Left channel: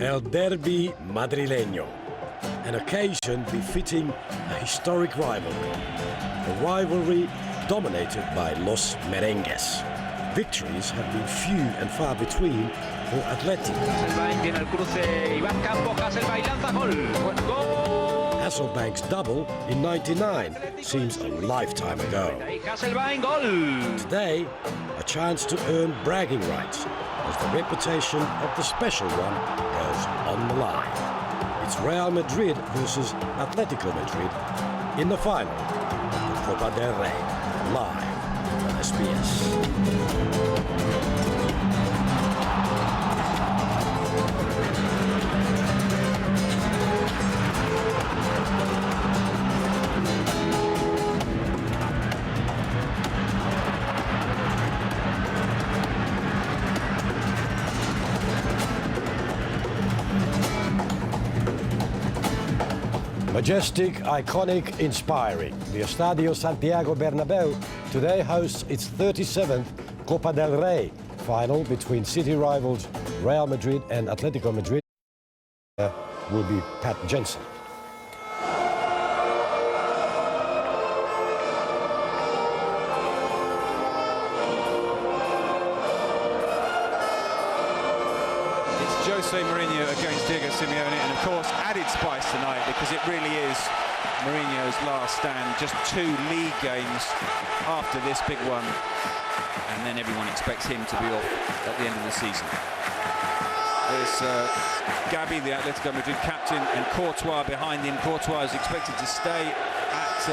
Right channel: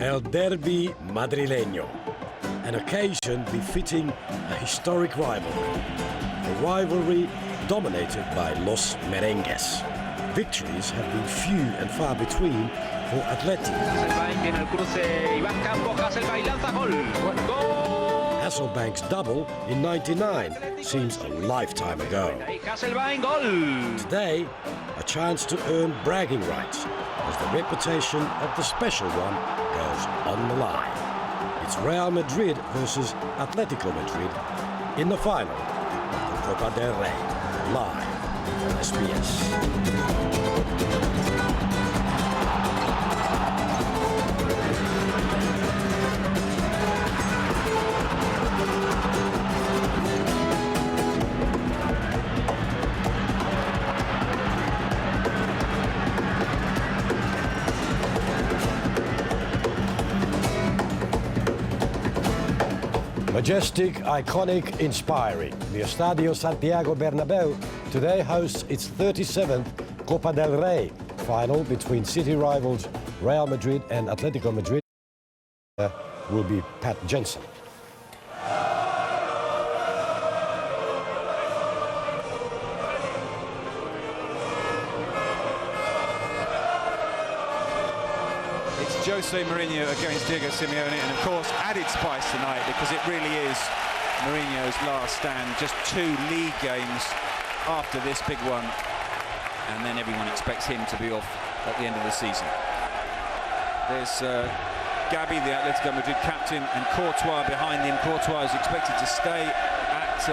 El Derbi Madrileño, an occasion befitting a historic rivalry. A rivalry dominated by Los Merengues. Victories have been few and far between for Athletico. Viene el cruce, Iván Campos, Hasselbaink lanza gol. Gol! Hasselbank's double in '99 seems a lifetime ago. Hasselbaink gol! Today, a chance to earn bragging rights as the reputation of the special one goes on the line. It's Real Madrid versus Athletico Madrid in the final of the Copa del Rey, live on SBS. Majestic, iconic, inspiring. The Estadio Santiago Bernabéu today hosts its 37th Copa del Rey final between city rivals Real Madrid and Athletico Madrid. Will be Pat Jensen. It's Jose Mourinho against Diego Simeone, and of course added spice tonight because it really is Mourinho's last stand. Just 2 league games after this big one, and then everyone expects him to be off at the end of the season. There's Gabi, the Atletico Madrid captain, and Courtois behind him. Courtois is expected to stay at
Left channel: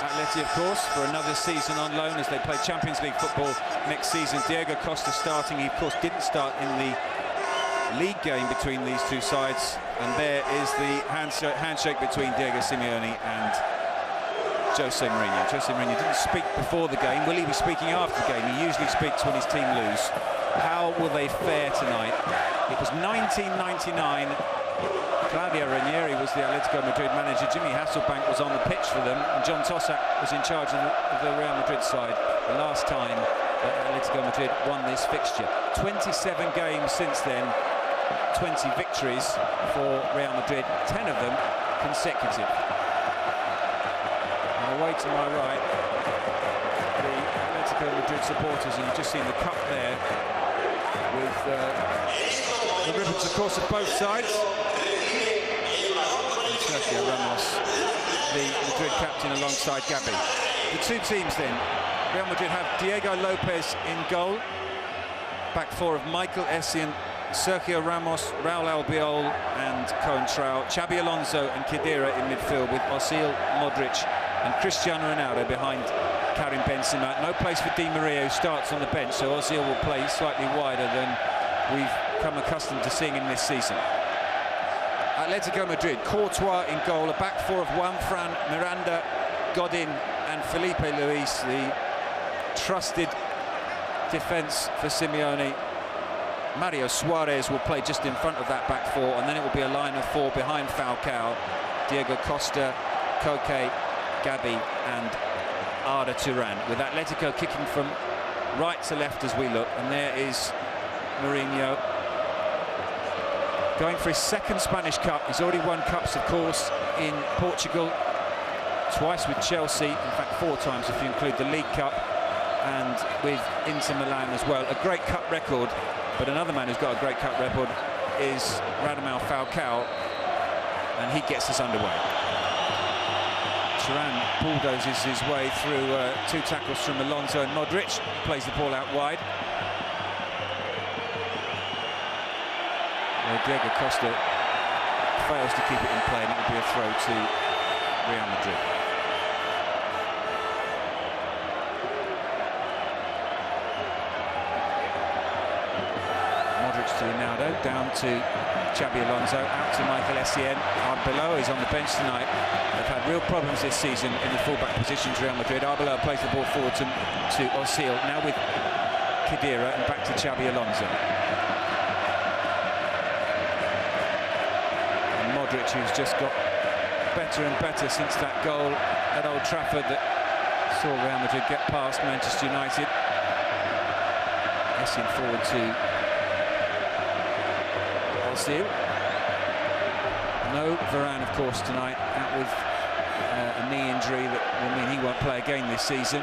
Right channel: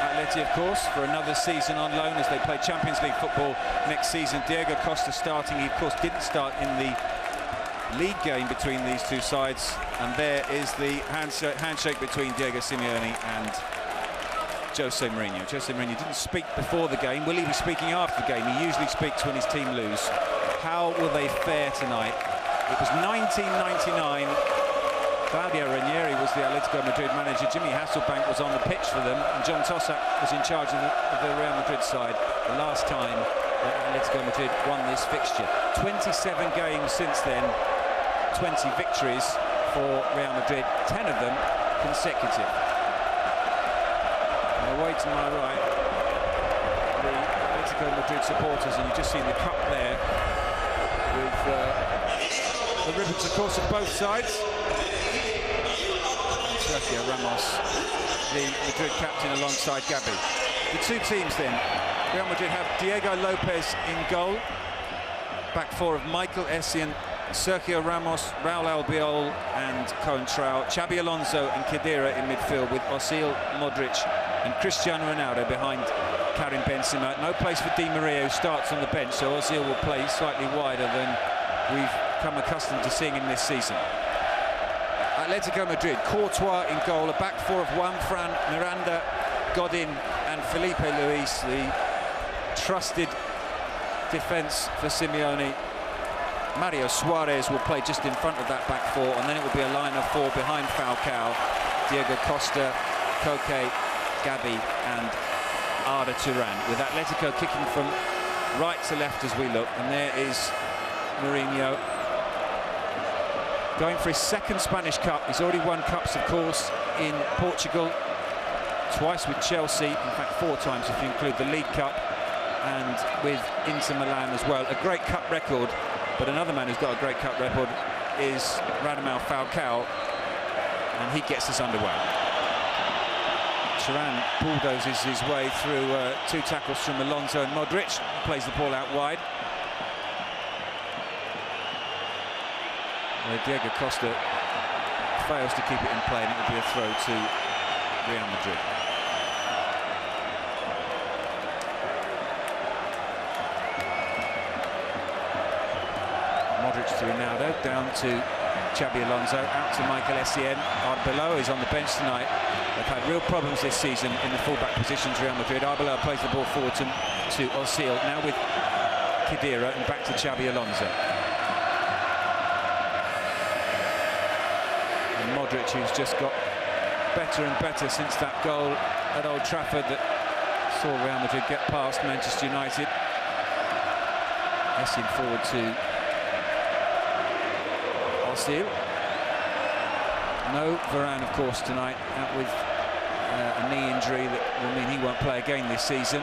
Atleti, of course, for another season on loan as they play Champions League football next season. Diego Costa starting. He, of course, didn't start in the league game between these two sides, and there is the handshake between Diego Simeone and Jose Mourinho. Jose Mourinho didn't speak before the game. Will he be speaking after the game? He usually speaks when his team lose. How will they fare tonight? It was 1999. Claudio Ranieri was the Atletico Madrid manager. Jimmy Hasselbaink was on the pitch for them, and John Tossack was in charge of the Real Madrid side the last time that Atletico Madrid won this fixture. 27 games since then, 20 victories for Real Madrid, 10 of them consecutive. And away to my right, the Atletico Madrid supporters, and you've just seen the cup there with the ribbons, of course, of both sides. And Sergio Ramos, the Madrid captain, alongside Gabi. The two teams then, Real Madrid have Diego Lopez in goal, back four of Michael Essien, Sergio Ramos, Raul Albiol and Coentrao, Xabi Alonso and Khedira in midfield, with Ozil, Modric and Cristiano Ronaldo behind Karim Benzema. No place for Di Maria, who starts on the bench, so Ozil will play slightly wider than we've come accustomed to seeing him this season. Atletico Madrid, Courtois in goal, a back four of Juanfran, Miranda, Godin and Felipe Luis, the trusted defence for Simeone. Mario Suarez will play just in front of that back four, and then it will be a line of 4 behind Falcao, Diego Costa, Koke, Gabi and Arda Turan, with Atletico kicking from right to left as we look. And there is Mourinho going for his second Spanish Cup. He's already won cups, of course, in Portugal, twice with Chelsea, in fact 4 times if you include the League Cup, and with Inter Milan as well. A great cup record, but another man who's got a great cup record is Radamel Falcao, and he gets us underway. Turan bulldozes his way through 2 tackles from Alonso and Modric, plays the ball out wide. Diego Costa fails to keep it in play, and it will be a throw to Real Madrid. Modric to Ronaldo, down to Xabi Alonso, out to Michael Essien. Arbeloa is on the bench tonight. They've had real problems this season in the fullback positions, Real Madrid. Arbeloa plays the ball forward to Ozil, now with Khedira, and back to Xabi Alonso. And Modric, who's just got better and better since that goal at Old Trafford that saw Real Madrid get past Manchester United. Essien forward to Ozil. No Varane, of course, tonight, out with a knee injury that will mean he won't play again this season.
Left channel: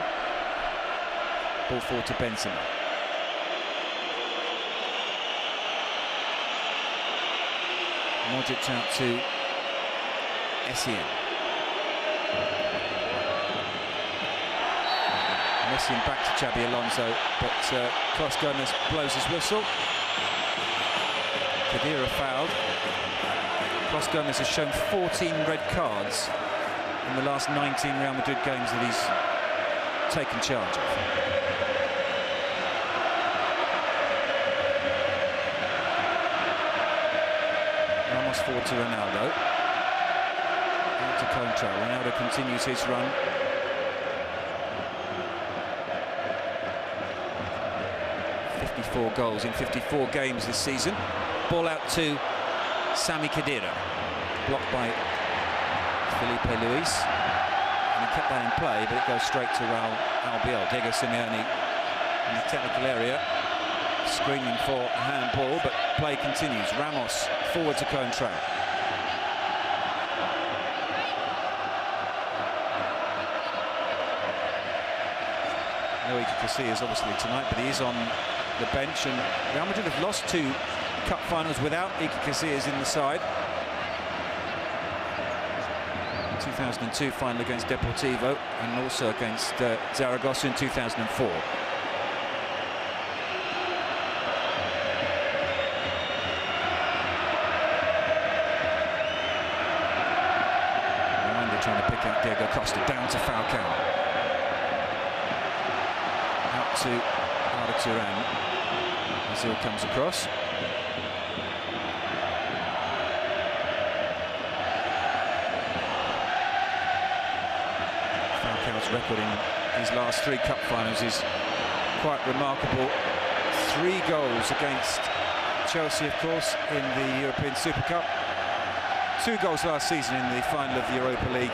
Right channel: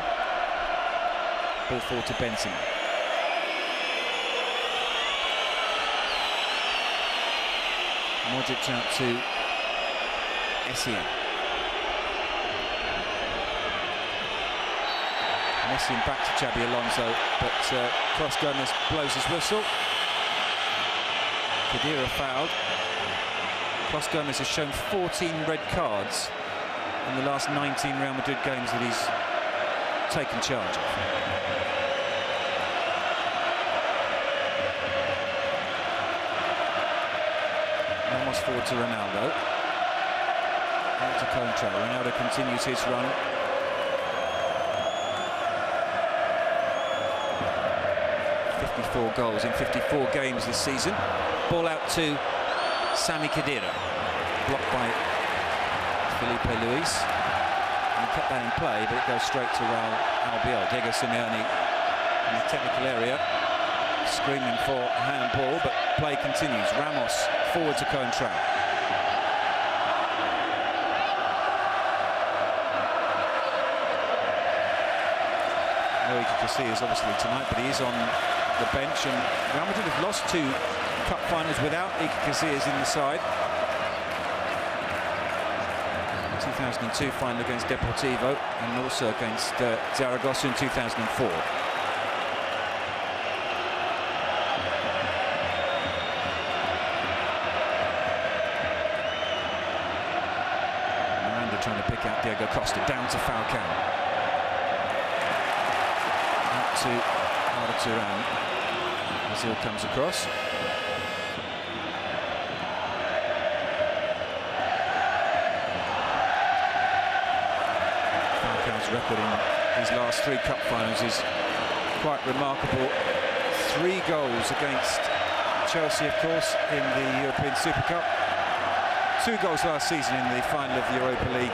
Ball forward to Benzema. Modric out to Essien. Essien back to Xabi Alonso, but Klos Gomez blows his whistle. Khedira fouled. Klos Gomez has shown 14 red cards in the last 19 Real Madrid games that he's taken charge of. Ramos forward to Ronaldo. Out to Contra. Ronaldo continues his run. Goals in 54 games this season. Ball out to Sami Khedira. Blocked by Felipe Luis. And he kept that in play, but it goes straight to Raul Albiol. Diego Simeone in the technical area, screaming for a handball, but play continues. Ramos forward to Contra. No Iker Casillas obviously tonight, but he is on the bench, and Real Madrid have lost 2 cup finals without Iker Casillas in the side. 2002 final against Deportivo, and also against Zaragoza in 2004. Miranda trying to pick out Diego Costa, down to Falcao. Out to Arda Turan. Ozil comes across. Falcao's record in his last 3 cup finals is quite remarkable. 3 goals against Chelsea, of course, in the European Super Cup. 2 goals last season in the final of the Europa League.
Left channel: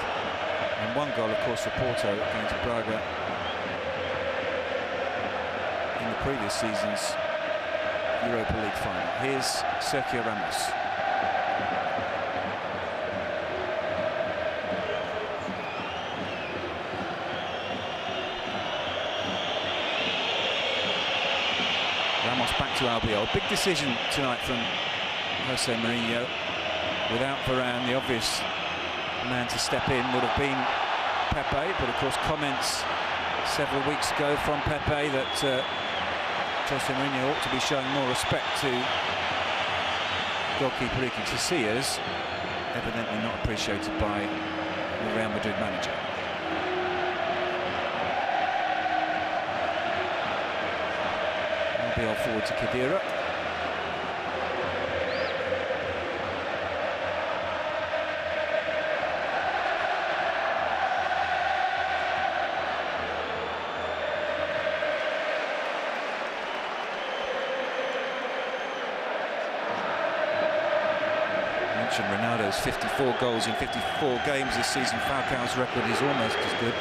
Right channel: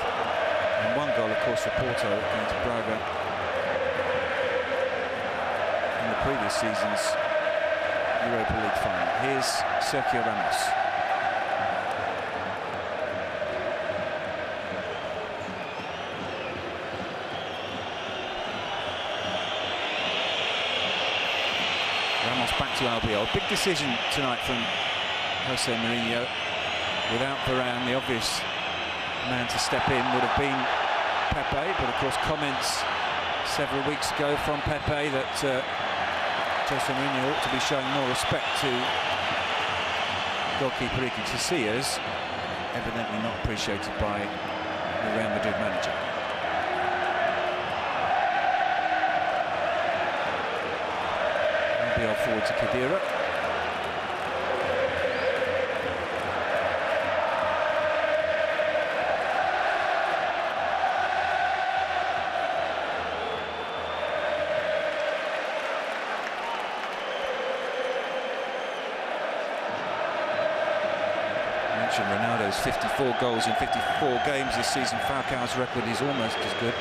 And 1 goal, of course, for Porto against Braga in the previous season's Europa League final. Here's Sergio Ramos. Ramos back to Albiol. Big decision tonight from Jose Mourinho. Without Varane, the obvious man to step in would have been Pepe, but of course comments several weeks ago from Pepe that Jose Mourinho ought to be showing more respect to goalkeeper Iker Casillas, evidently not appreciated by the Real Madrid manager. Albiol forward to Khedira. Ronaldo's 54 goals in 54 games this season. Falcao's record is almost as good,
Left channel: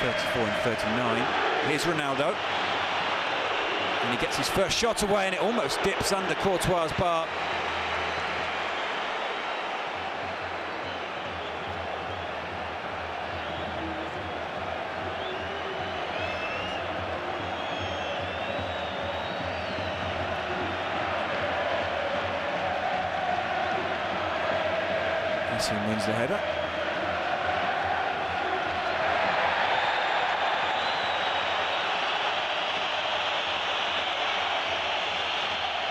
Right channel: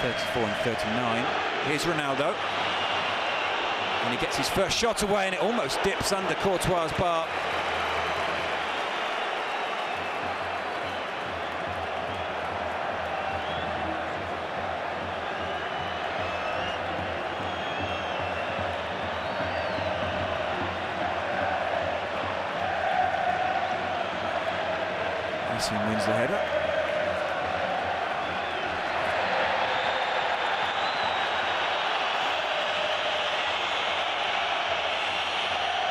34 and 39. Here's Ronaldo, and he gets his first shot away, and it almost dips under Courtois' bar. Essien wins the header.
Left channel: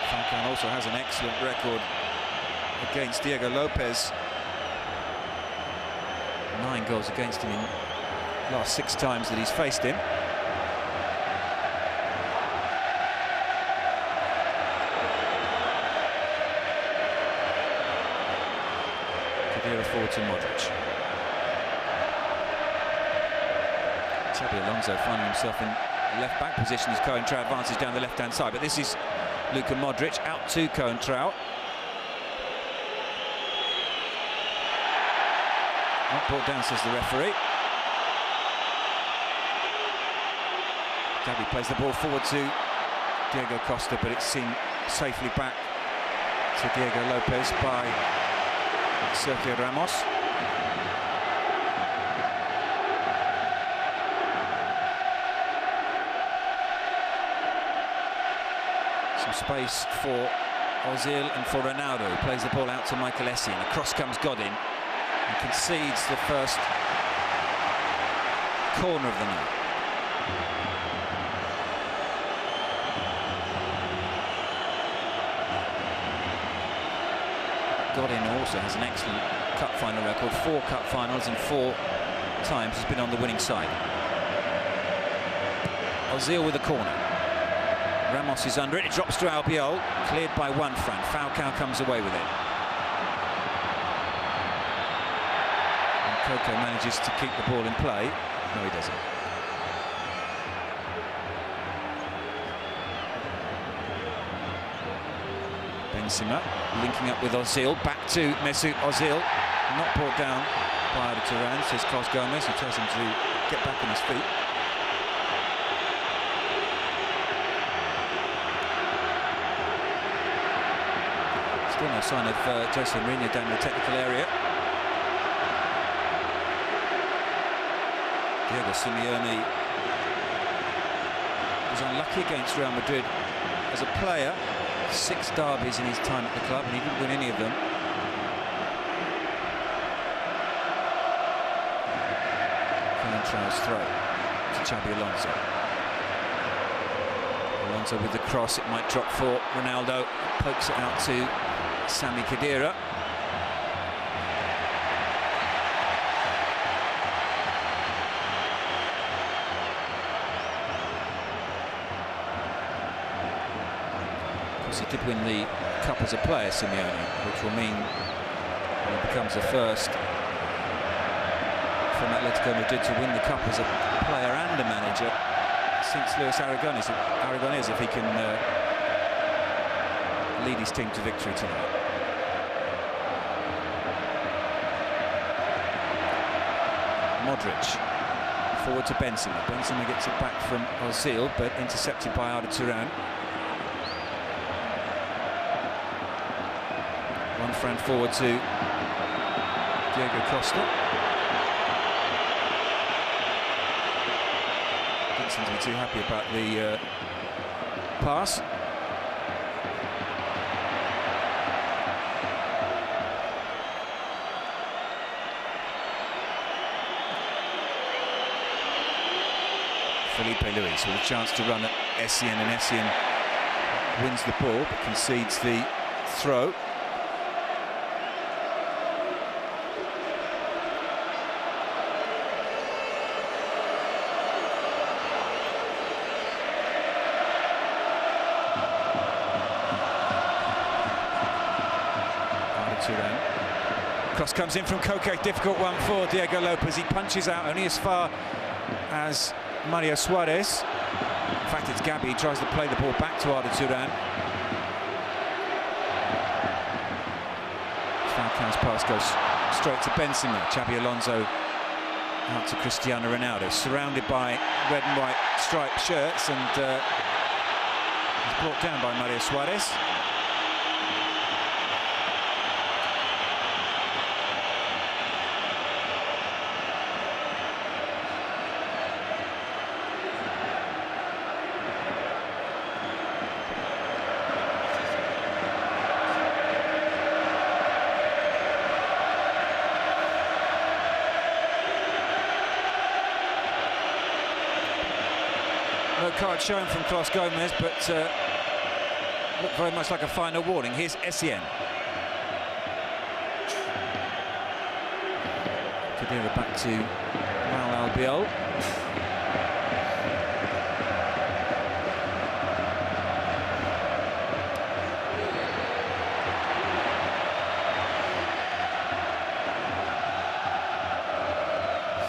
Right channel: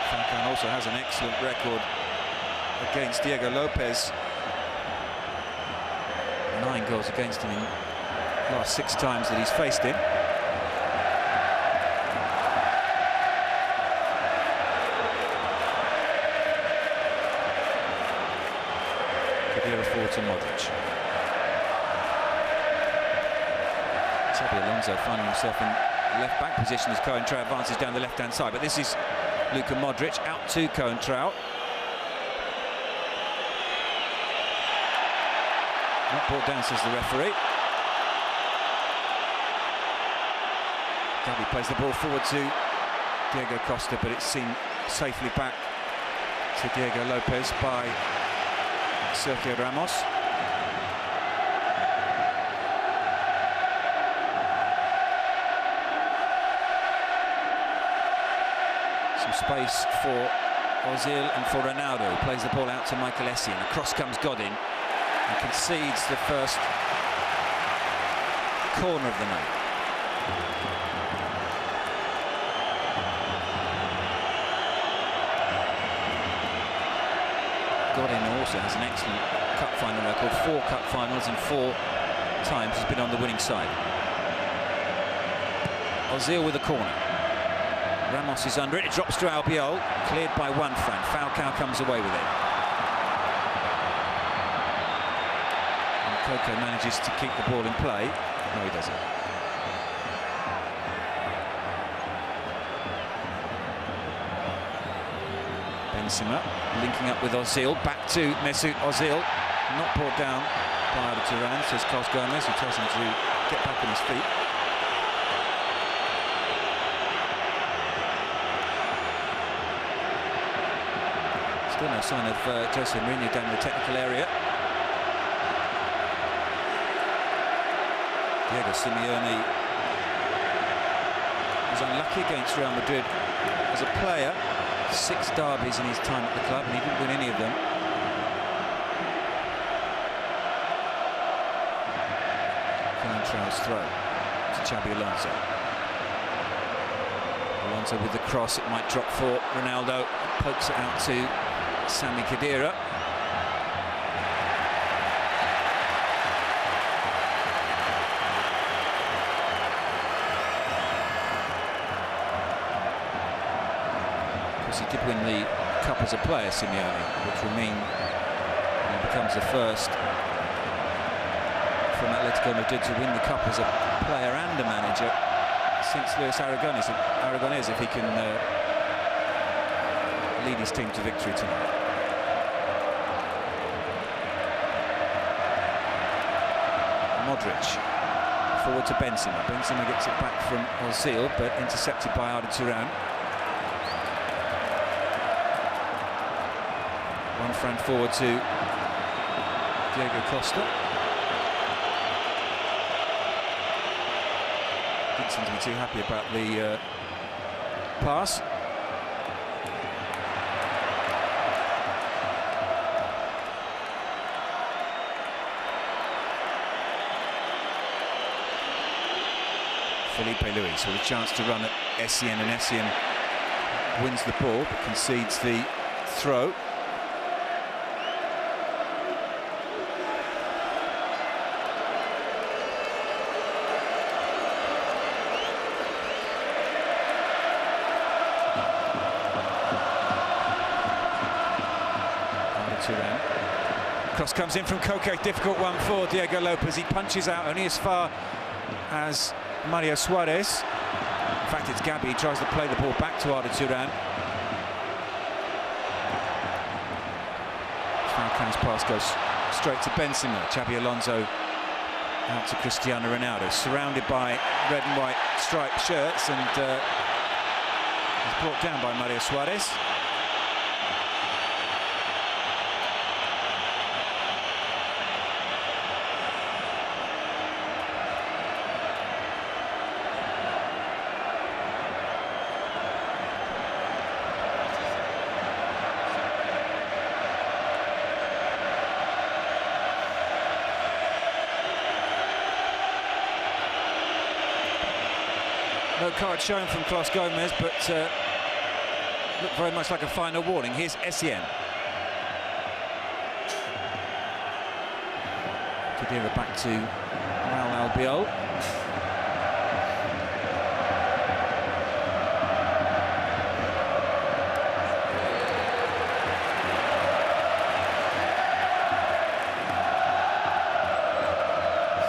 Falcao also has an excellent record against Diego Lopez. 9 goals against him in the last 6 times that he's faced him. Khedira forward to Modric. Xabi Alonso finding himself in left-back position as Coentrao advances down the left-hand side, but this is Luka Modric out to Coentrao. Not brought down, says the referee. Gabi plays the ball forward to Diego Costa, but it's seen safely back to Diego Lopez by Sergio Ramos. Some space for Ozil and for Ronaldo, who plays the ball out to Michael Essien. Across comes Godin and concedes the first corner of the night. Godin also has an excellent cup final record, 4 cup finals and 4 times has been on the winning side. Ozil with a corner. Ramos is under it, it drops to Albiol, cleared by Juanfran. Falcao comes away with it. And Coco manages to keep the ball in play. No, he doesn't. Benzema linking up with Ozil, back to Mesut Ozil, not brought down by Arda Turan, says Carlos Gomez, who tells him to get back on his feet. Still no sign of Jose Mourinho down in the technical area. Diego Simeone was unlucky against Real Madrid as a player. 6 derbies in his time at the club, and he didn't win any of them. Coentrao's throw to Xabi Alonso. Alonso with the cross, it might drop for Ronaldo. Pokes it out to Sami Khedira. He did win the cup as a player, Simeone, which will mean he becomes the first from Atletico Madrid to win the cup as a player and a manager since Luis Aragonés, if he can lead his team to victory tonight. Modric forward to Benzema. Benzema gets it back from Ozil, but intercepted by Arda Turan. Juanfran forward to Diego Costa. Didn't seem to be too happy about the pass. Felipe Luis with a chance to run at Essien, and Essien wins the ball but concedes the throw. Turan. Cross comes in from Koke, difficult one for Diego Lopez. He punches out only as far as Mario Suarez. In fact, it's Gabi. He tries to play the ball back to Arda Turan. Falcao's pass goes straight to Benzema. Xabi Alonso out to Cristiano Ronaldo, surrounded by red and white striped shirts, and he's brought down by Mario Suarez. No card shown from Carlos Gomez, but looked very much like a final warning. Here's Essien. Khedira back to Raul Albiol.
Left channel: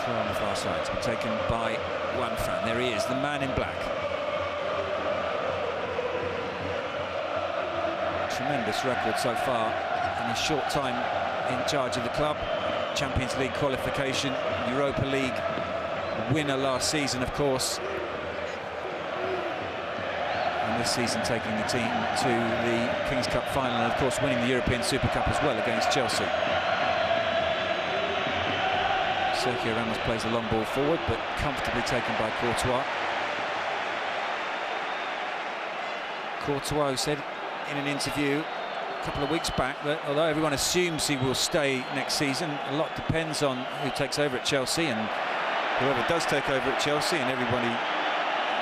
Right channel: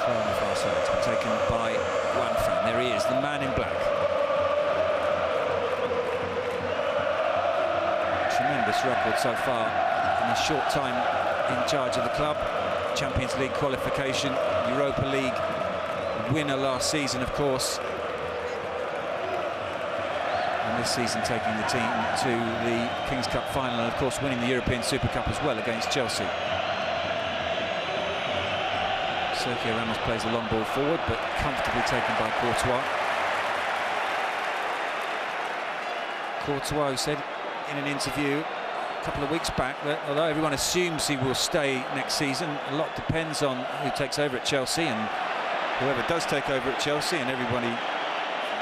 Throw on the far side to be taken by Juanfran. There he is, the man in black. Tremendous record so far in his short time in charge of the club. Champions League qualification, Europa League winner last season, of course. And this season taking the team to the King's Cup final, and of course winning the European Super Cup as well against Chelsea. Sergio Ramos plays a long ball forward, but comfortably taken by Courtois. Courtois said in an interview a couple of weeks back that although everyone assumes he will stay next season, a lot depends on who takes over at Chelsea, and whoever does take over at Chelsea, and everybody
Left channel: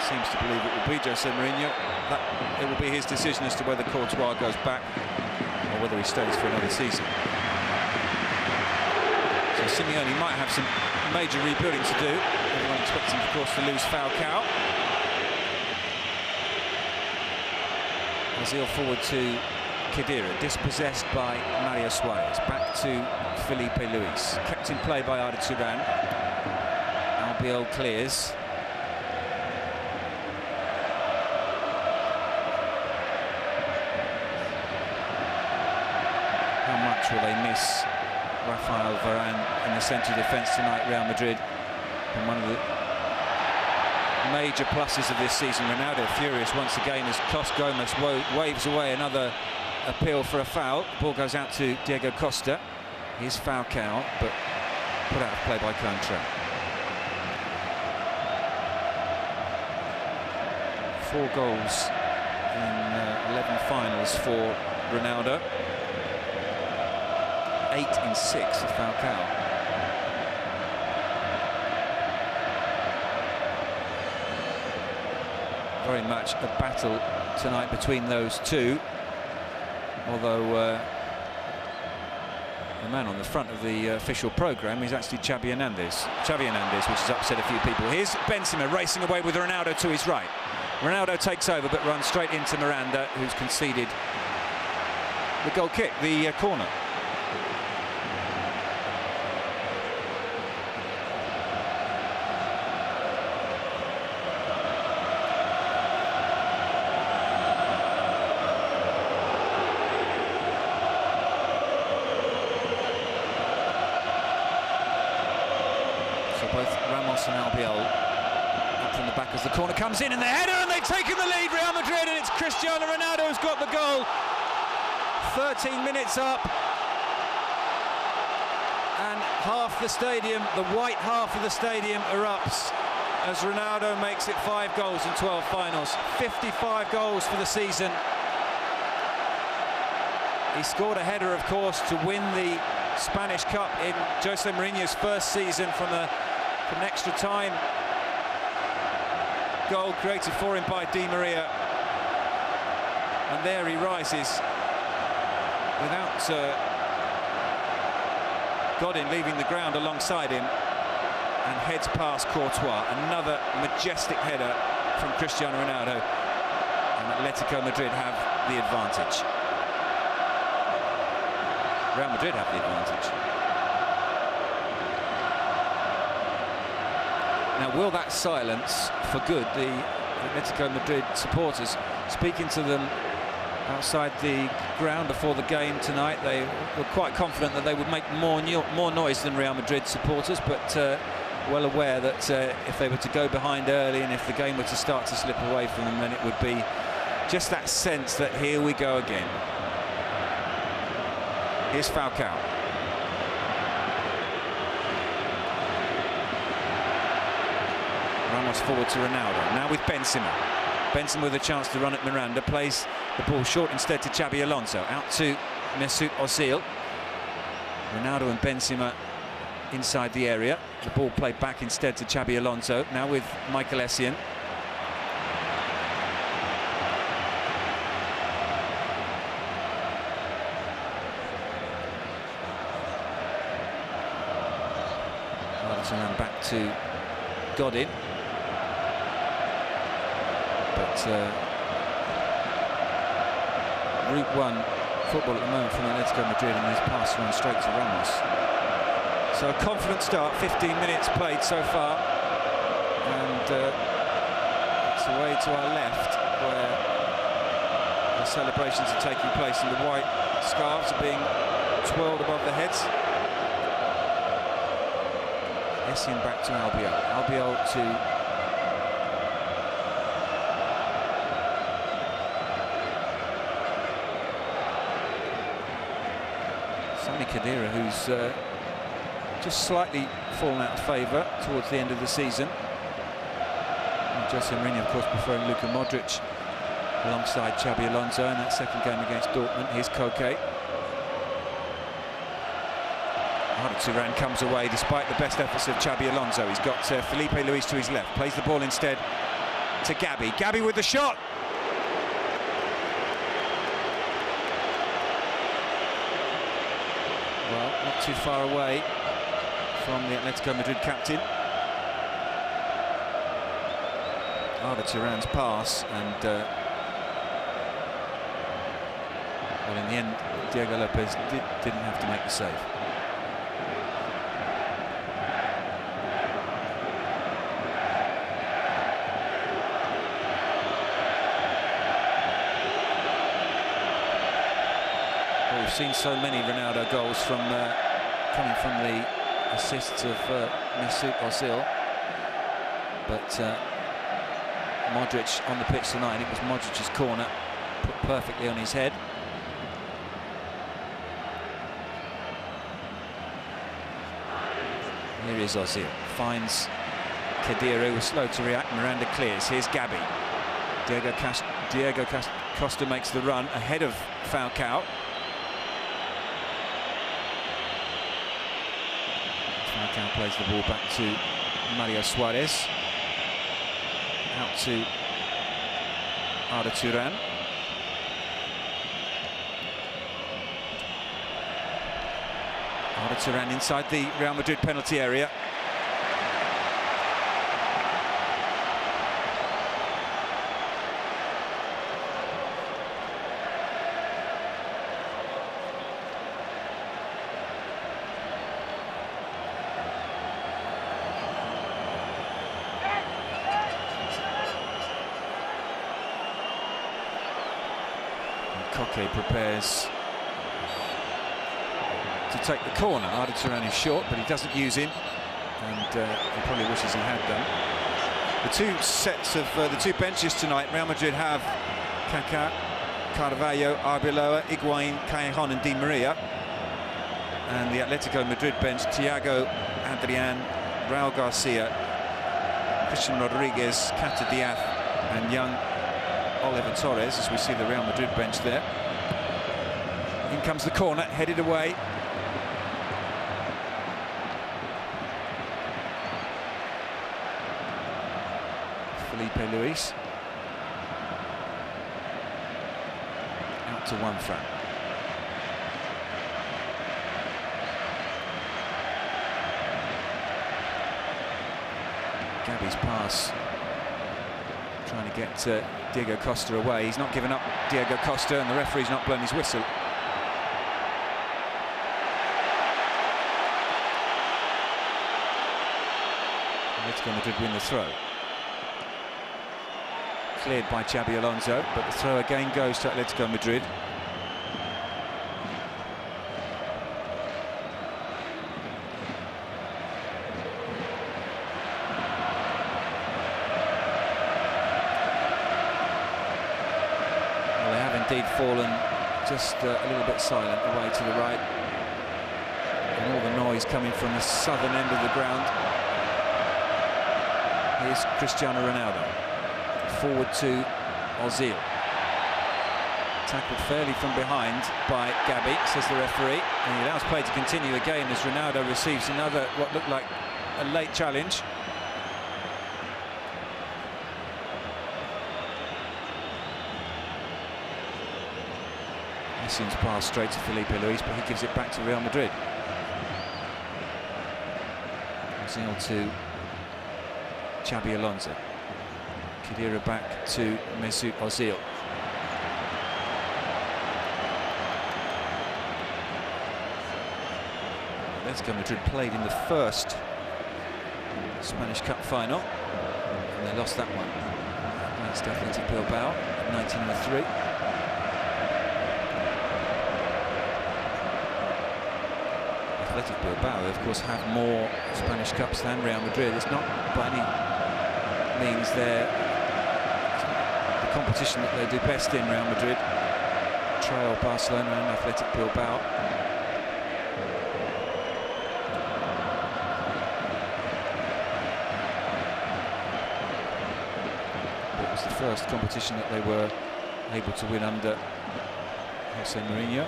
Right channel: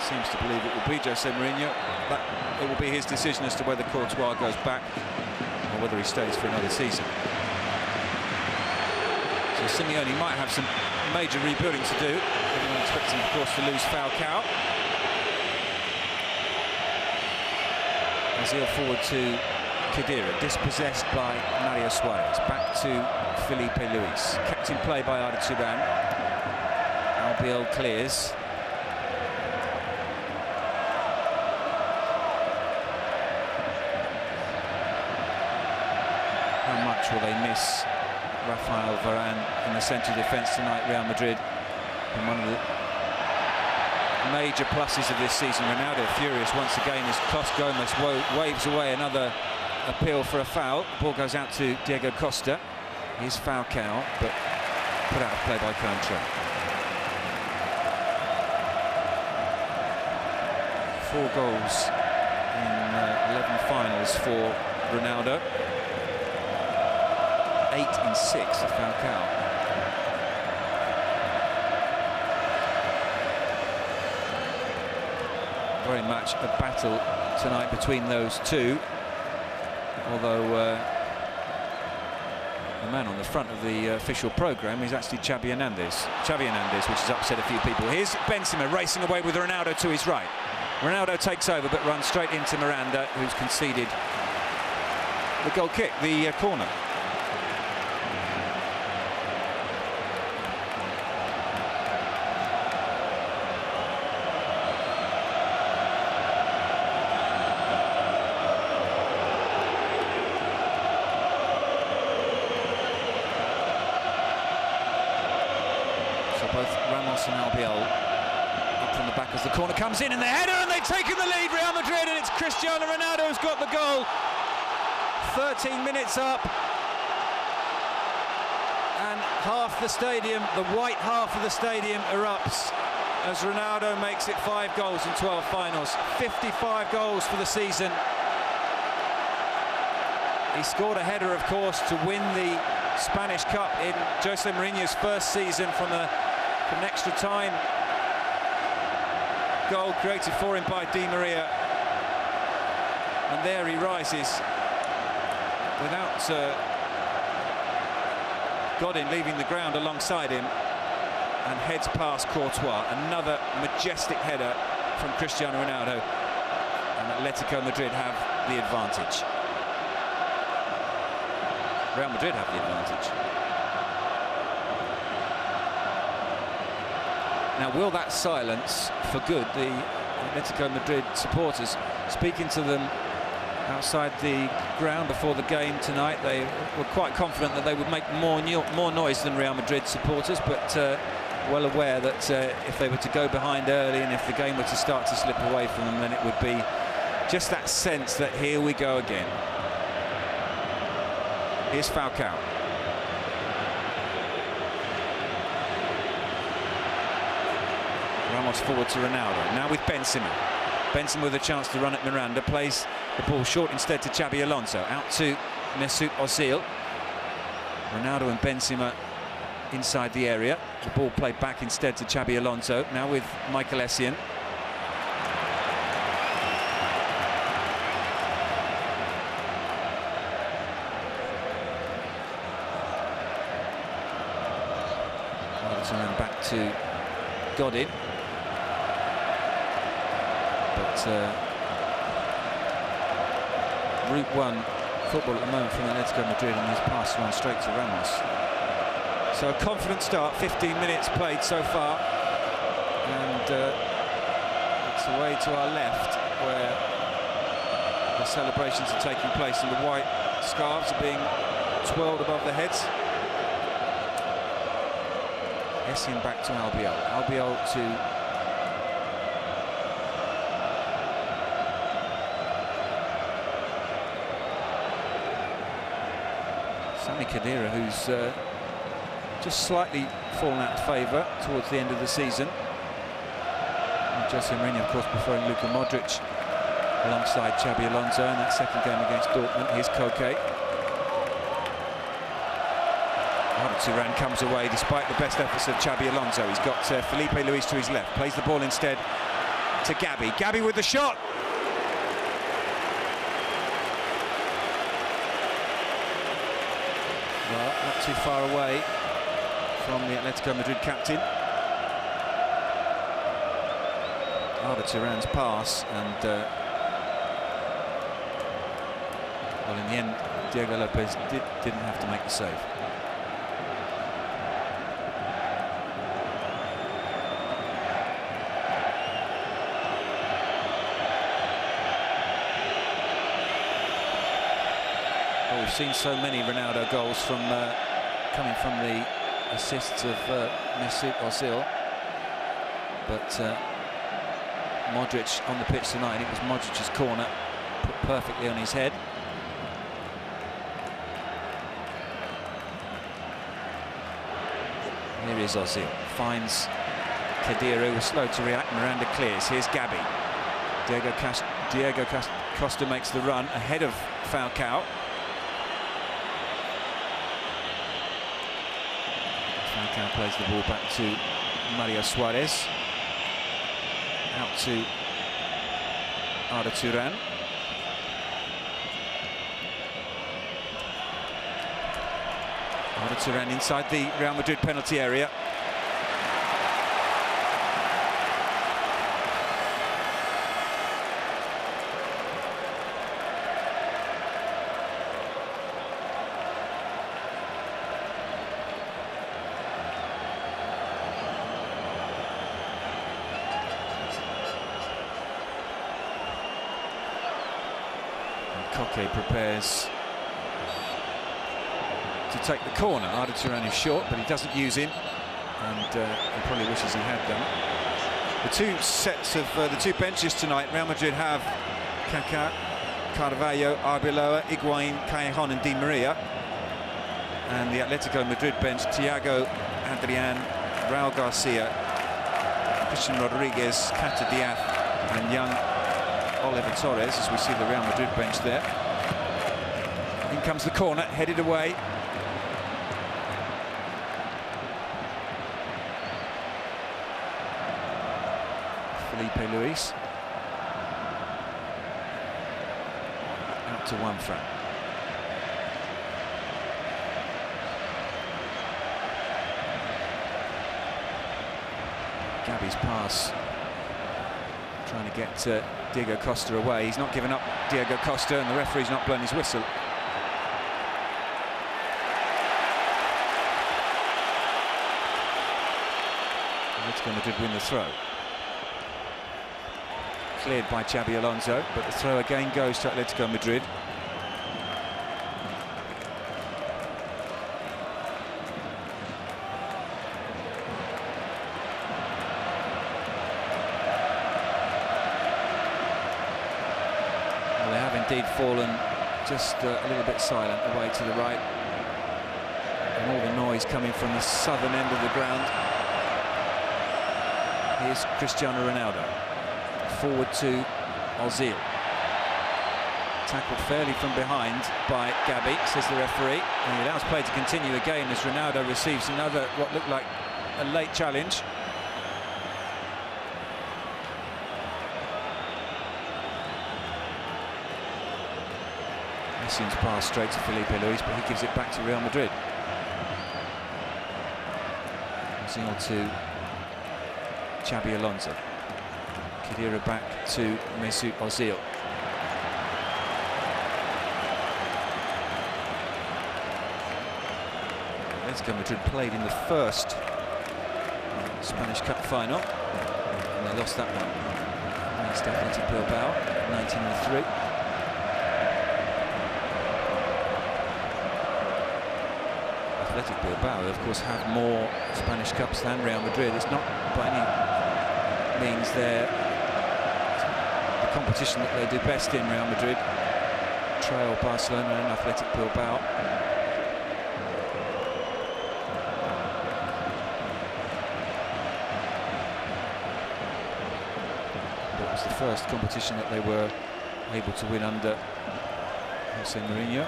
seems to believe it will be Jose Mourinho, that it will be his decision as to whether Courtois goes back or whether he stays for another season. So Simeone might have some major rebuilding to do. Everyone expecting, of course, to lose Falcao. Ozil forward to Khedira, dispossessed by Mario Suarez. Back to Felipe Luis, kept in play by Arda Turan. Albiol clears. How much will they miss Rafael Varane in the centre of defence tonight, Real Madrid? And one of the major pluses of this season, Ronaldo furious once again as Cos Gomez waves away another appeal for a foul. The ball goes out to Diego Costa. Here's Falcao, but put out of play by Coentrão. 4 goals in 11 finals for Ronaldo. 8 in 6 for Falcao. Very much a battle tonight between those two, although the man on the front of the official programme is actually Xavi Hernandez, which has upset a few people. Here's Benzema racing away with Ronaldo to his right. Ronaldo takes over but runs straight into Miranda, who's conceded the goal kick, the corner. Both Ramos and Albiol up from the back as the corner comes in, and the header, and they've taken the lead, Real Madrid, and it's Cristiano Ronaldo who's got the goal. 13 minutes up, and half the stadium, the white half of the stadium, erupts as Ronaldo makes it 5 goals in 12 finals. 55 goals for the season. He scored a header, of course, to win the Spanish Cup in Jose Mourinho's first season from an extra time goal created for him by Di Maria, and there he rises without Godin leaving the ground alongside him, and heads past Courtois. Another majestic header from Cristiano Ronaldo, and Athletico Madrid have the advantage. Real Madrid have the advantage. Now, will that silence for good the Athletico Madrid supporters? Speaking to them outside the ground before the game tonight, they were quite confident that they would make more noise than Real Madrid supporters, but well aware that if they were to go behind early and if the game were to start to slip away from them, then it would be just that sense that here we go again. Here's Falcao. Ramos forward to Ronaldo. Now with Benzema. Benzema with a chance to run at Miranda. Plays the ball short instead to Xabi Alonso. Out to Mesut Ozil. Ronaldo and Benzema inside the area. The ball played back instead to Xabi Alonso. Now with Michael Essien. And back to Godin, but Route 1 football at the moment from Athletico Madrid, and his pass run straight to Ramos. So a confident start, 15 minutes played so far, and it's away to our left where the celebrations are taking place, and the white scarves are being twirled above their heads. Essien back to Albiol. Albiol to Sami Khedira, who's just slightly fallen out of favour towards the end of the season. And Jose Mourinho, of course, preferring Luka Modric alongside Xabi Alonso in that second game against Dortmund. Here's Koke. Arda Turan comes away despite the best efforts of Xabi Alonso. He's got Felipe Luis to his left, plays the ball instead to Gabi. Gabi with the shot. Well, not too far away from the Atletico Madrid captain. Arda Turan's pass, and well, in the end, Diego Lopez didn't have to make the save. Well, we've seen so many Ronaldo goals from coming from the assists of Mesut Ozil, but Modric on the pitch tonight, it was Modric's corner, put perfectly on his head. Here is Ozil, finds Khedira, who was slow to react. Miranda clears. Here's Gabi. Diego Costa makes the run ahead of Falcao. Falcao plays the ball back to Mario Suarez. Out to Arda Turan. Arda Turan inside the Real Madrid penalty area. Koke prepares to take the corner. Arda Turan is short, but he doesn't use him, and he probably wishes he had done. The two sets of the two benches tonight, Real Madrid have Kaká, Carvalho, Arbeloa, Higuaín, Callejon and Di Maria, and the Atletico Madrid bench, Thiago, Adrian, Raúl Garcia, Christian Rodriguez, Kata Diaz and young Oliver Torres, as we see the Real Madrid bench there. In comes the corner, headed away. Felipe Luis. Out to Juanfran. Gabi's pass, trying to get Diego Costa away. He's not given up Diego Costa, and the referee's not blown his whistle. Atletico Madrid win the throw. Cleared by Xabi Alonso, but the throw again goes to Atletico Madrid. Well, they have indeed fallen just a little bit silent away to the right, and all the noise coming from the southern end of the ground. Here's Cristiano Ronaldo. Forward to Ozil. Tackled fairly from behind by Gabi, says the referee, and he allows play to continue again as Ronaldo receives another, what looked like a late challenge. Messi's pass straight to Felipe Luis, but he gives it back to Real Madrid. Ozil to Xabi Alonso. Khedira back to Mesut Ozil. Atletico Madrid played in the first Spanish Cup final, and they lost that one against Athletico Bilbao, 1903. Athletic Bilbao, of course, have more Spanish Cups than Real Madrid. It's not by any means the competition that they do best in, Real Madrid. Trail Barcelona and Athletic Bilbao. It was the first competition that they were able to win under Jose Mourinho.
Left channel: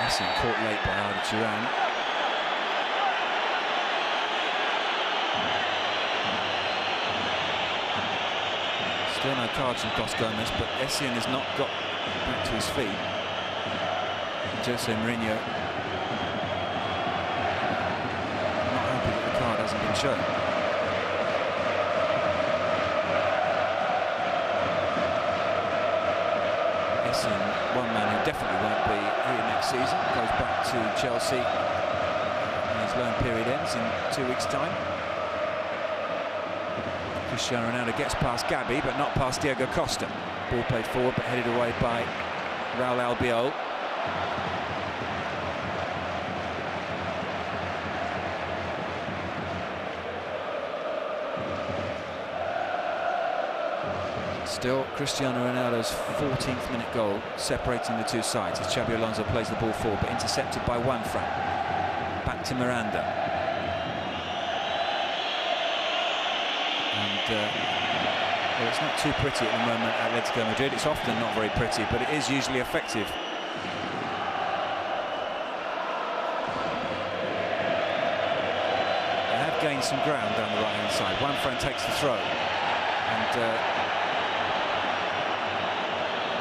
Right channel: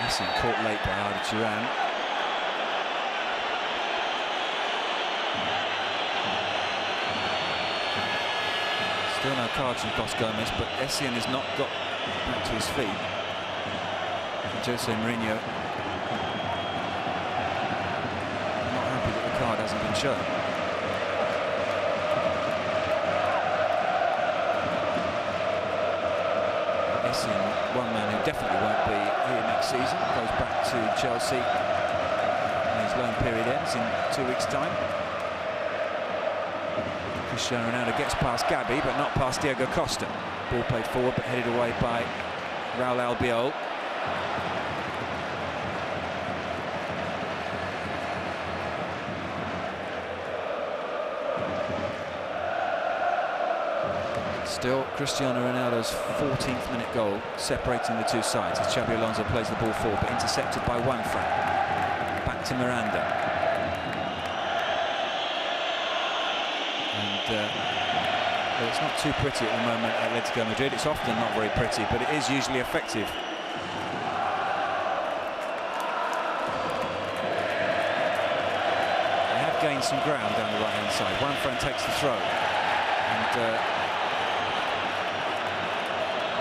Essien caught late by Arda Turan. Still no cards from Klos Gomez, but Essien has not got back to his feet. And Jose Mourinho not happy that the card hasn't been shown. Essien, one man who definitely won't be here next season, goes back to Chelsea and his loan period ends in 2 weeks' time. Cristiano Ronaldo gets past Gabi, but not past Diego Costa. Ball played forward, but headed away by Raul Albiol. Still Cristiano Ronaldo's 14th minute goal separating the two sides as Xabi Alonso plays the ball forward, but intercepted by Juanfran. Back to Miranda. And well, it's not too pretty at the moment, Atletico Madrid. It's often not very pretty, but it is usually effective. They have gained some ground down the right-hand side. Juanfran takes the throw. And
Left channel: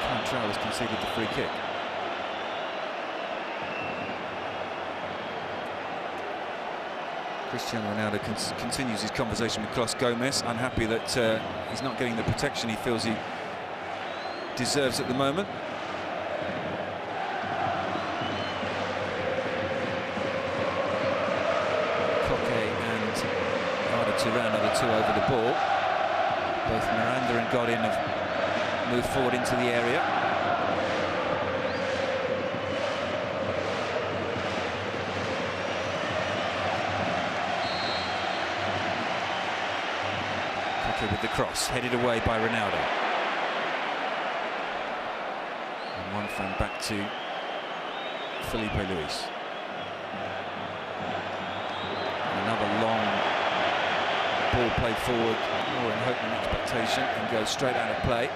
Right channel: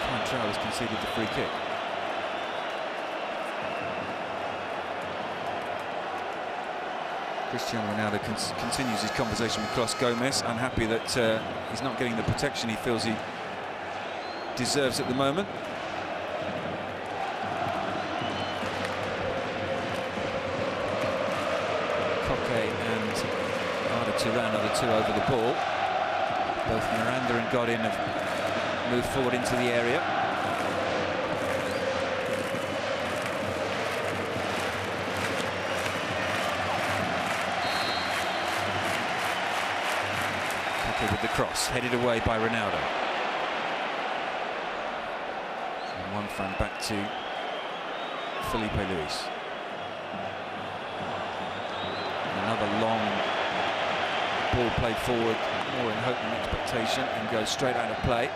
Cantrell has conceded the free kick. Cristiano Ronaldo continues his conversation with Klos Gomez, unhappy that he's not getting the protection he feels he deserves at the moment. Koke and Arda Turan are the two over the ball. Both Miranda and Godin have moved forward into the area. With the cross, headed away by Ronaldo. And Juanfran back to Felipe Luis. Another long ball played forward, more in hope than expectation, and goes straight out of play.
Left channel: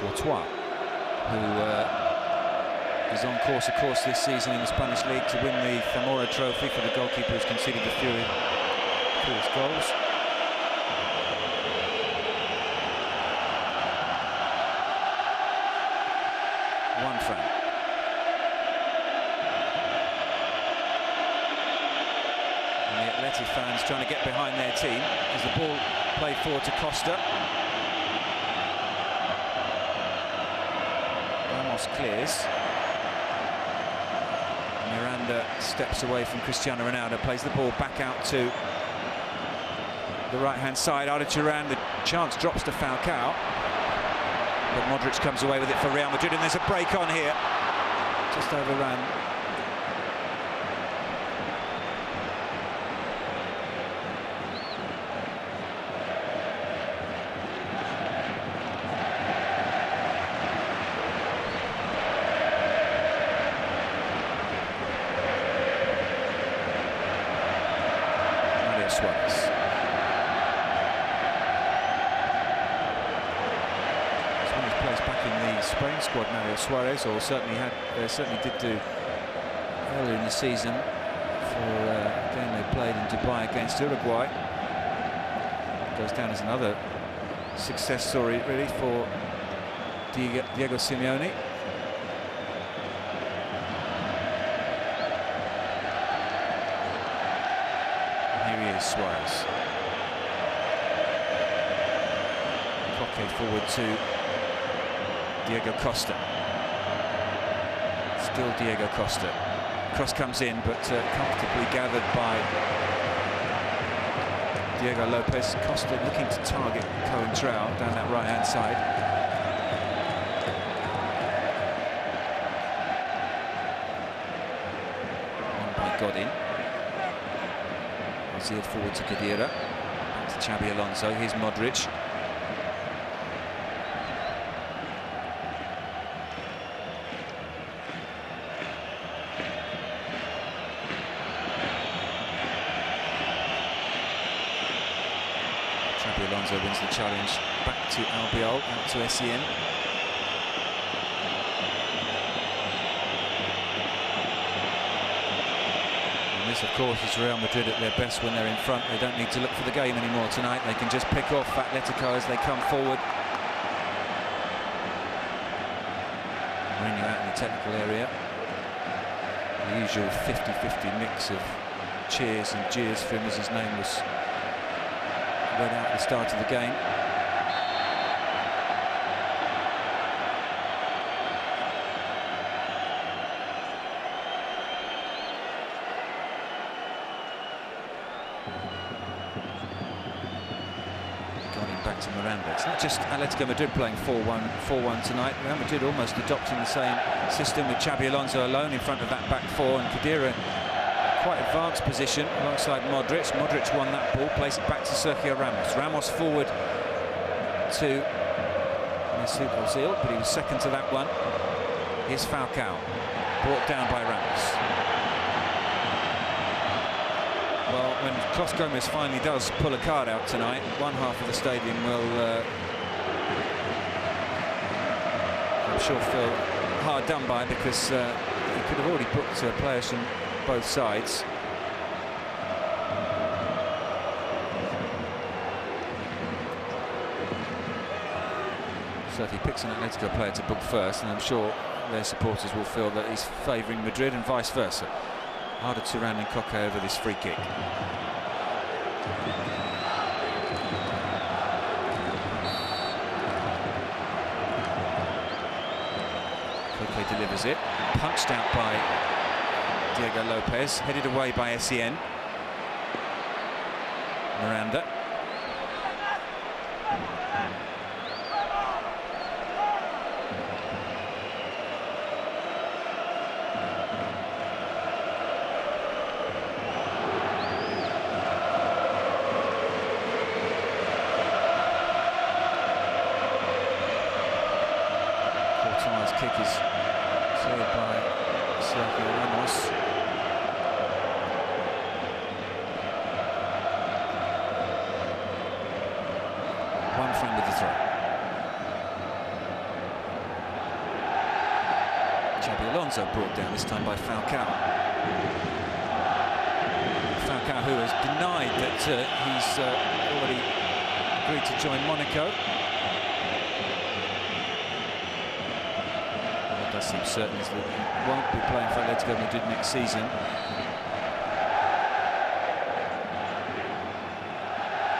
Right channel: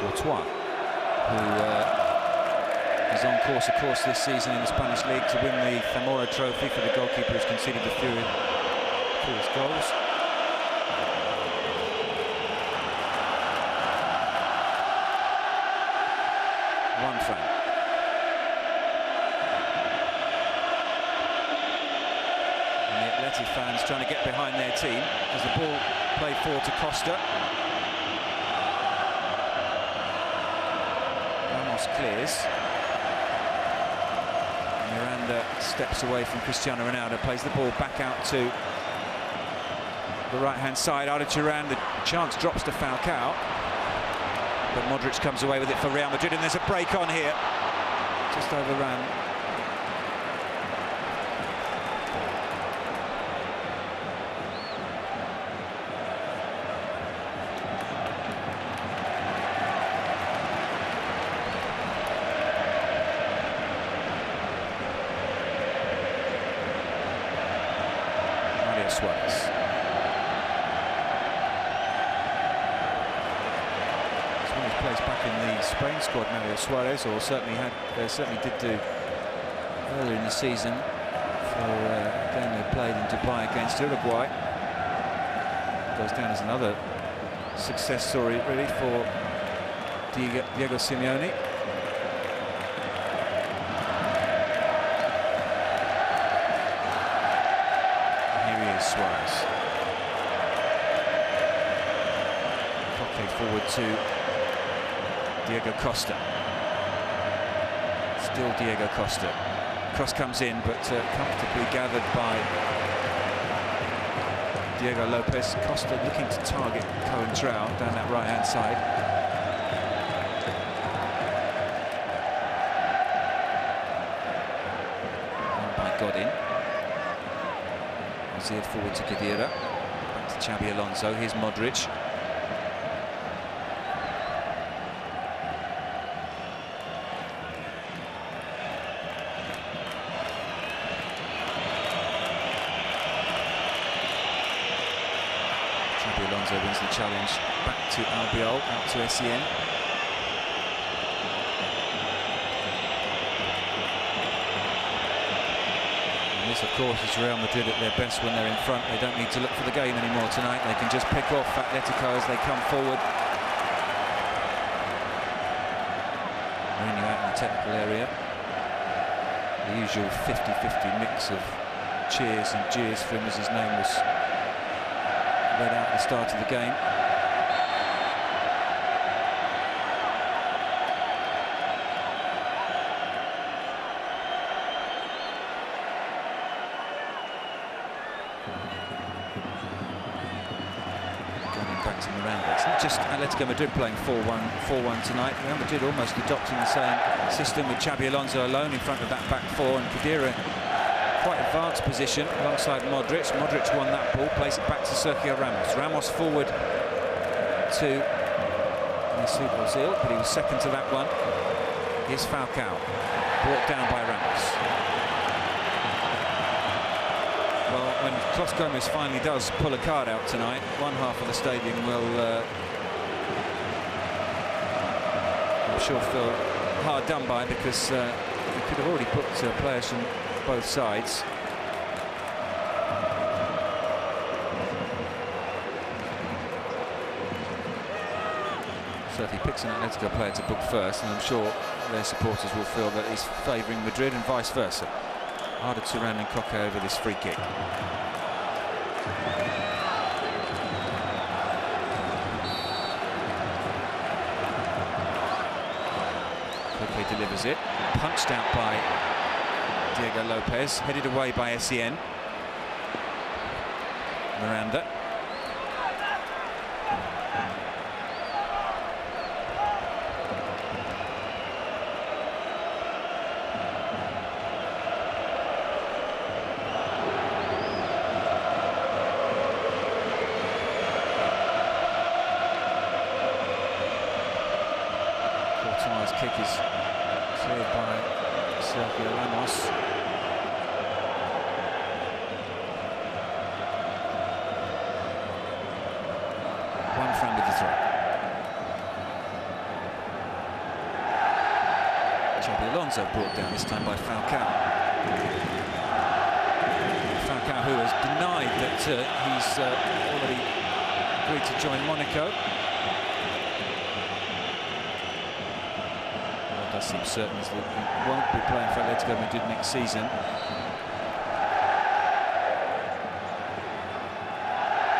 Courtois, who is on course, of course, this season in the Spanish League to win the Zamora Trophy for the goalkeeper who's conceded the fewest goals. Juanfran. And the Atleti fans trying to get behind their team as the ball played forward to Costa. Clears. Miranda steps away from Cristiano Ronaldo, plays the ball back out to the right-hand side. Arda Turan, the chance drops to Falcao, but Modric comes away with it for Real Madrid, and there's a break on here. Just overran. Suarez. He's won his place back in the Spain squad, Mario Suarez, or certainly did do earlier in the season for a game they played in Dubai against Uruguay. Goes down as another success story, really, for Diego Simeone. Suarez. Koke forward to Diego Costa. Still Diego Costa. Cross comes in, but comfortably gathered by Diego Lopez. Costa looking to target Cantrell down that right-hand side. On by Godin. Ozil forward to Khedira. Back to Xabi Alonso. Here's Modric. Xabi Alonso wins the challenge. Back to Albiol, out to Essien. And this, of course, is Real Madrid at their best when they're in front. They don't need to look for the game anymore tonight. They can just pick off Athletico as they come forward. Mourinho out in the technical area. The usual 50-50 mix of cheers and jeers for him as his name was read out at the start of the game. Going back to Miranda. It's not just Atletico Madrid playing 4-1 tonight. Real Madrid almost adopting the same system with Xabi Alonso alone in front of that back four, and Khedira quite advanced position alongside Modric. Modric won that ball, placed it back to Sergio Ramos. Ramos forward to Mesut Ozil, but he was second to that one. Here's Falcao, brought down by Ramos. Well, when Clos Gomez finally does pull a card out tonight, one half of the stadium will, I'm sure, feel hard done by, because he could have already booked players from both sides. So if he picks an Atletico player to book first, and I'm sure their supporters will feel that he's favouring Madrid and vice versa. Arda Turan and Koke over this free kick. Koke delivers it, punched out by Diego Lopez, headed away by Essien. Miranda. Courtois' kick is cleared by Sergio Ramos. Juanfran with the throw. Xabi Alonso brought down, this time by Falcao. Falcao, who has denied that he's already agreed to join Monaco. What does seem certain is that he won't be playing for Atletico Madrid next season.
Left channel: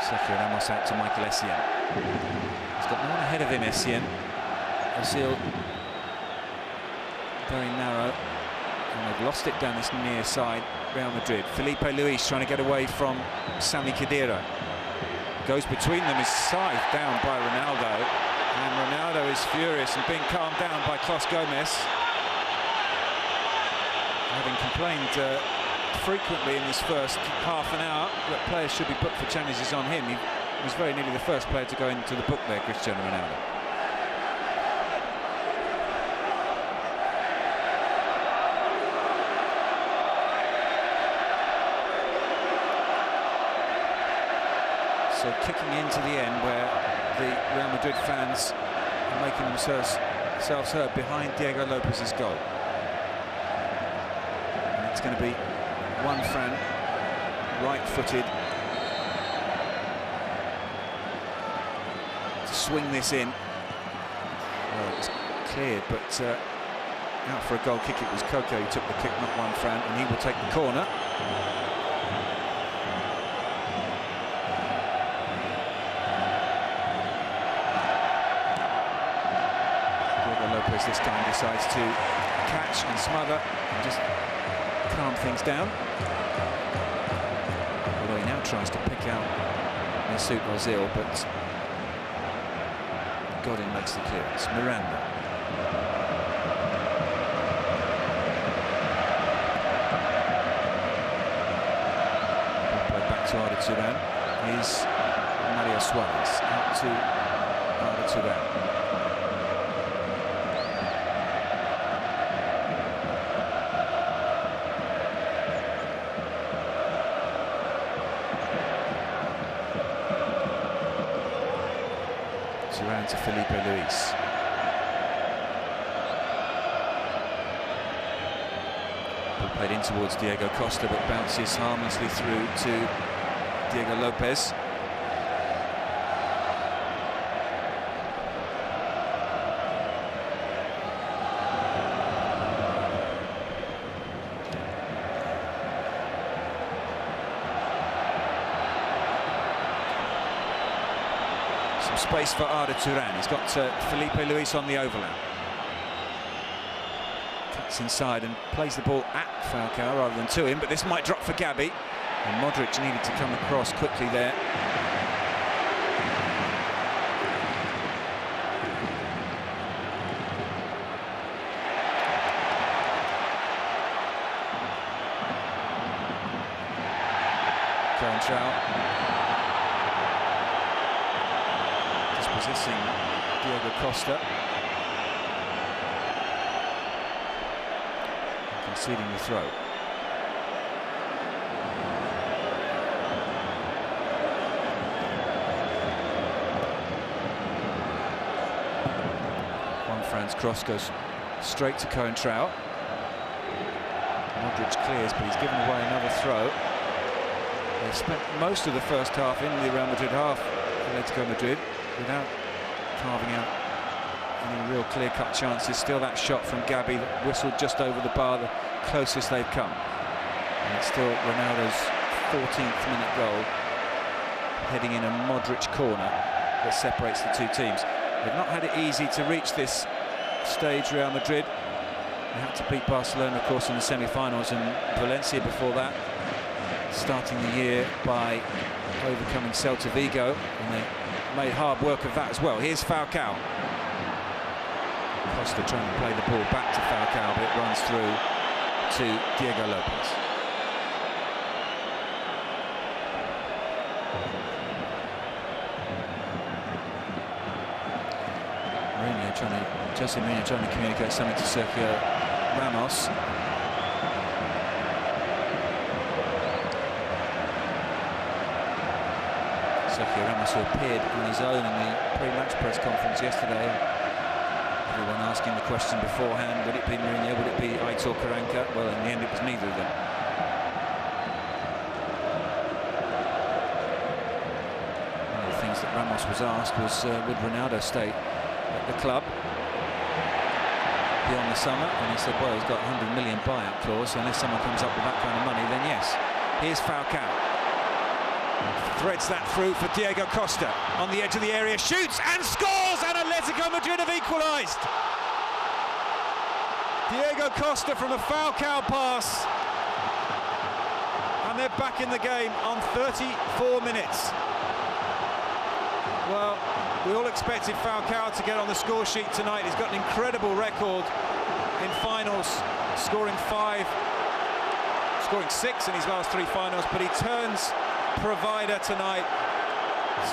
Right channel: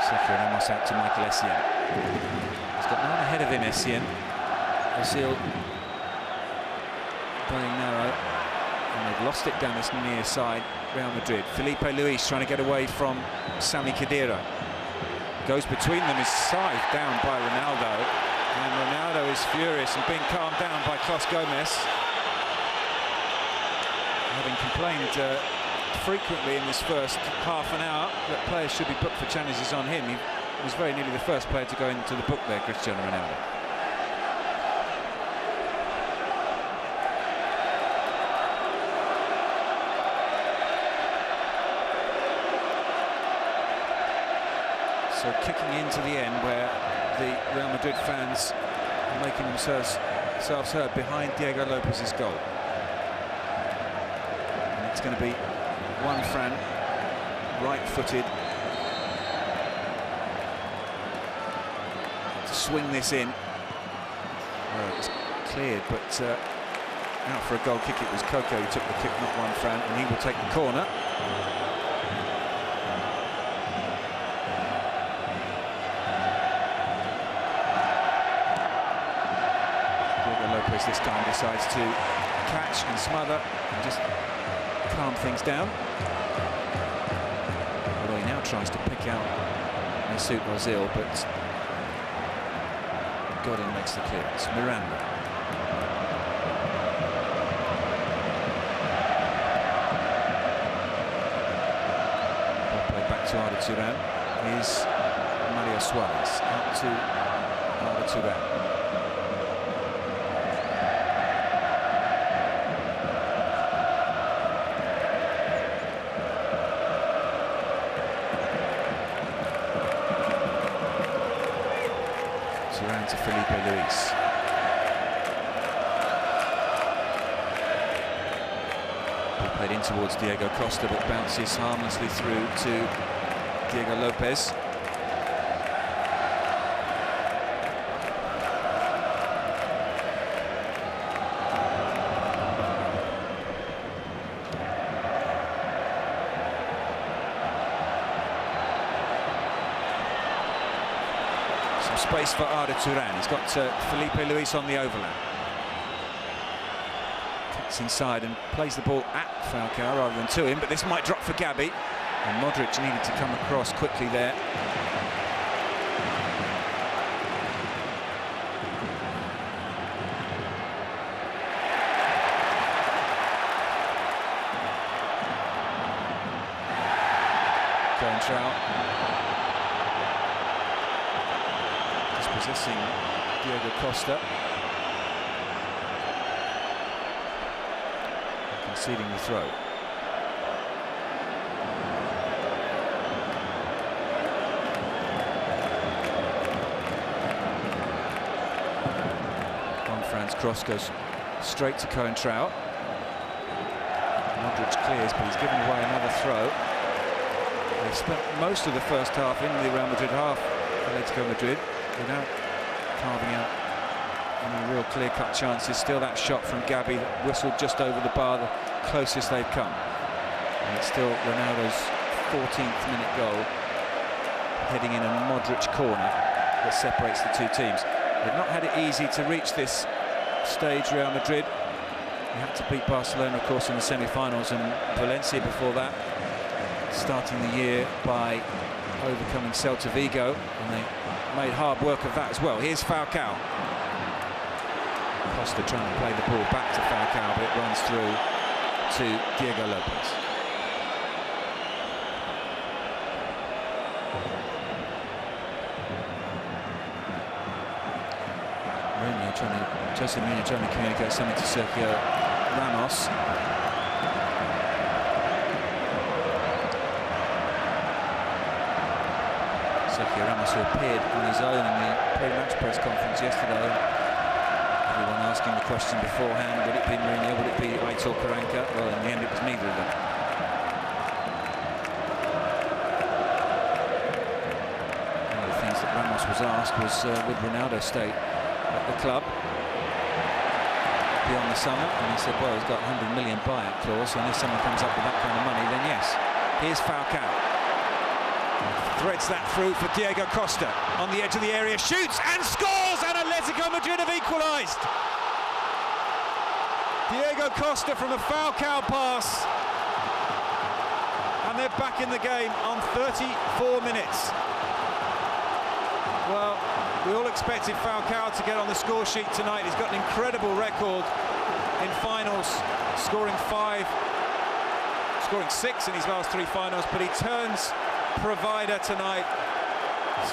Sergio Ramos out to Michael Essien. He's got no one ahead of him, Essien. Ozil very narrow, and they've lost it down this near side. Real Madrid. Felipe Luis trying to get away from Sami Khedira. Goes between them, is scythed down by Ronaldo, and Ronaldo is furious and being calmed down by Clos Gomez. Having complained frequently in this first half an hour that players should be booked for challenges on him. He was very nearly the first player to go into the book there, Cristiano Ronaldo. So kicking into the end where the Real Madrid fans are making themselves heard behind Diego Lopez's goal. And it's going to be Juanfran, right-footed, to swing this in. Well, it was cleared, but out for a goal kick. It was Koke who took the kick, not Juanfran, and he will take the corner. Diego Lopez this time decides to catch and smother and just calm things down. Although he now tries to pick out Mesut Ozil, but Godin makes the clearance. Miranda. to Arda Turan is Mario Suarez. Out to Arda Turan. Turan to Felipe Luis. Ball played in towards Diego Costa, but bounces harmlessly through to Diego Lopez. Some space for Arda Turan. He's got Felipe Luis on the overlap. Cuts inside and plays the ball at Falcao rather than to him, but this might drop for Gabi. And Modric needed to come across quickly there. Coentrao. Dispossessing Diego Costa. Conceding the throw. Juanfran's cross goes straight to Coentrao. Modric clears, but he's given away another throw. They've spent most of the first half in the Real Madrid half, Athletico Madrid, without carving out any real clear-cut chances. Still that shot from Gabi that whistled just over the bar, the closest they've come. And it's still Ronaldo's 14th minute goal, heading in a Modric corner that separates the two teams. They've not had it easy to reach this stage, Real Madrid. They had to beat Barcelona, of course, in the semi-finals, and Valencia before that, starting the year by overcoming Celta Vigo, and they made hard work of that as well. Here's Falcao. Costa trying to play the ball back to Falcao, but it runs through to Diego Lopez. Jose Mourinho trying to communicate something to Sergio Ramos. Sergio Ramos, who appeared on his own in the pre-match press conference yesterday. Everyone asking the question beforehand, would it be Mourinho, would it be Aitor Karanka? Well, in the end it was neither of them. One of the things that Ramos was asked was would Ronaldo stay at the club beyond the summer, and he said, well, he's got a 100 million buyout clause, so unless someone comes up with that kind of money, then yes. Here's Falcao. Threads that through for Diego Costa. On the edge of the area, shoots and scores, and Athletico Madrid have equalised. Diego Costa from a Falcao pass, and they're back in the game on 34 minutes. Well, we all expected Falcao to get on the score sheet tonight. He's got an incredible record in finals, scoring 6 in his last 3 finals, but he turns provider tonight.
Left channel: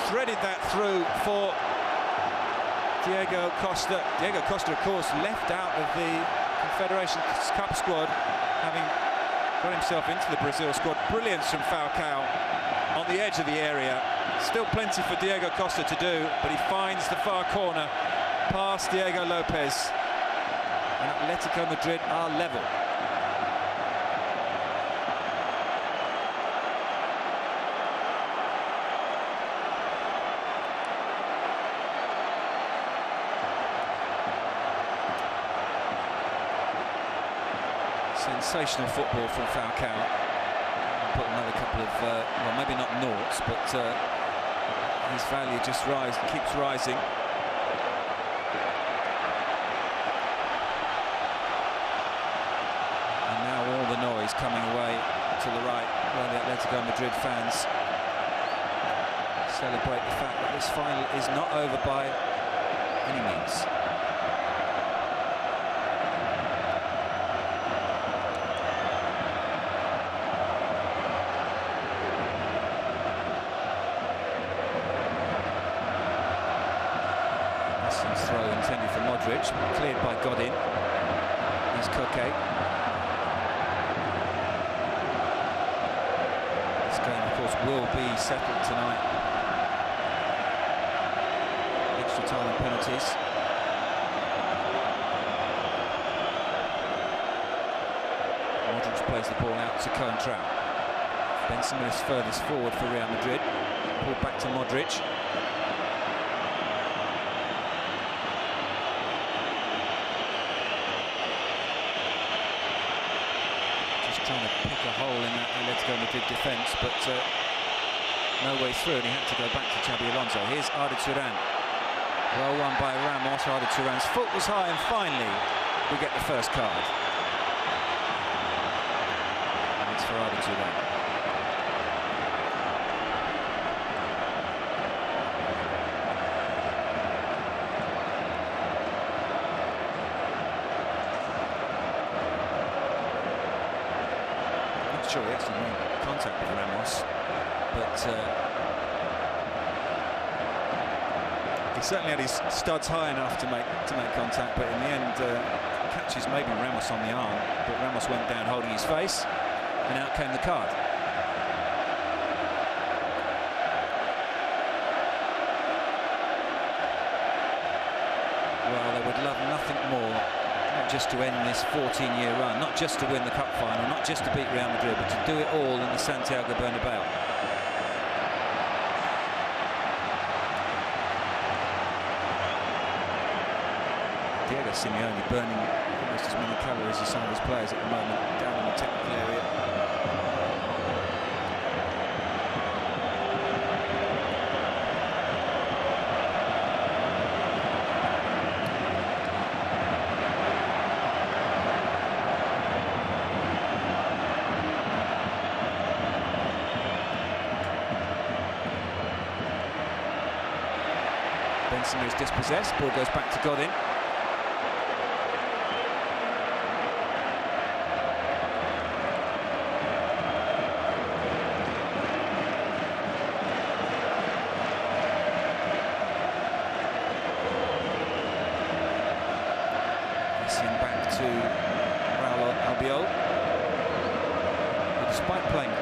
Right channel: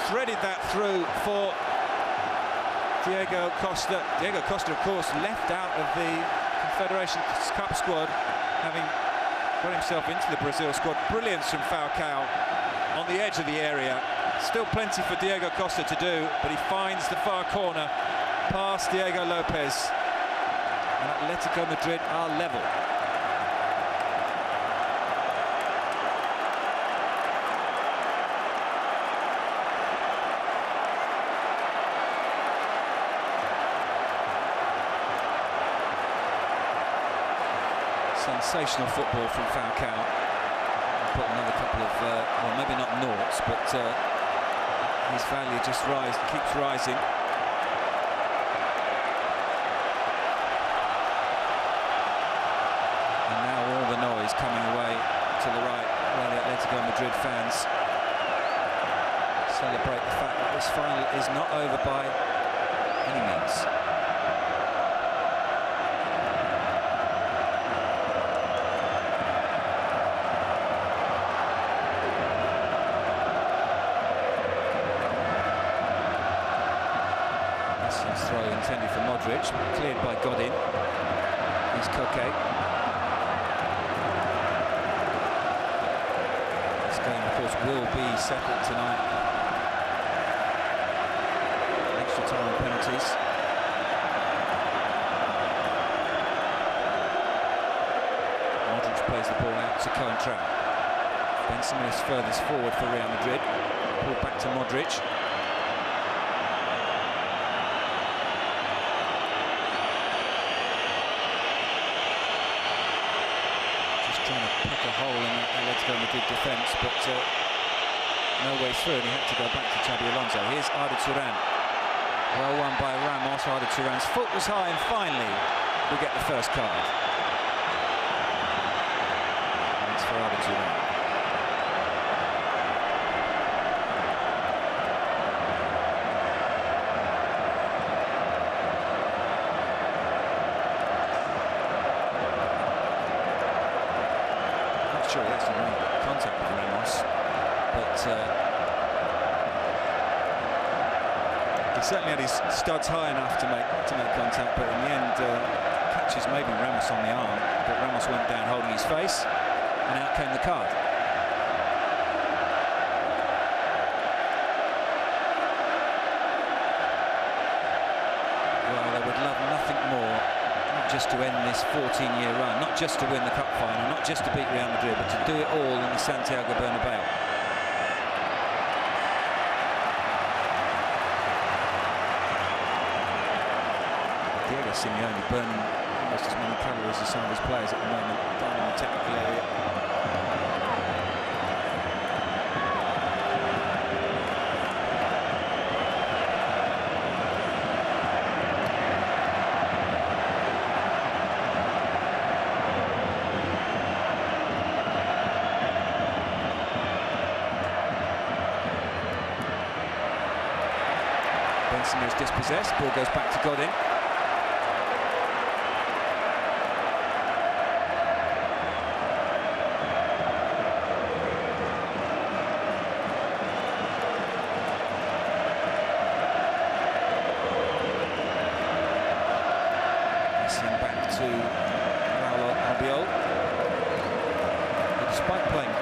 Threaded that through for Diego Costa. Diego Costa, of course, left out of the Confederations Cup squad, having got himself into the Brazil squad. Brilliance from Falcao on the edge of the area. Still plenty for Diego Costa to do, but he finds the far corner past Diego Lopez, and Athletico Madrid are level. Sensational football from Falcao. Put another couple of, well, maybe not noughts, but his value just keeps rising. And now all the noise coming away to the right, where the Athletico Madrid fans celebrate the fact that this final is not over by any means. throw intended for Modric, cleared by Godin. Here's Koke. This game, of course, will be settled tonight. Extra time and penalties. Modric plays the ball out to Coentrao. Benzema is furthest forward for Real Madrid. Ball back to Modric. Just trying to pick a hole in that Athletico Madrid defence, but no way through, and he had to go back to Xabi Alonso. Here's Arda Turan. Well won by Ramos. Arda Turan's foot was high, and finally we get the first card. And it's for Arda Turan. Sure, he actually made contact with Ramos, but he certainly had his studs high enough to make contact. But in the end, catches maybe Ramos on the arm, but Ramos went down holding his face, and out came the card. Well, they would love nothing more. Not just to end this 14-year run, not just to win the cup final, not just to beat Real Madrid, but to do it all in the Santiago Bernabeu. Diego Simeone burning almost as many calories as some of his players at the moment down in the technical area. Benzema is dispossessed, ball goes back to Godin. Missing back to Raul Albiol, who, despite playing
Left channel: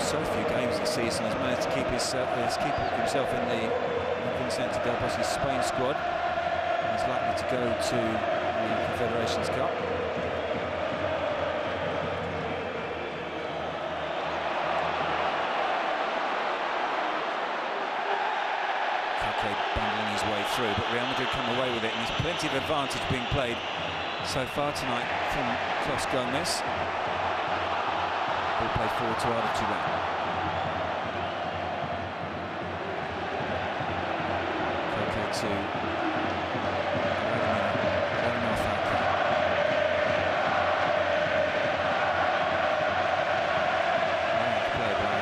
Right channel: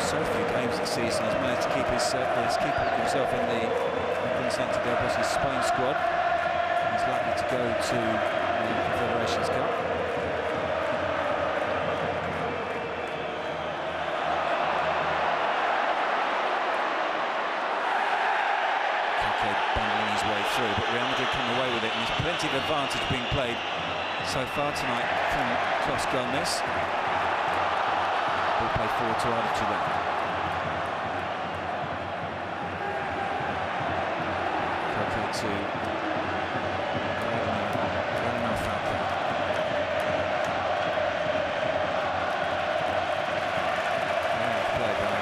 so few games this season, has managed to keep himself in the Vicente Del Bosque's Spain squad. He's likely to go to the Confederations Cup. Koke bundling his way through, but Real Madrid come away with it, and there's plenty of advantage being played so far tonight from Clos Gomez. Ball play forward to Arda Turan. To Radamel Falcao. Play by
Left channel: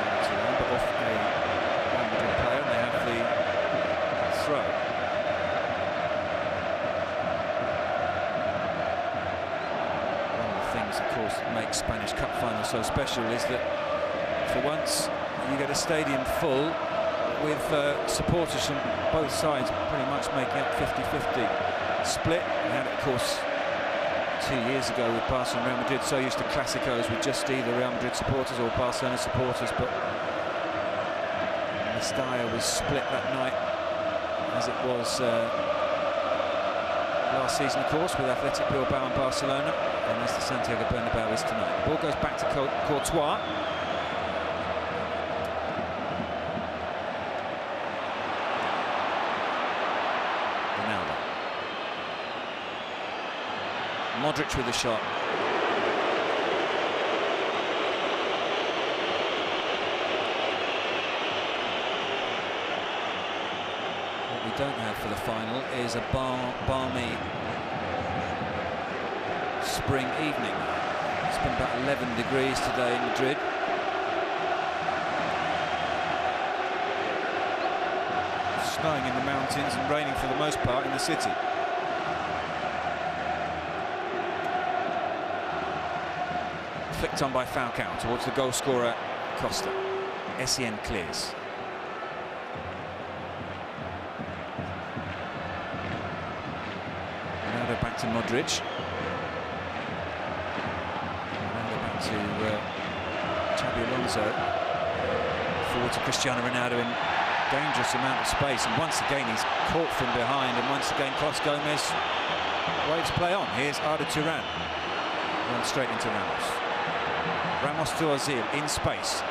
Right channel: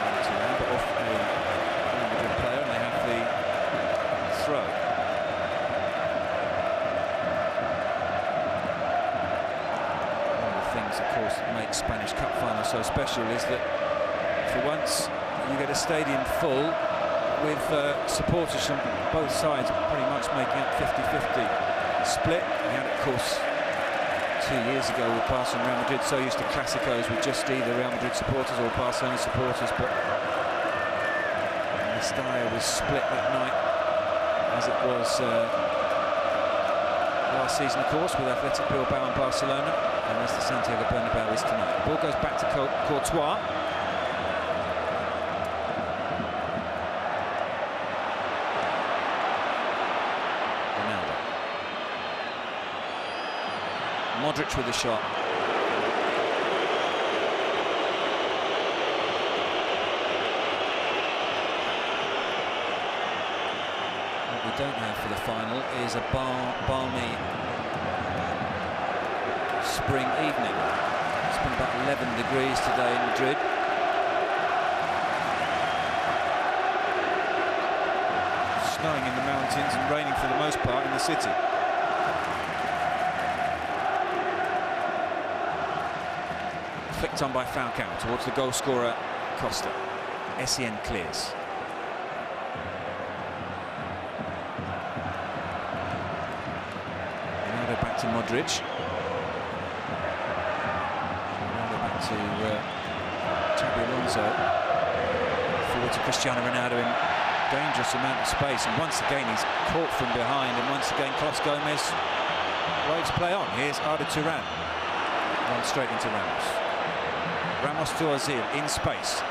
Arda Turan, but off a Real Madrid player, and they have the throw. One of the things, of course, that makes Spanish Cup finals so special is that for once you get a stadium full with supporters from both sides pretty much making up 50-50 split. We had it, of course, 2 years ago with Barcelona and Real Madrid, so used to Clásicos with just either Real Madrid supporters or Barcelona supporters, but Mestalla was split that night, as it was last season, of course, with Athletic Bilbao and Barcelona, and as the Santiago Bernabeu is tonight. The ball goes back to Courtois. Modric with a shot. What we don't have for the final is a balmy spring evening. It's been about 11 degrees today in Madrid. Snowing in the mountains and raining for the most part in the city. Flicked on by Falcao towards the goal scorer Costa. Essien clears. to Modric. Ronaldo back to Xabi Alonso. Forward to Cristiano Ronaldo in dangerous amount of space, and once again he's caught from behind, and once again Clos Gomez waves play on. Here's Arda Turan, runs straight into Ramos. Ramos to Ozil in space,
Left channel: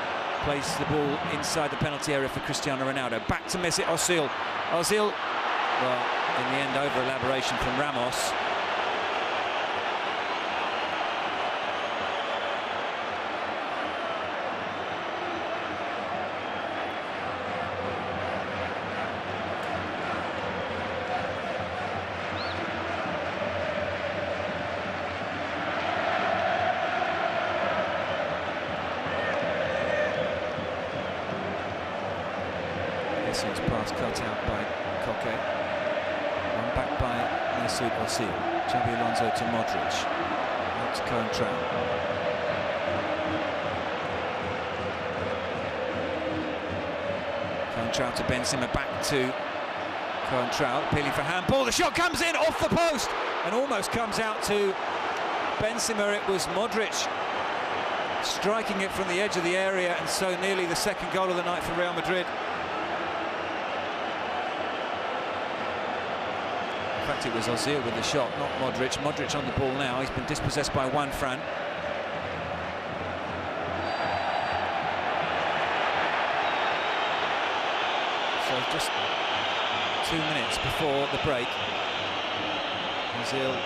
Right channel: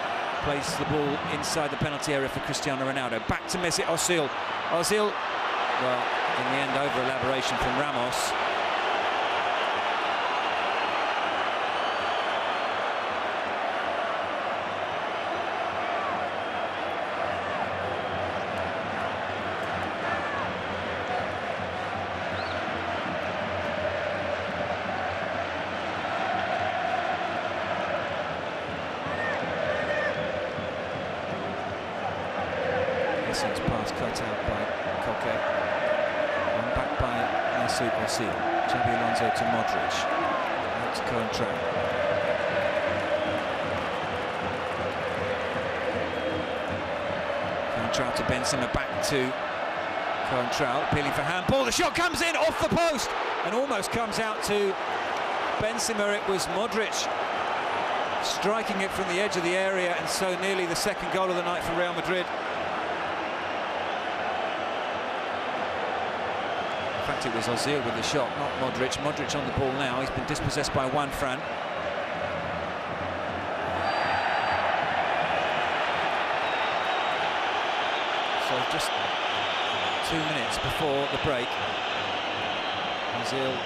plays the ball inside the penalty area for Cristiano Ronaldo. Back to Mesut Ozil. Ozil, well, in the end, over elaboration from Ramos. Essing's pass cut out by Koke. One back by Mesut Ozil. Xabi Alonso to Modric. Out to Coentrao. Coentrao to Benzema, back to Coentrao, appealing for handball. The shot comes in off the post and almost comes out to Benzema. It was Modric striking it from the edge of the area, and so nearly the second goal of the night for Real Madrid. In fact, it was Ozil with the shot, not Modric. Modric on the ball now. He's been dispossessed by Juan Fran. So just 2 minutes before the break, Ozil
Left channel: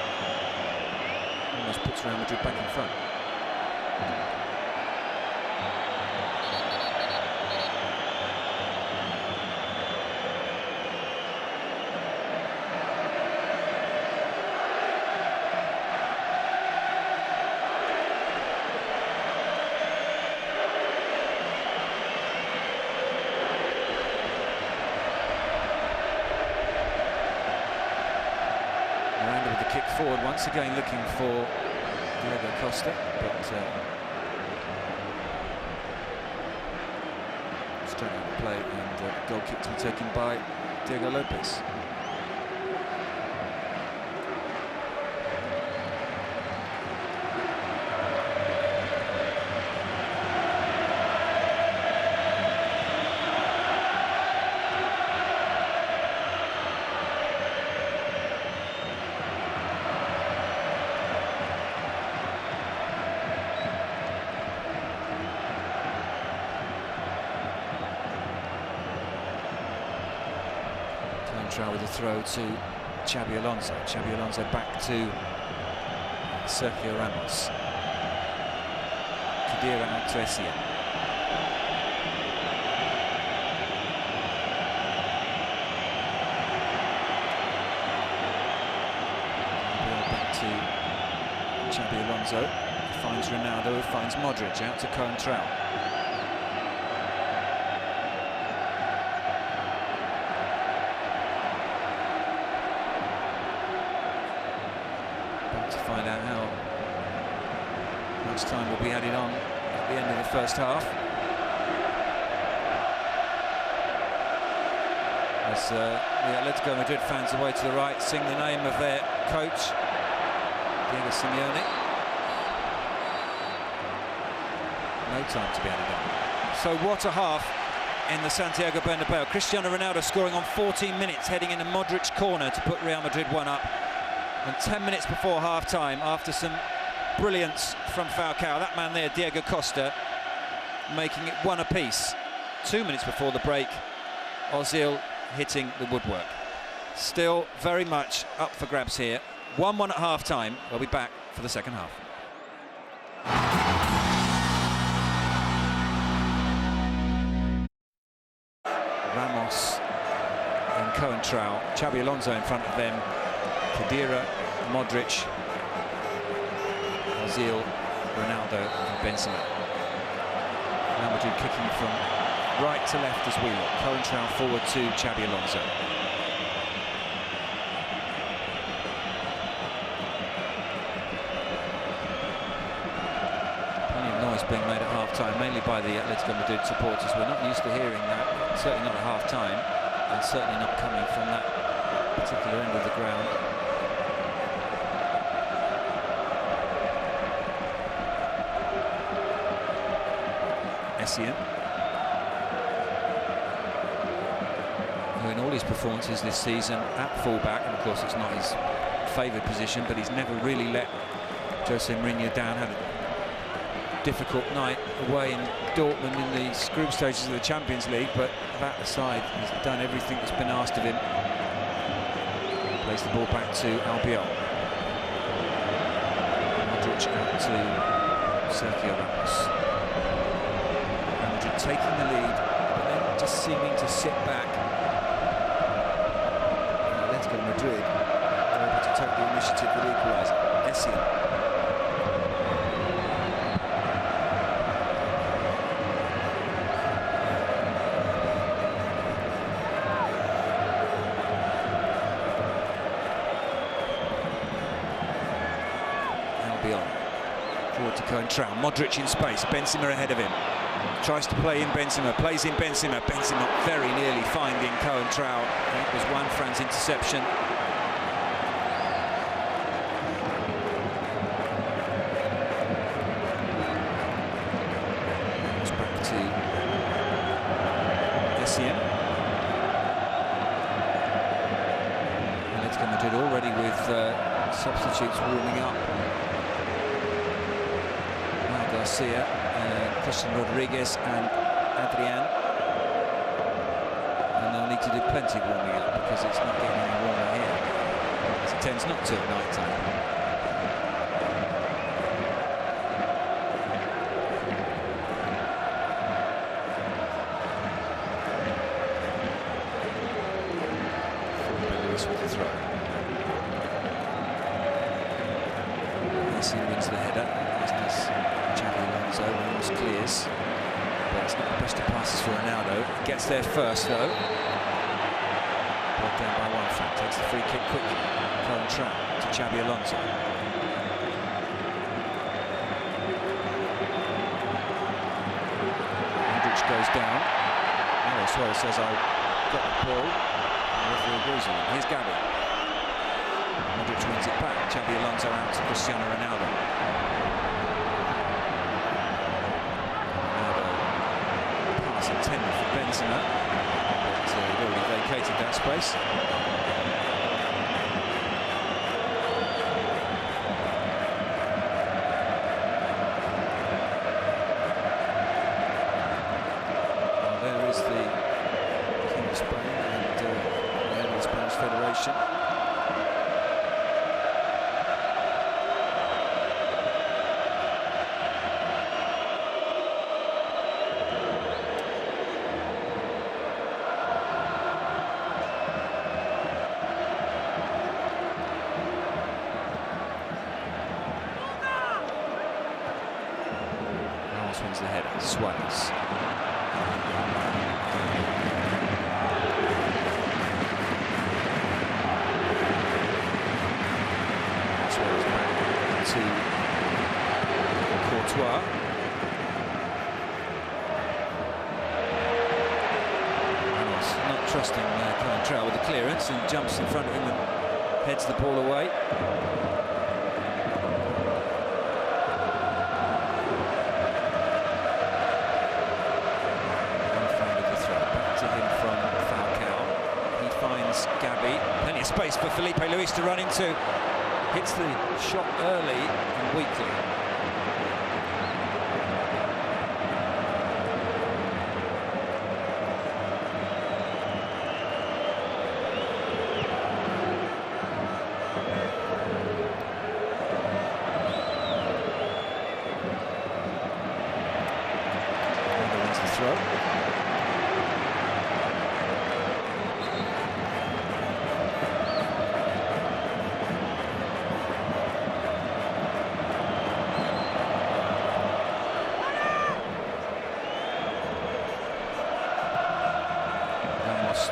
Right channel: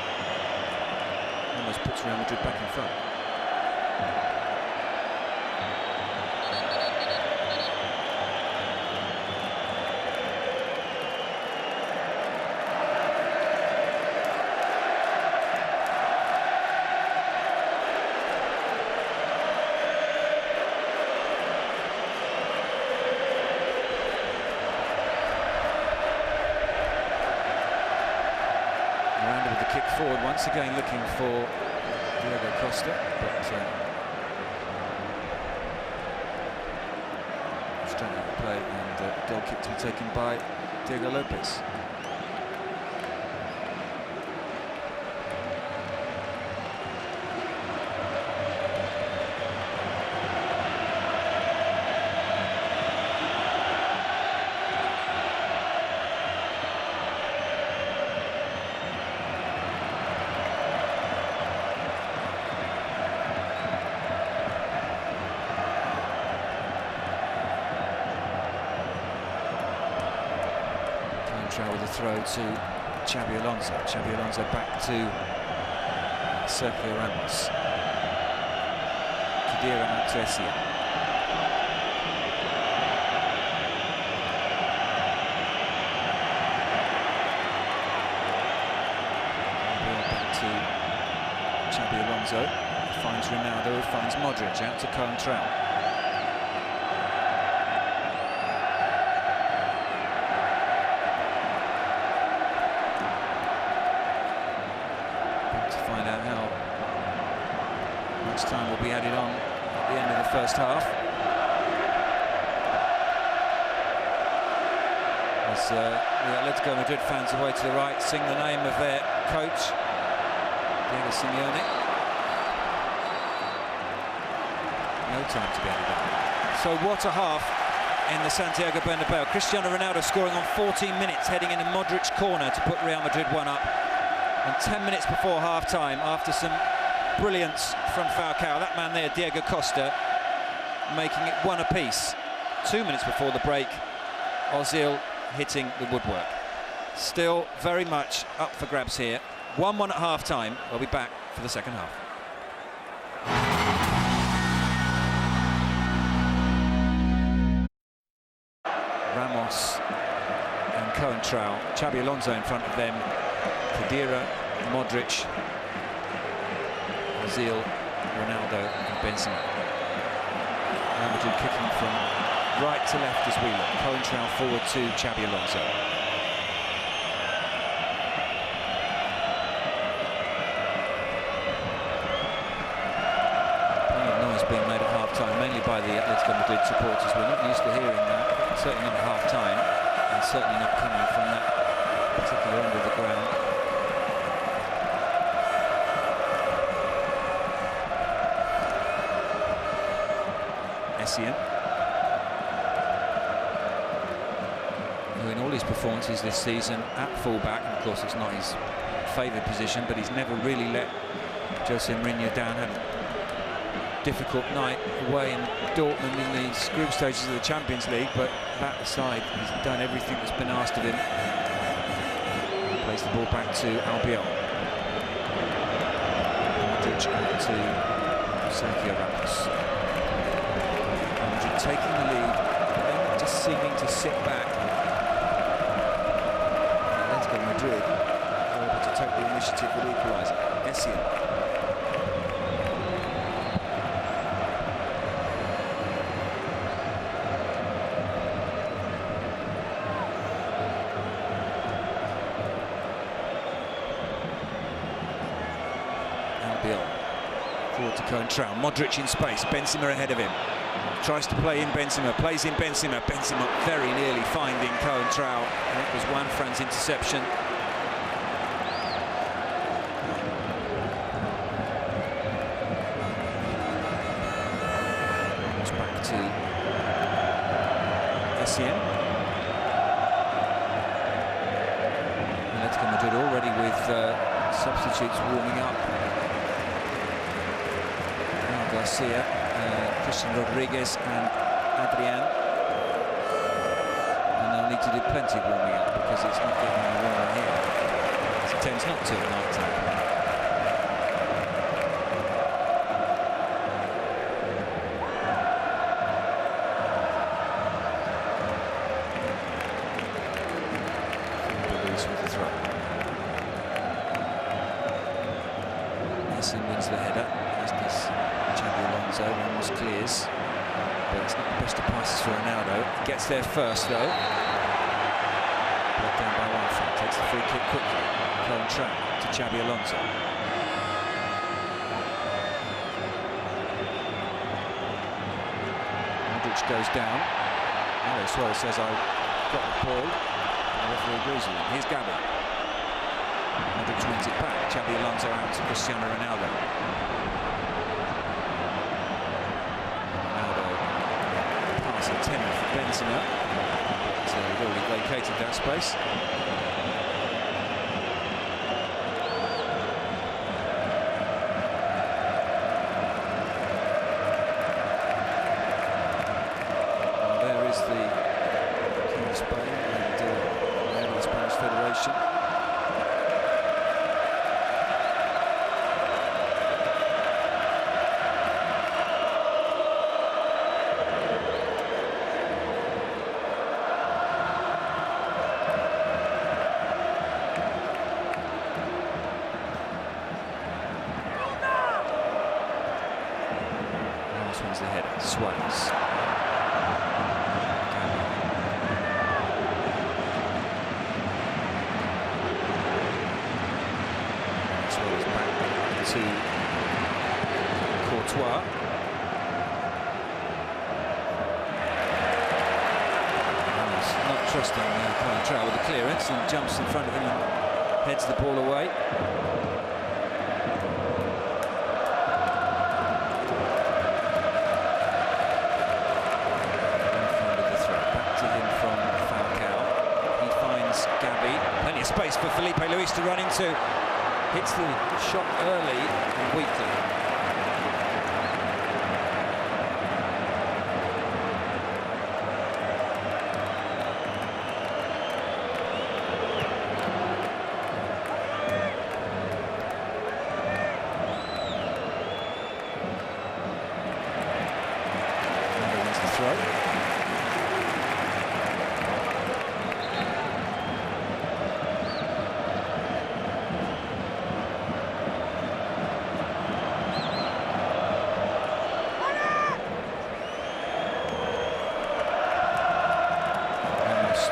almost puts Real Madrid back in front. Miranda with the kick forward, once again looking for Diego Costa, but straight out of play, and goal kick to be taken by Diego Lopez. With a throw to Xabi Alonso. Xabi Alonso back to Sergio Ramos. Khedira out to Essien. Back to Xabi Alonso. Finds Ronaldo, finds Modric, out to Coentrao. To find out how much time will be added on at the end of the first half. As the Athletico Madrid fans away to the right sing the name of their coach, Diego Simeone. No time to be added on. So what a half in the Santiago Bernabeu. Cristiano Ronaldo scoring on 14 minutes, heading into Modric's corner to put Real Madrid 1 up. And 10 minutes before half-time, after some brilliance from Falcao, that man there, Diego Costa, making it 1 apiece. 2 minutes before the break, Ozil hitting the woodwork. Still very much up for grabs here. 1-1 at half-time. We'll be back for the second half. Ramos and Coentrao, Xabi Alonso in front of them. Khedira, Modric, Ozil, Ronaldo and Benzema. Real Madrid kicking from right to left as we look. Coentrao forward to Xabi Alonso. Plenty of noise being made at half-time, mainly by the Athletico Madrid supporters. We're not used to hearing that, certainly not at half-time, and certainly not coming from that particular end of the ground. Essien, who in all his performances this season at fullback, and of course it's not his favoured position, but he's never really let Jose Mourinho down. Had a difficult night away in Dortmund in the group stages of the Champions League, but that aside, he's done everything that's been asked of him. Plays the ball back to Albiol. Modric out to Sergio Ramos. Madrid taking the lead, but then just seeming to sit back. Atletico Madrid are able to take the initiative with the equaliser. Essien. Forward to Coentrao. Modric in space. Benzema ahead of him. Tries to play in Benzema. Plays in Benzema. Benzema very nearly finding Coentrao. And it was Juanfran's interception. It's back to Essien. Atletico Madrid already with substitutes warming up. Garcia, Christian Rodriguez and Adrian, and they'll need to do plenty of warming up because it's not getting any warmer here, as it tends not to at night time. Lewis with the throw. Essien wins the header, as does Xabi Alonso. Ramos clears, but it's not the best of passes for Ronaldo. Gets there first though. Brought down by Juanfran. Takes the free kick quickly. Coentrao to Xabi Alonso. Modric goes down. Mario Suarez says, "I got the ball." And the referee agrees with him. Here's Gabi. Modric wins it back. Xabi Alonso out to Cristiano Ronaldo. Intended for Benzema, but he'd already vacated that space. Well, there is the King of Spain and the head of the Spanish Federation. Wins the header. Suarez. Suarez back to Courtois. Ramos not trusting Coentrao with the clearance and jumps in front of him and heads the ball away. Gabi, plenty of space for Felipe Luis to run into. Hits the shot early and weakly. Ronaldo wins the throw.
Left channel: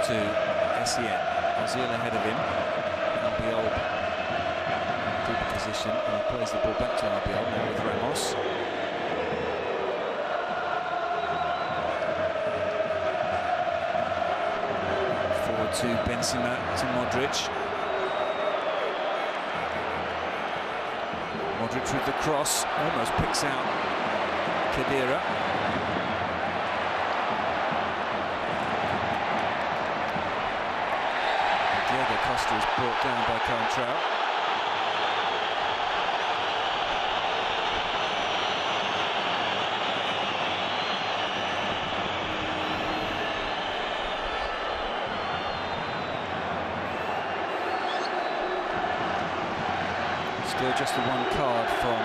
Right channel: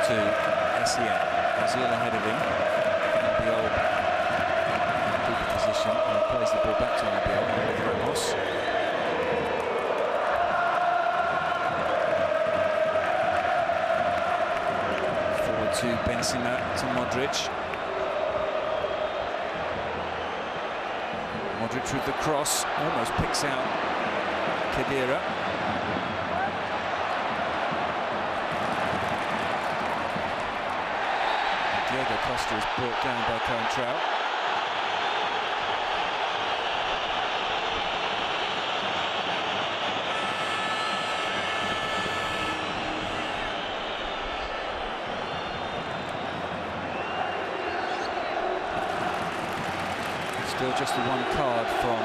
To Essien. Ozil ahead of him. Albiol deep position and he plays the ball back to Albiol now with Ramos. Forward to Benzema to Modric. Modric with the cross, almost picks out Khedira. Diego Costa is brought down by Coentrao. Still just the one card from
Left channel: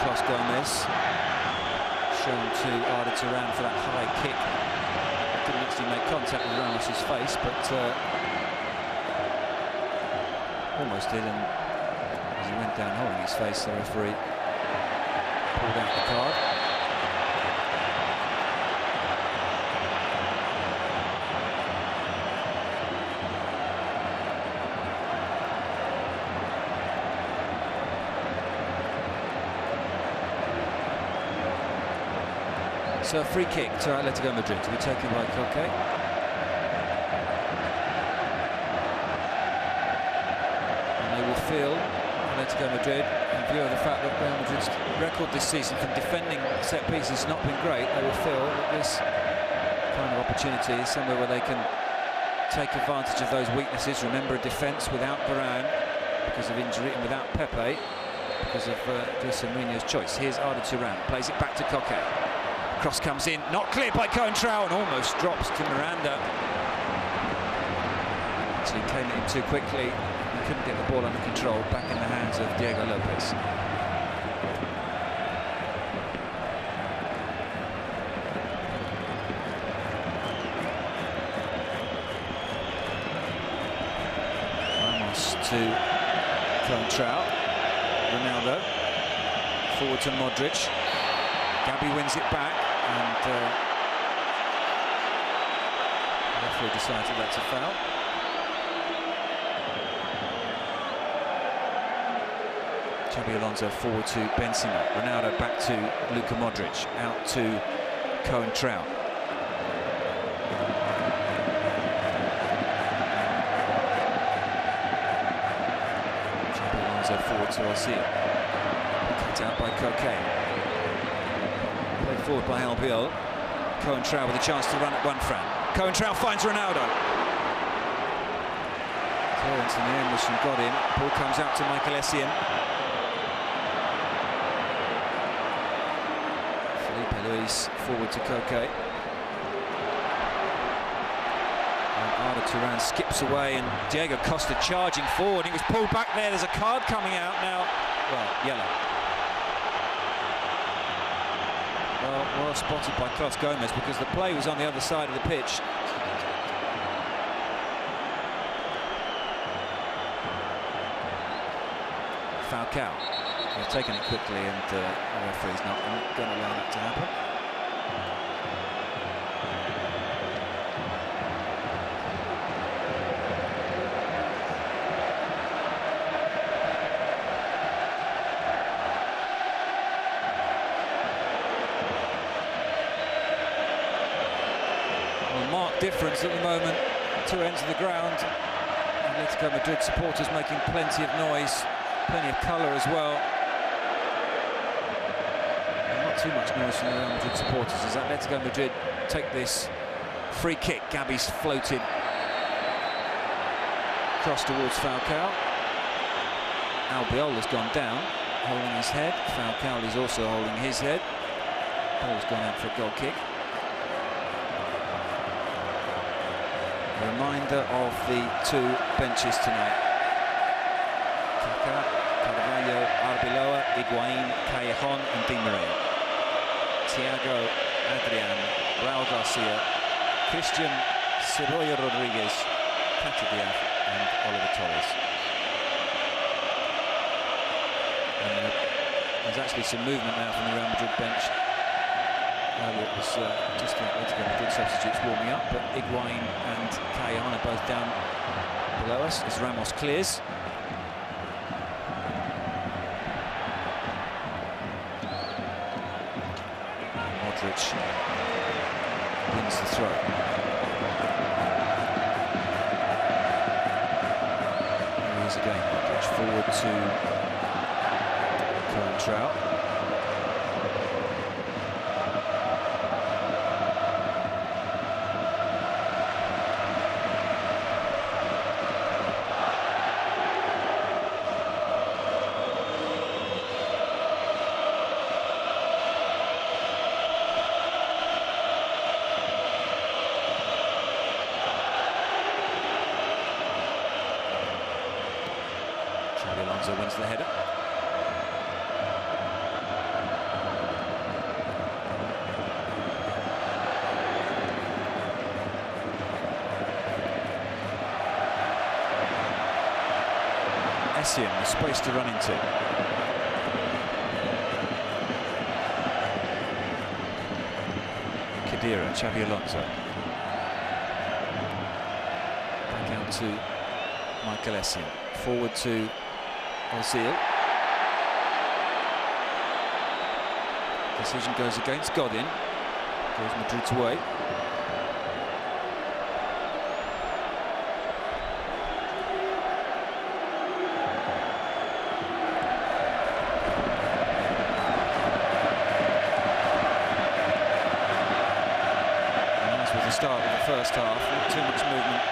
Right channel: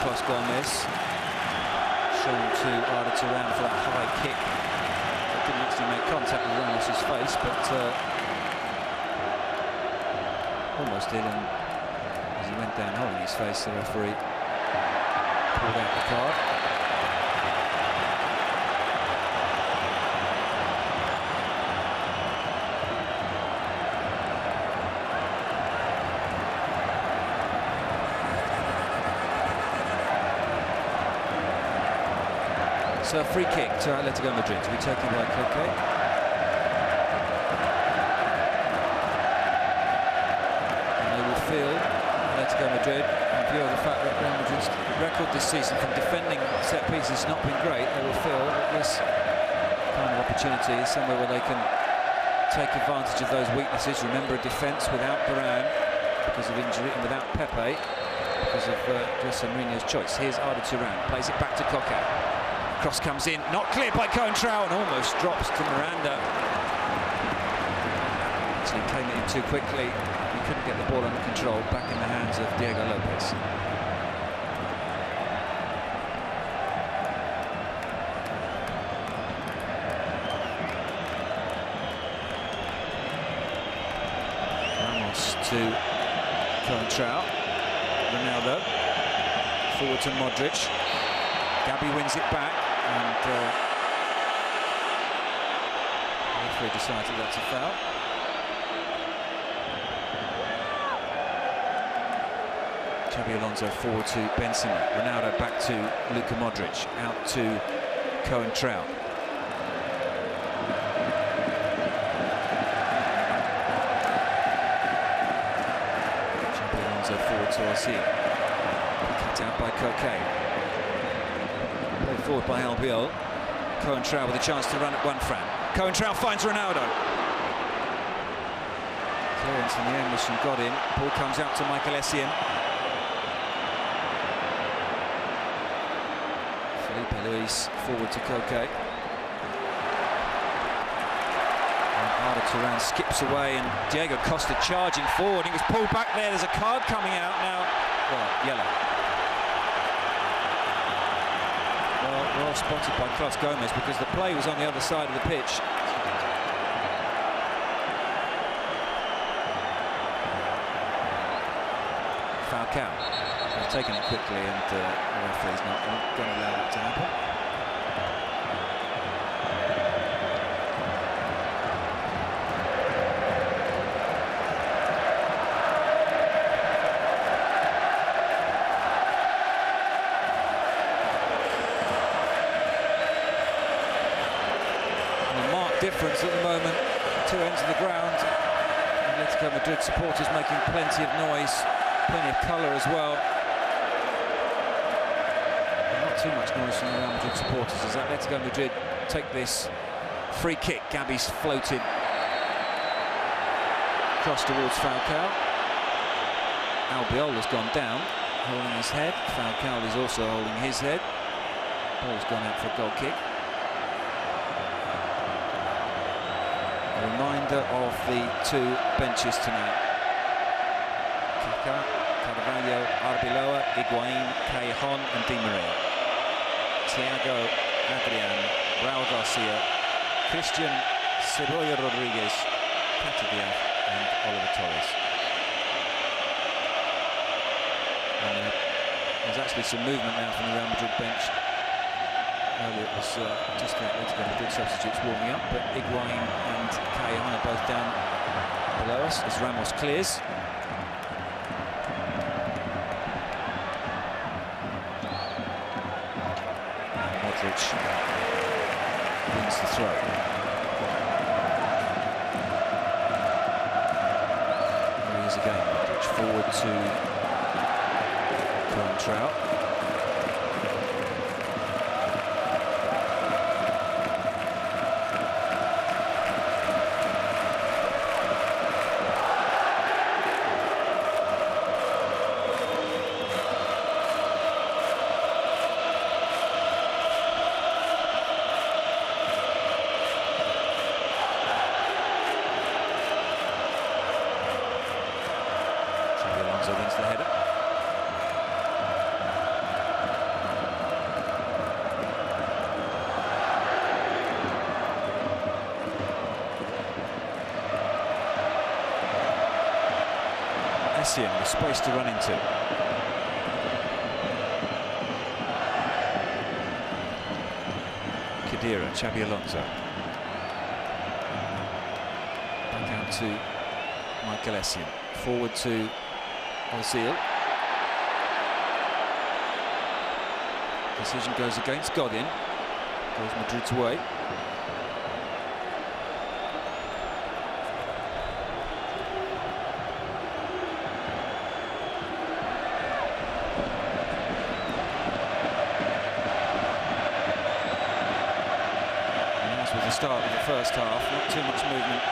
Carlos Gomez, shown to Arda Turan for that high kick. That didn't actually make contact with Ramos's face, but almost did, and as he went down holding his face, the referee pulled out the card. So a free kick to Atletico Madrid to be taken by Koke. And they will field Atletico Madrid, in view of the fact that Real Madrid's record this season from defending set pieces has not been great. They will feel that this kind of opportunity is somewhere where they can take advantage of those weaknesses. Remember, a defence without Varane because of injury, and without Pepe because of Jose Mourinho's choice. Here's Arda Turan, plays it back to Koke. Cross comes in, not cleared by Coentrao, and almost drops to Miranda. Actually came at him too quickly. He couldn't get the ball under control. Back in the hands of Diego Lopez. Ramos to Coentrao. Ronaldo. Forward to Modric. Gabi wins it back, and the referee decides that that's a foul. Xabi Alonso forward to Benzema. Ronaldo back to Luka Modric, out to Coentrao. Xabi Alonso forward to Ozil. Cut out by Koke. Played forward by Albiol. Coentrao with a chance to run at one Fran. Coentrao finds Ronaldo. Clearance in the end was from Godin. Ball comes out to Michael Essien. Felipe Luis forward to Koke. And Arda Turan skips away, and Diego Costa charging forward. He was pulled back there. There's a card coming out now. Well, yellow. Well spotted by Carlos Gomez, because the play was on the other side of the pitch. Falcao. They've taken it quickly, and the referee's not going to allow that to happen. Difference at the moment, two ends of the ground. Atletico Madrid supporters making plenty of noise, plenty of colour as well. And not too much noise from the Real Madrid supporters as Atletico Madrid take this free kick. Gabi's floated cross towards Falcao. Albiol has gone down, holding his head. Falcao is also holding his head. Ball's gone out for a goal kick. A reminder of the two benches tonight. Kaká, Carvalho, Arbeloa, Higuaín, Callejon and Di Maria. Thiago, Adrian, Raúl Garcia, Christian, Cebolla Rodriguez, Kata Diaz and Oliver Torres. And there's actually some movement now from the Real Madrid bench. Earlier it was just the Atletico Madrid substitutes warming up, but Higuaín and Callejon are both down below us as Ramos clears. Modric wins the throw. Here he is again, Modric forward to Coentrao. Alonso wins the header. Essien with space to run into. Khedira, Xabi Alonso. Back out to Michael Essien. Forward to Ozil. Decision goes against Godin. Goes Madrid's way. Start of the first half, not too much movement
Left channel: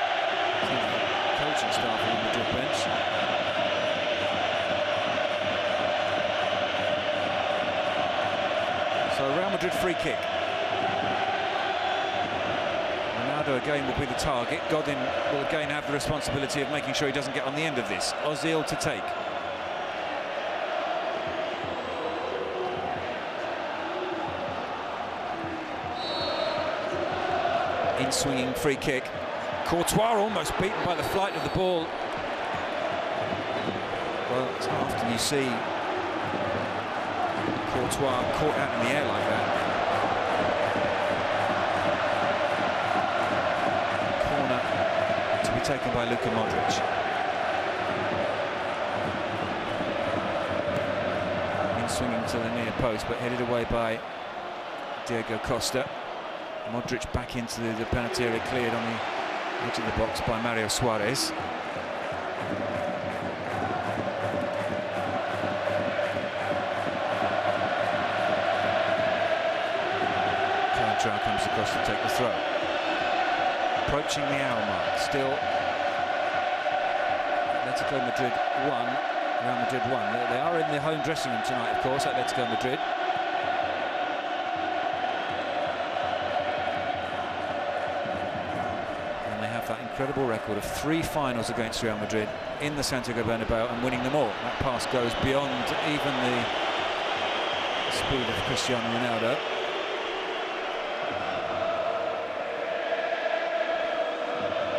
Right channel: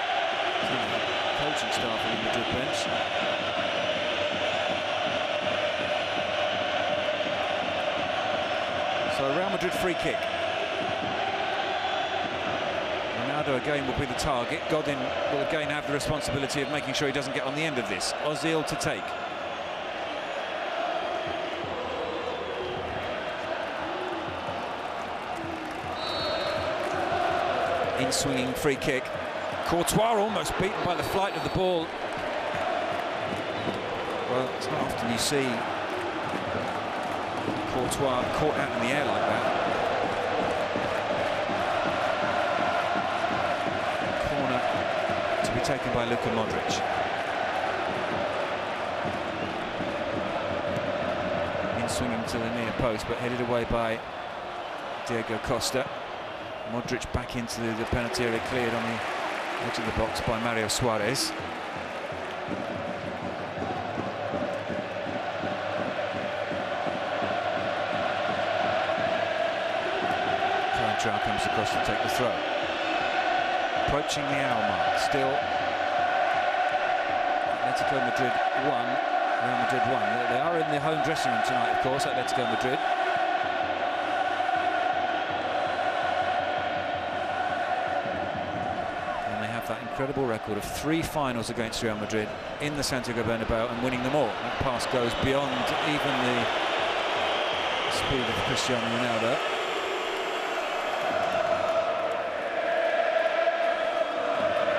from the coaching staff of the Madrid bench. So a Real Madrid free kick. Ronaldo again will be the target. Godin will again have the responsibility of making sure he doesn't get on the end of this. Ozil to take. In-swinging free kick. Courtois almost beaten by the flight of the ball. Well, it's not often you see Courtois caught out in the air like that. Corner to be taken by Luka Modric. In-swinging to the near post, but headed away by Diego Costa. Modric back into the penalty area, cleared on the edge of the box by Mario Suarez. Coentrao comes across to take the throw. Approaching the hour mark, still Atletico Madrid 1, Real Madrid 1. They are in the home dressing room tonight, of course, Atletico Madrid. That incredible record of 3 finals against Real Madrid in the Santiago Bernabeu and winning them all. That pass goes beyond even the speed of Cristiano Ronaldo.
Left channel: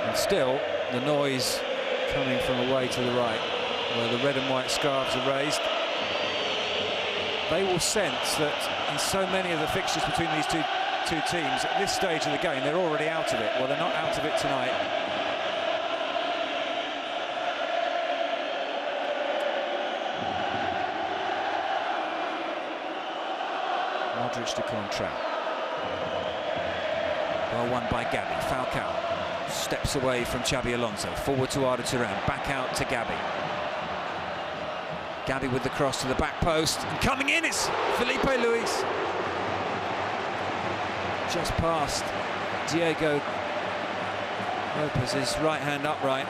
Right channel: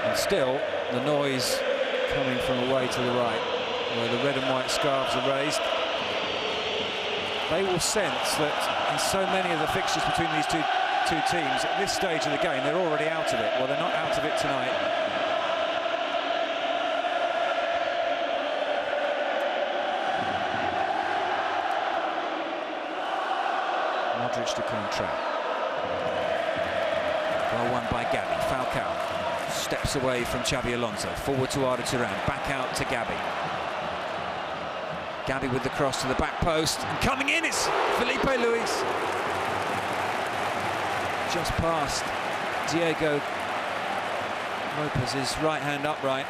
And still the noise coming from away to the right, where the red and white scarves are raised. They will sense that in so many of the fixtures between these two teams at this stage of the game, they're already out of it. Well, they're not out of it tonight. Modric to Coentrao. Well won by Gabi. Falcao steps away from Xabi Alonso. Forward to Arda Turan. Back out to Gabi. Gabi with the cross to the back post. And coming in is Felipe Luis. Just past Diego Lopez's right hand upright.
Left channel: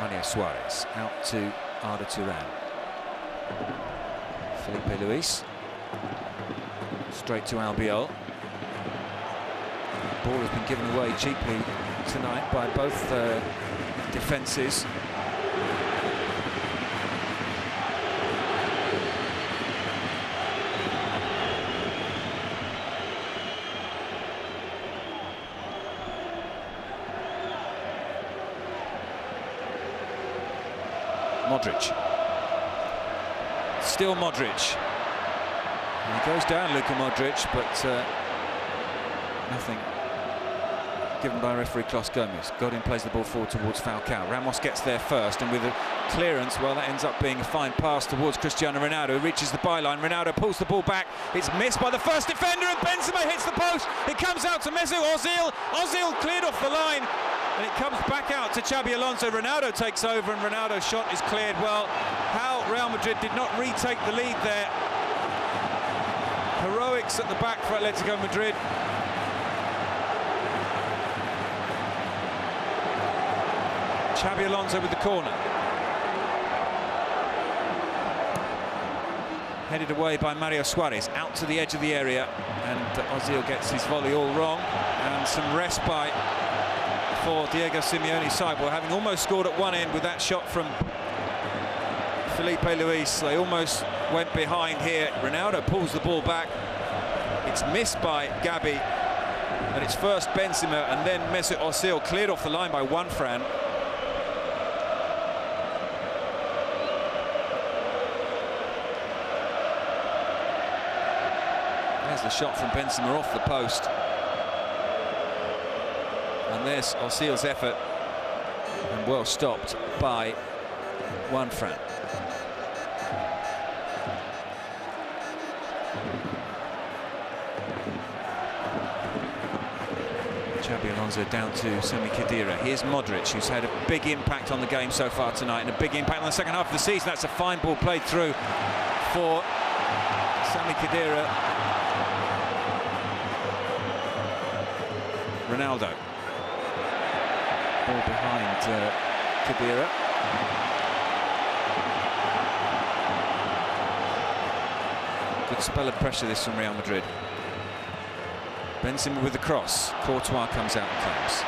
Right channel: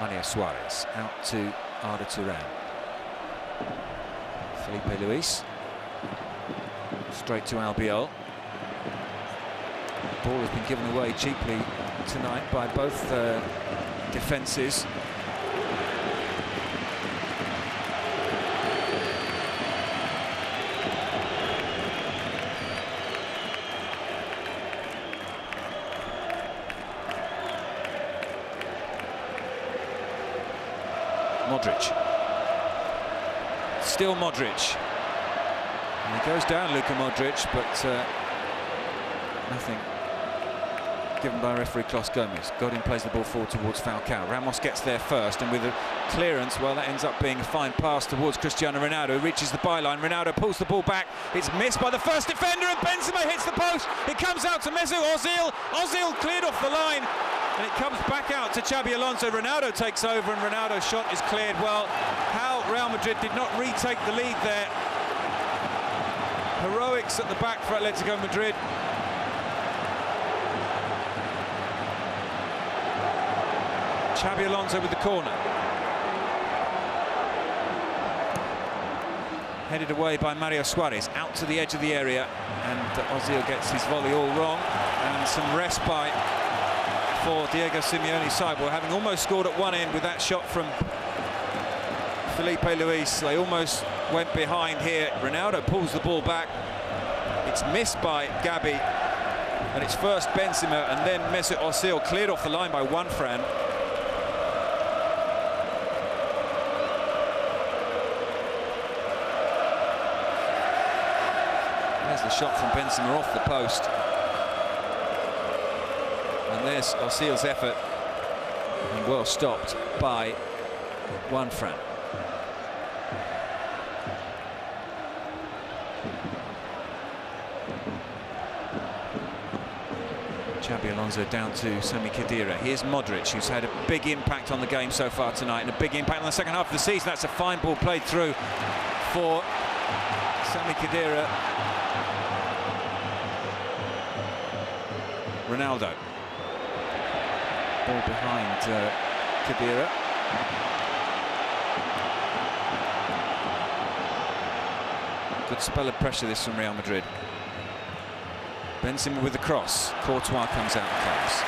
Mario Suarez out to Arda Turan. Felipe Luis straight to Albiol. The ball has been given away cheaply tonight by both defences. Modric. Still Modric. And he goes down, Luka Modric, but nothing given by referee Klos Gomez. Godin plays the ball forward towards Falcao. Ramos gets there first, and with a clearance, well, that ends up being a fine pass towards Cristiano Ronaldo, who reaches the byline. Ronaldo pulls the ball back. It's missed by the first defender, and Benzema hits the post. It comes out to Mesut Ozil. Ozil cleared off the line, and it comes back out to Xabi Alonso. Ronaldo takes over, and Ronaldo's shot is cleared. Well, how Real Madrid did not retake the lead there. Heroics at the back for Atletico Madrid. Xabi Alonso with the corner. Headed away by Mario Suarez, out to the edge of the area, and Ozil gets his volley all wrong, and some respite for Diego Simeone's side. Well, having almost scored at one end with that shot from Felipe Luis, they almost went behind here. Ronaldo pulls the ball back. It's missed by Gabi, and it's first Benzema and then Mesut Ozil, cleared off the line by Juanfran. There's the shot from Benzema off the post. And there's Ozil's effort, and well stopped by Juanfran. Xabi Alonso down to Sami Khedira. Here's Modric, who's had a big impact on the game so far tonight, and a big impact on the second half of the season. That's a fine ball played through for Sami Khedira. Ronaldo. Ball behind Khedira. Good spell of pressure this from Real Madrid. Benzema with the cross. Courtois comes out and claims.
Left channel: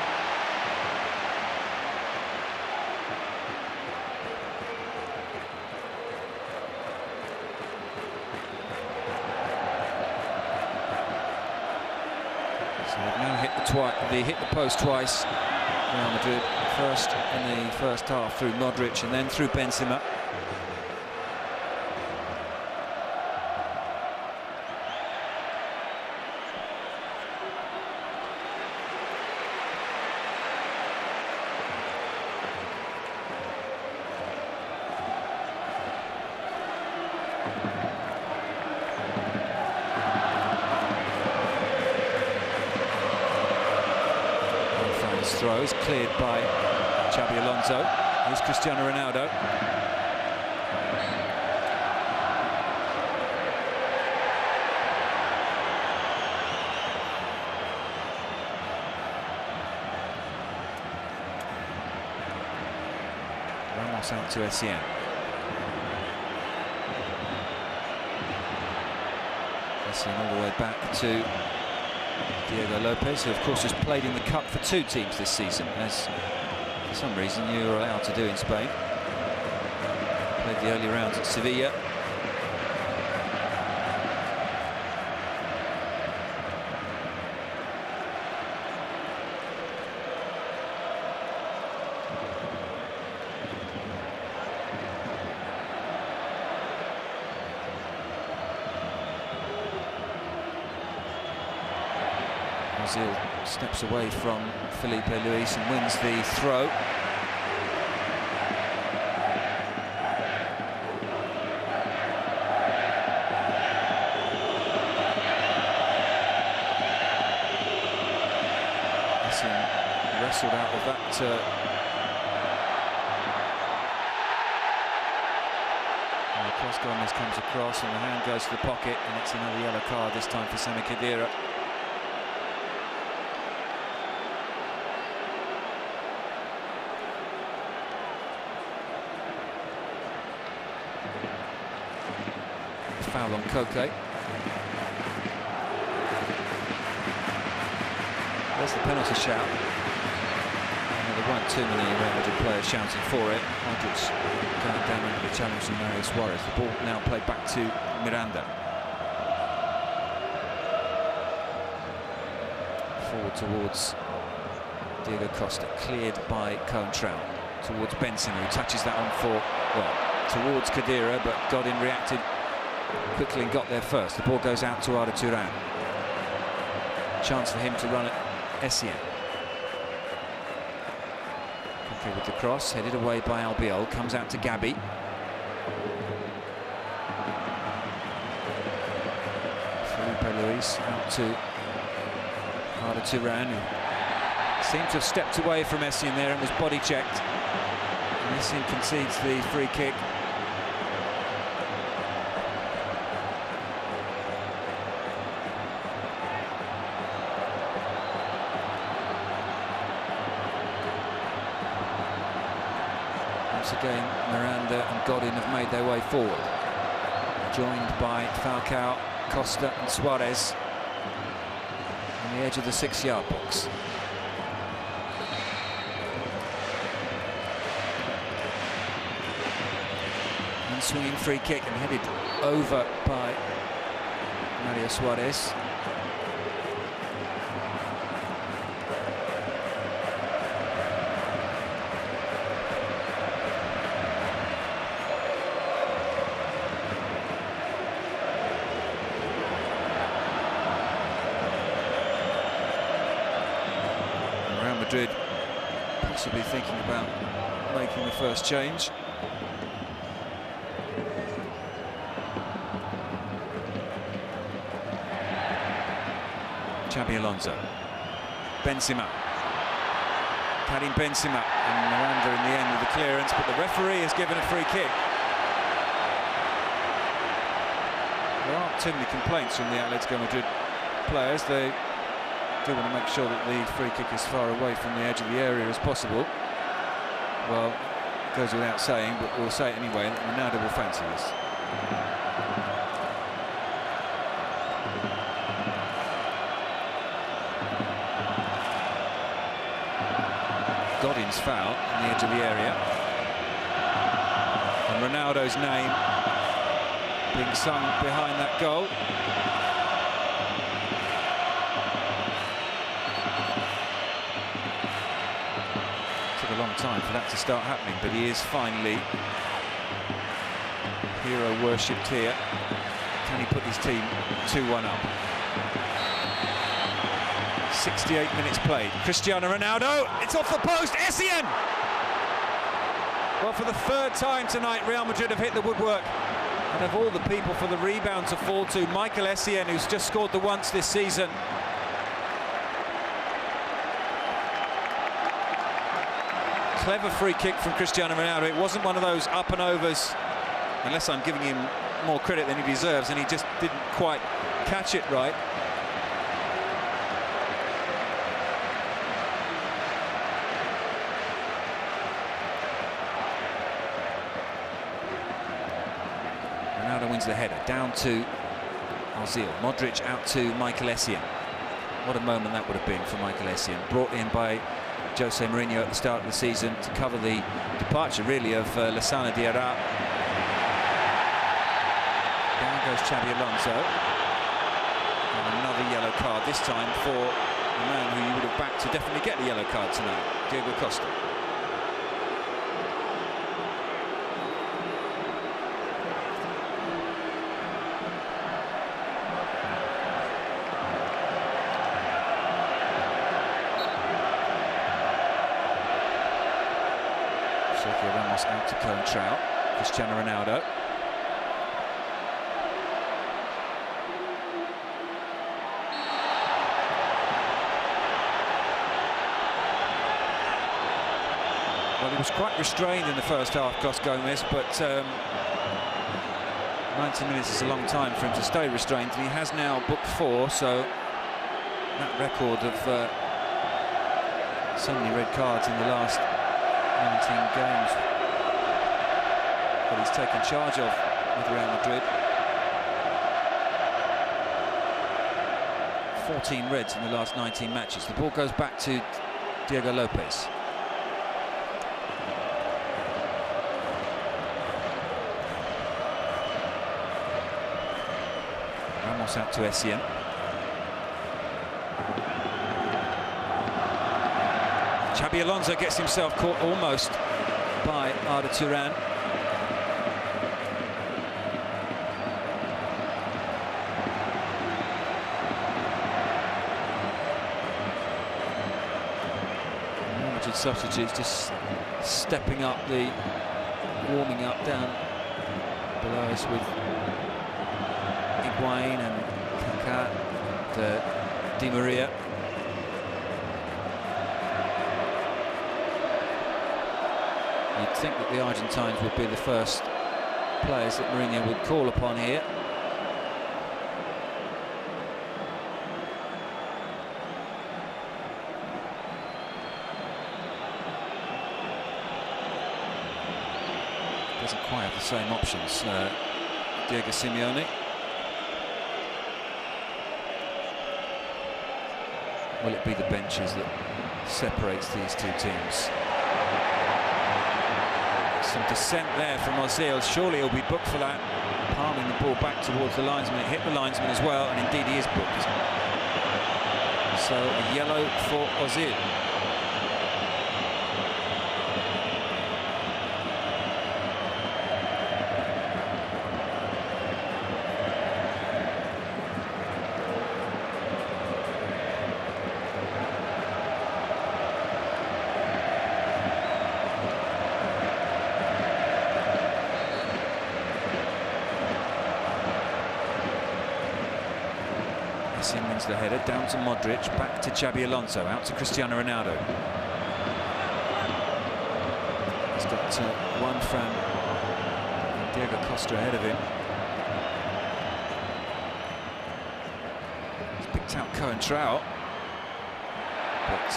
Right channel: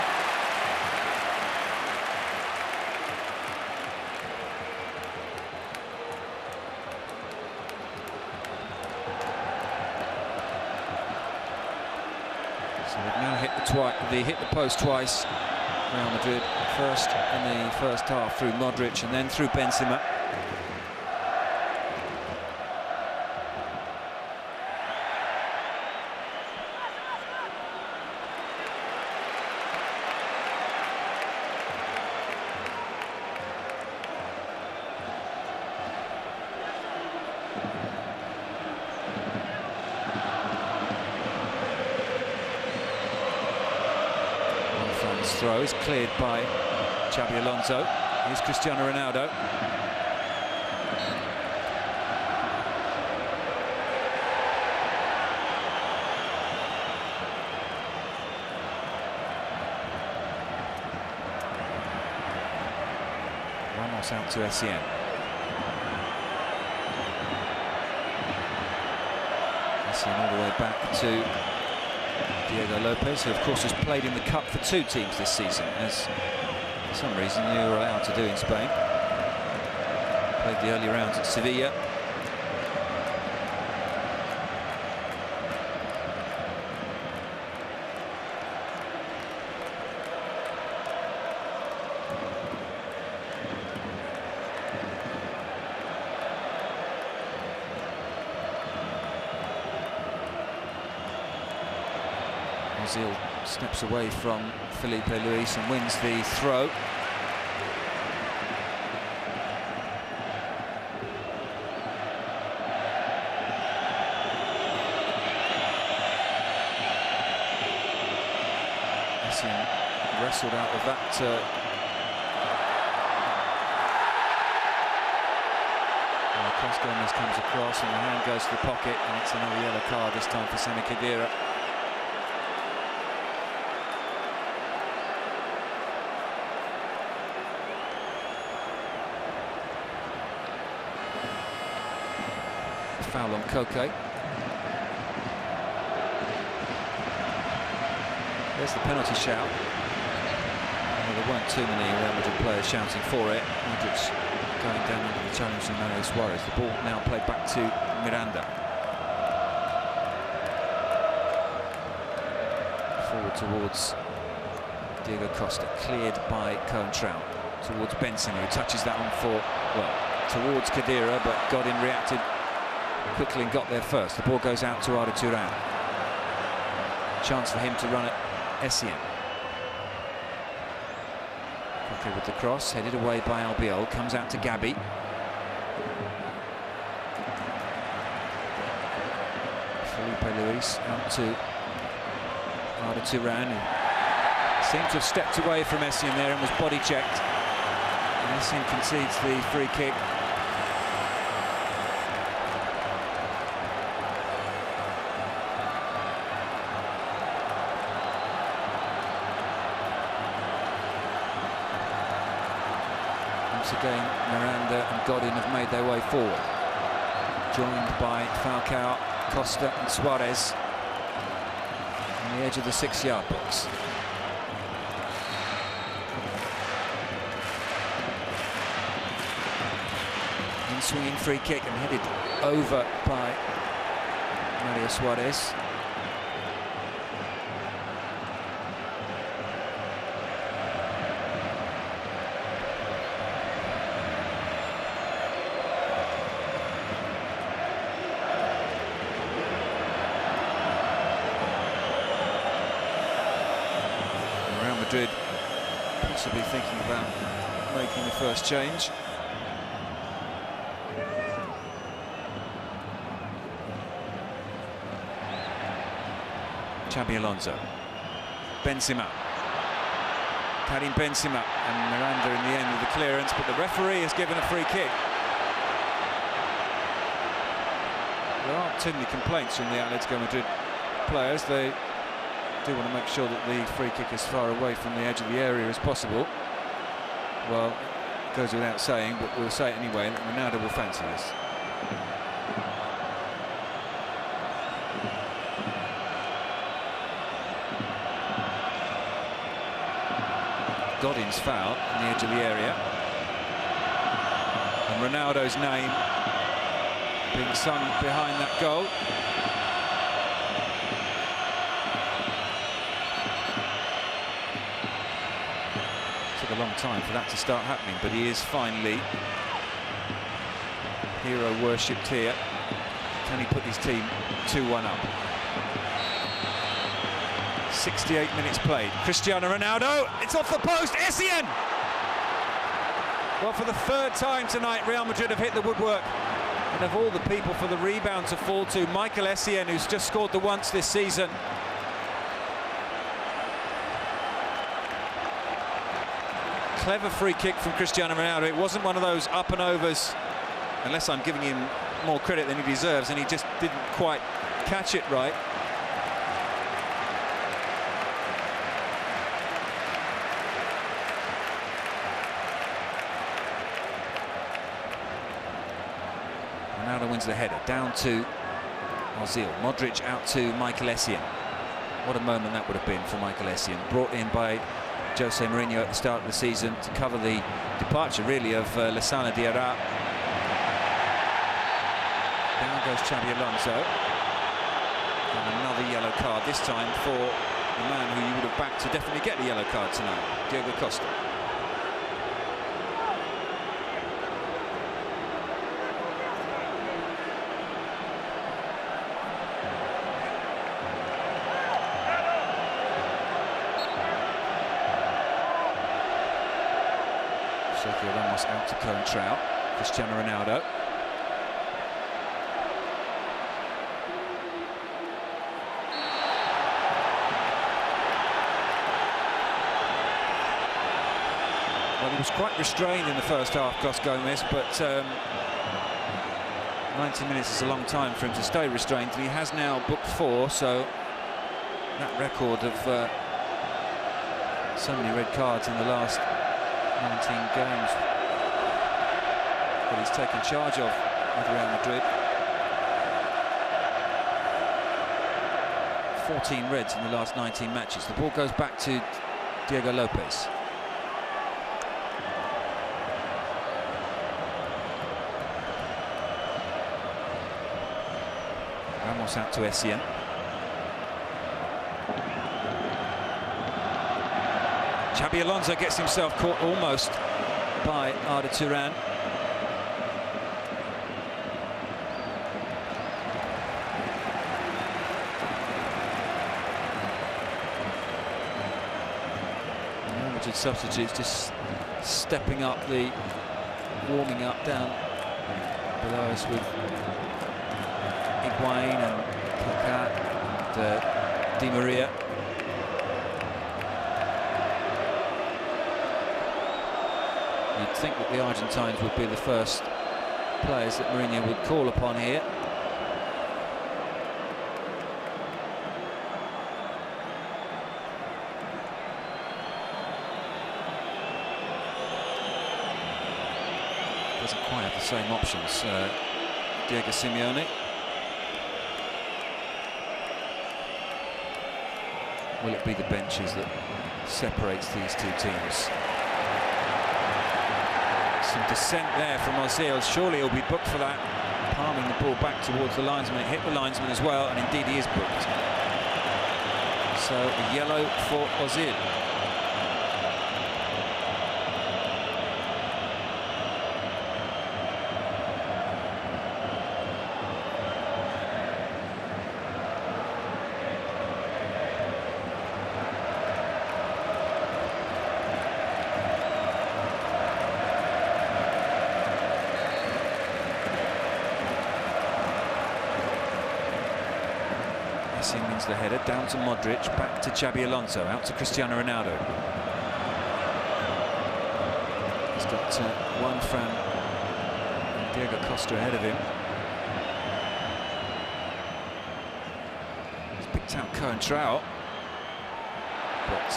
So they've now hit the post twice. Real Madrid, first in the first half through Modric and then through Benzema. Throw is cleared by Xabi Alonso. Here's Cristiano Ronaldo. Ramos out to Essien. Essien all the way back to Diego Lopez, who of course has played in the Cup for two teams this season, as for some reason you're allowed to do in Spain. Played the early rounds at Sevilla. Ozil steps away from Felipe Luis and wins the throw. Essien wrestled out of that. Cross Gomez comes across and the hand goes to the pocket, and it's another yellow card, this time for Sami Khedira. Foul on Koke. There's the penalty shout. Well, there weren't too many Real Madrid players shouting for it. Modric going down under the challenge from Mario Suarez. The ball now played back to Miranda. Forward towards Diego Costa, cleared by Coentrao. Towards Benzema, who touches that on for, well, towards Khedira, but Godin reacted quickly and got there first. The ball goes out to Arda Turan. Chance for him to run at Essien. Koke with the cross, headed away by Albiol, comes out to Gabi. Felipe Luis out to Arda Turan, who seemed to have stepped away from Essien there and was body checked. And Essien concedes the free kick. Once again, Miranda and Godin have made their way forward, joined by Falcao, Costa and Suarez on the edge of the 6-yard box. Swinging free kick and headed over by Mario Suarez. Real Madrid possibly thinking about making the first change. Xabi Alonso, Benzema, Karim Benzema, and Miranda in the end with the clearance, but the referee has given a free kick. There aren't too many complaints from the Atletico Madrid players. They do want to make sure that the free kick is as far away from the edge of the area as possible. Well, it goes without saying, but we'll say it anyway, that Ronaldo will fancy this. Godin's foul on the edge of the area, and Ronaldo's name being sung behind that goal. Took a long time for that to start happening, but he is finally hero worshipped here. Can he put his team 2-1 up? 68 minutes played. Cristiano Ronaldo, it's off the post, Essien! Well, for the third time tonight, Real Madrid have hit the woodwork. And of all the people for the rebound to fall to, Michael Essien, who's just scored the once this season. Clever free kick from Cristiano Ronaldo. It wasn't one of those up and overs, unless I'm giving him more credit than he deserves, and he just didn't quite catch it right. Ronaldo wins the header, down to Ozil. Modric out to Michael Essien. What a moment that would have been for Michael Essien. Brought in by Jose Mourinho at the start of the season to cover the departure, really, of Lassana Diarra. Down goes Xabi Alonso. And another yellow card, this time for the man who you would have backed to definitely get the yellow card tonight, Diego Costa. Sergio Ramos out to Coentrao. Cristiano Ronaldo. Well, he was quite restrained in the first half, Gus Gomez, but 90 minutes is a long time for him to stay restrained, and he has now booked 4, so that record of so many red cards in the last 19 games that he's taken charge of with Real Madrid. 14 reds in the last 19 matches. The ball goes back to Diego Lopez. Ramos out to Essien. Xabi Alonso gets himself caught almost by Arda Turan. Limited substitutes just stepping up the warming up down below us with Higuain and Kaká and Di Maria. You'd think that the Argentines would be the first players that Mourinho would call upon here. doesn't quite have the same options, Diego Simeone. Will it be the benches that separates these two teams? Some dissent there from Ozil. Surely he'll be booked for that. Palming the ball back towards the linesman. It hit the linesman as well, and indeed he is booked. So a yellow for Ozil. Messi wins the header, down to Modric, back to Xabi Alonso, out to Cristiano Ronaldo. He's got Juan Fran and Diego Costa ahead of him. He's picked out Coentrão, but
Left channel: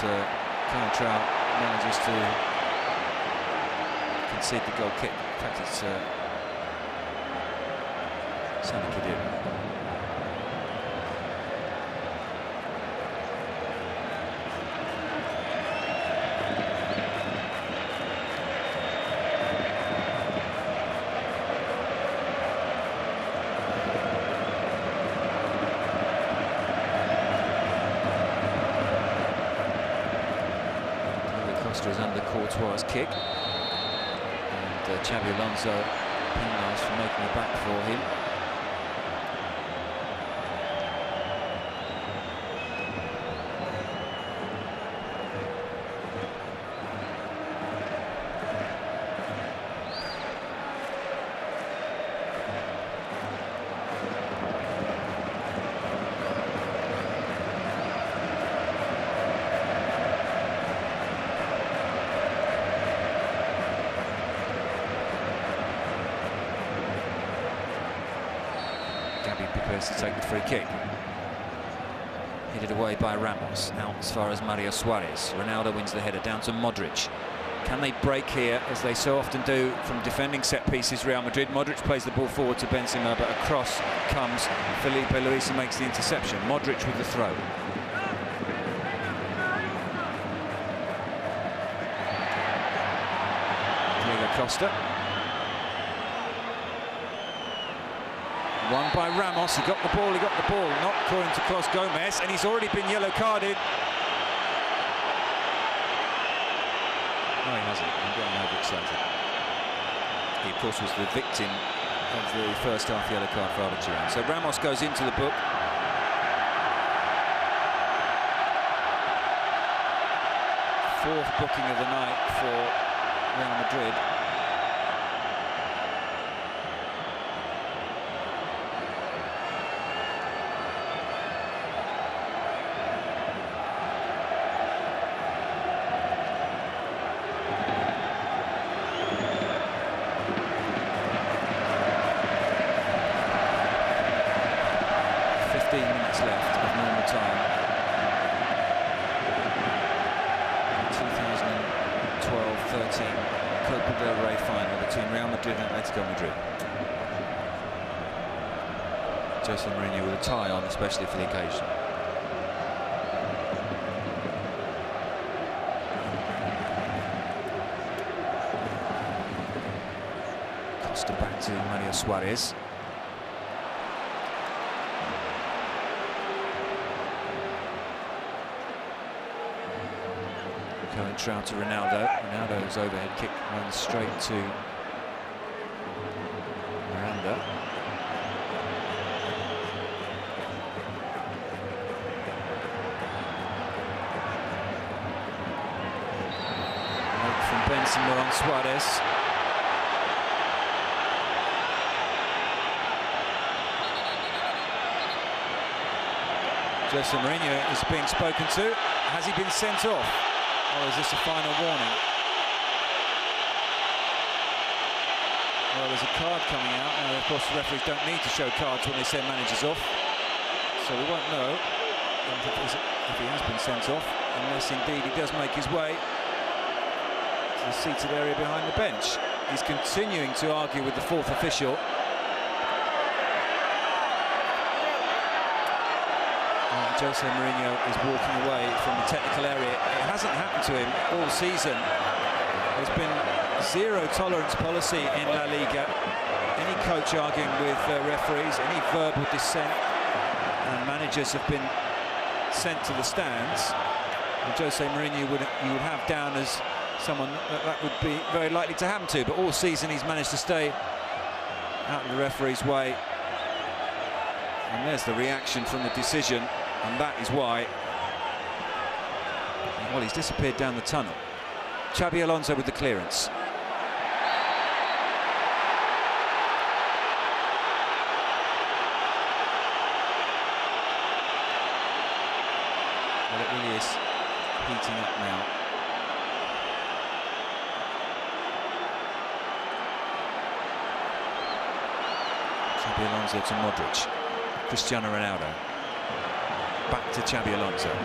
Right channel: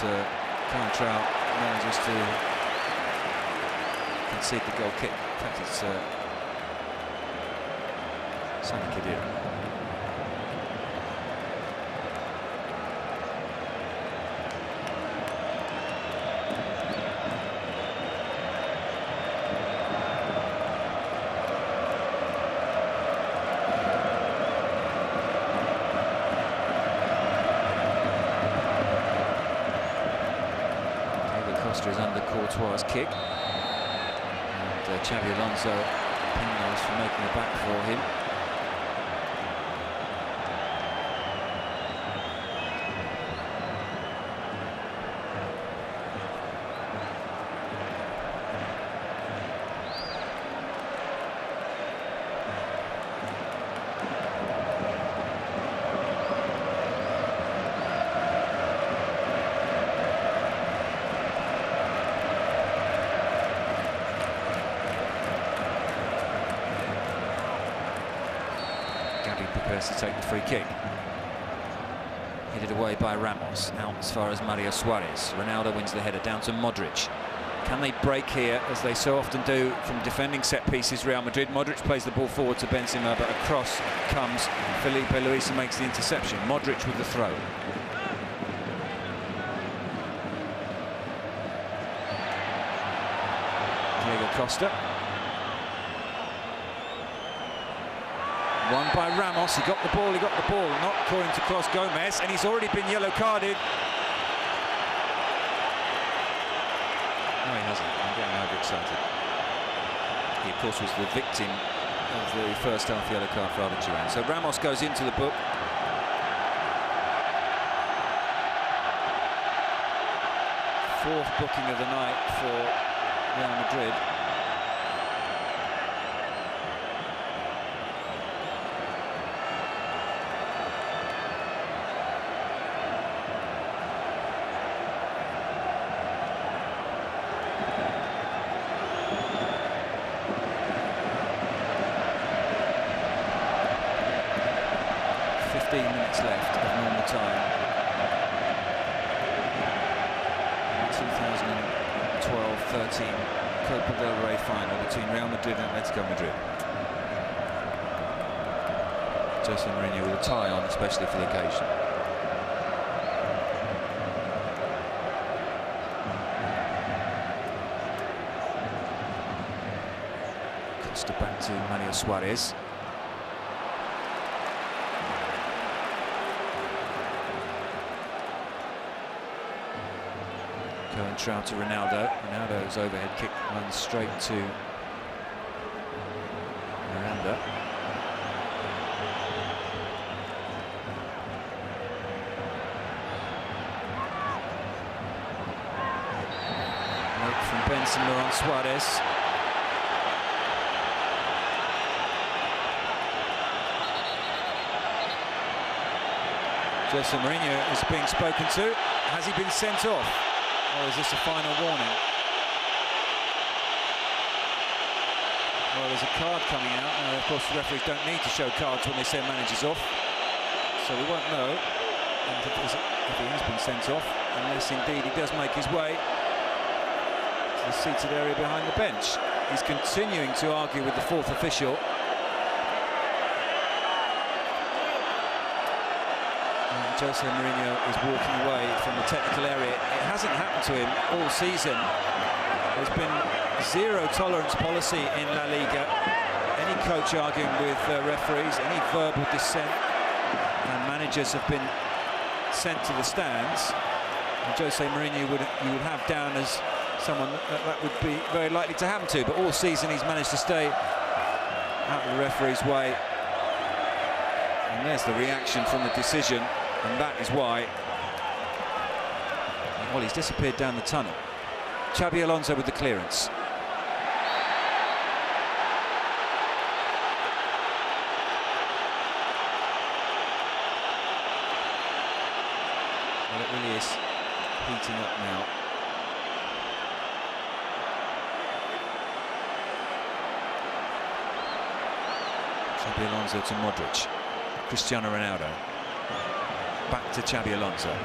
Coentrão manages to concede the goal kick. In fact, it's Sami Khedira. Costa is under Courtois' kick, and Xabi Alonso penalised for making a back for him. Gabi prepares to take the free kick. Headed away by Ramos, out as far as Mario Suarez. Ronaldo wins the header, down to Modric. Can they break here, as they so often do, from defending set pieces, Real Madrid? Modric plays the ball forward to Benzema, but across comes Felipe Luis and makes the interception. Modric with the throw. Diego Costa. Won by Ramos. He got the ball, not according to Clos Gomez, and he's already been yellow carded. No, he hasn't. I'm getting overexcited. He, of course, was the victim of the first half yellow card for Arda Turan. So Ramos goes into the book. Fourth booking of the night for Real Madrid. Minutes left of normal time. 2012-13 Copa del Rey final between Real Madrid and Atletico Madrid. Jose Mourinho with a tie on, especially for the occasion. Costa back to Mario Suarez. Coentrão to Ronaldo. Ronaldo's overhead kick runs straight to Miranda. Late from Benzema on Suarez. Jose Mourinho is being spoken to. Has he been sent off? Or is this a final warning? Well, there's a card coming out. Now, of course, the referees don't need to show cards when they send managers off. So we won't know if he has been sent off, unless indeed he does make his way to the seated area behind the bench. He's continuing to argue with the fourth official. And Jose Mourinho is walking away from the technical area. It hasn't happened to him all season. There's been zero tolerance policy in La Liga. Any coach arguing with referees, any verbal dissent, and managers have been sent to the stands. And Jose Mourinho you would have down as someone that would be very likely to happen to, but all season he's managed to stay out of the referee's way. And there's the reaction from the decision, and that is why, well, he's disappeared down the tunnel. Xabi Alonso with the clearance. Well, it really is heating up now. Xabi Alonso to Modric. Cristiano Ronaldo. Back to Xabi Alonso.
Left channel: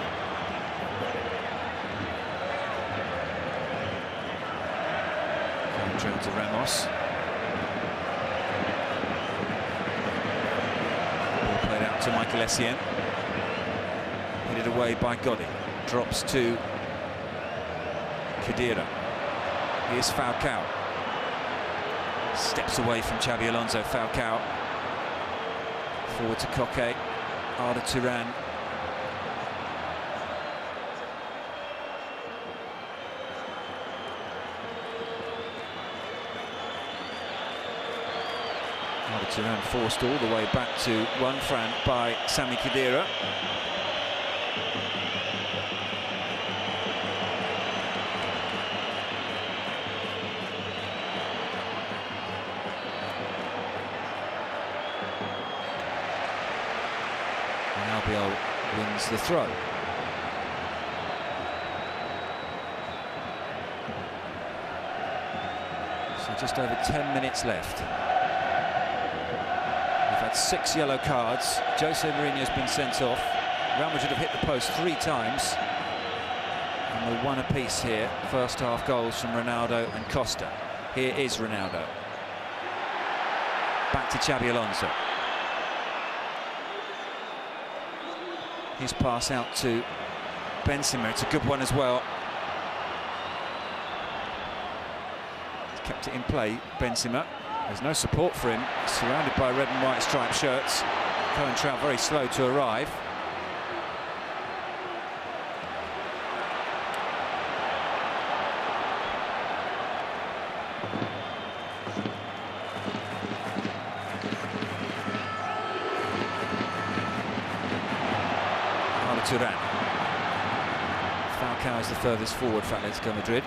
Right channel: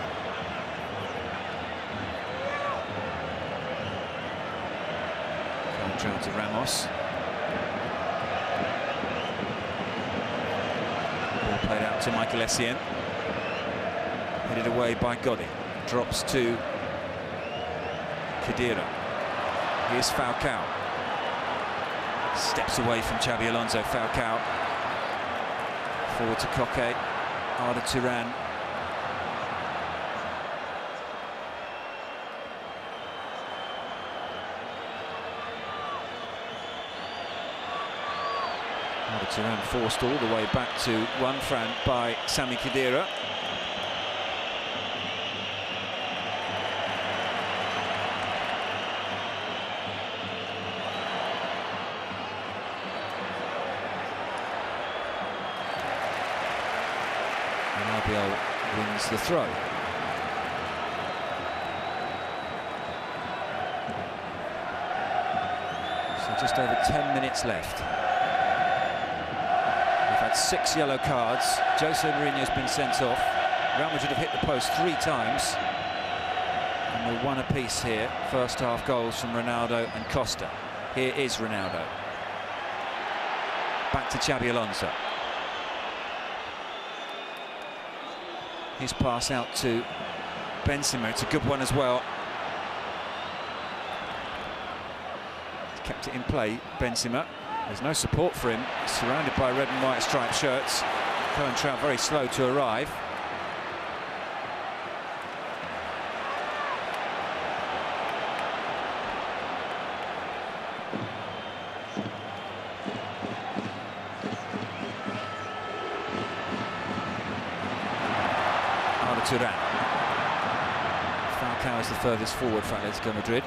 Going to Ramos. Ball played out to Michael Essien. Headed away by Gotti. Drops to Khedira. Here's Falcao. Steps away from Xabi Alonso. Falcao. Forward to Koke. Arda Turan. Arda Turan forced all the way back to Juanfran by Sami Khedira. And Albiol wins the throw. So just over 10 minutes left. We've had 6 yellow cards. Jose Mourinho's been sent off. Real Madrid have hit the post 3 times. And we're 1 apiece here. First half goals from Ronaldo and Costa. Here is Ronaldo. Back to Xabi Alonso. His pass out to Benzema. It's a good one as well. He's kept it in play, Benzema. There's no support for him. He's surrounded by red and white striped shirts. Cohen Trout very slow to arrive. Arda Turan. Falcao is the furthest forward for Atletico Madrid.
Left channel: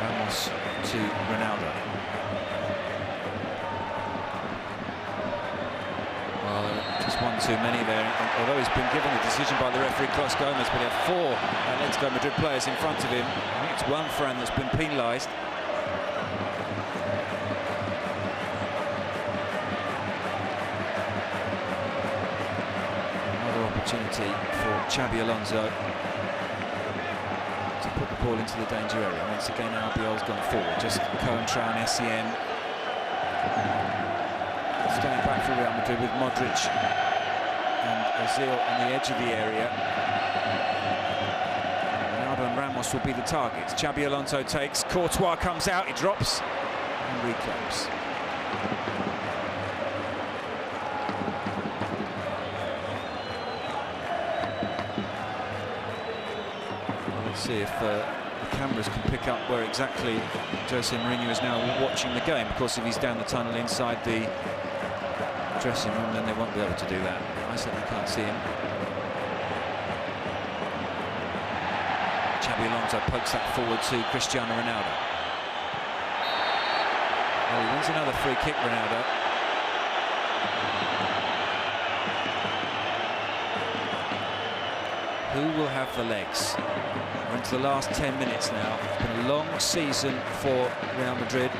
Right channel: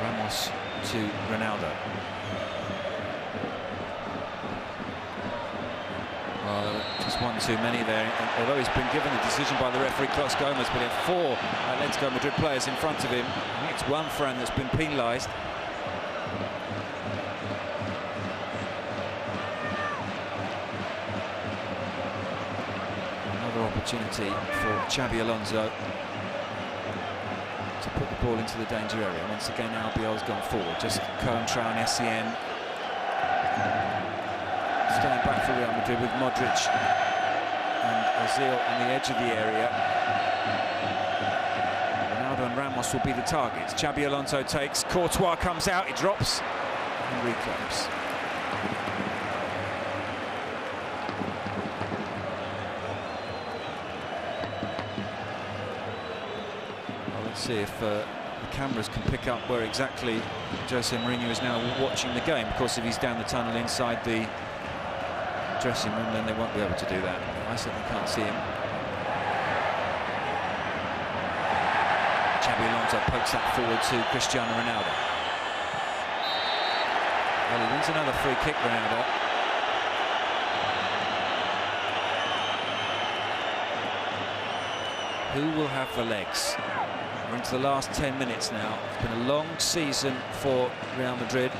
Ramos to Ronaldo. Well, there were just 1 too many there. And although he's been given the decision by the referee, Cos Gomez, but he had 4 Atletico Madrid players in front of him. I think it's Juanfran that's been penalised. Another opportunity for Xabi Alonso to put the ball into the danger area. Once again, Albiol's gone forward. Just Cohen, Trout, Essien. Staying back for Real Madrid with Modric and Ozil on the edge of the area. Ronaldo and Ramos will be the targets. Xabi Alonso takes. Courtois comes out. He drops and reclaims. Let's see if the cameras can pick up where exactly Jose Mourinho is now watching the game. Of course, if he's down the tunnel inside the dressing room, then they won't be able to do that. I certainly can't see him. Xabi Alonso pokes that forward to Cristiano Ronaldo. Well, he wins another free kick, Ronaldo. Who will have the legs? We're into the last 10 minutes now. It's been a long season for Real Madrid.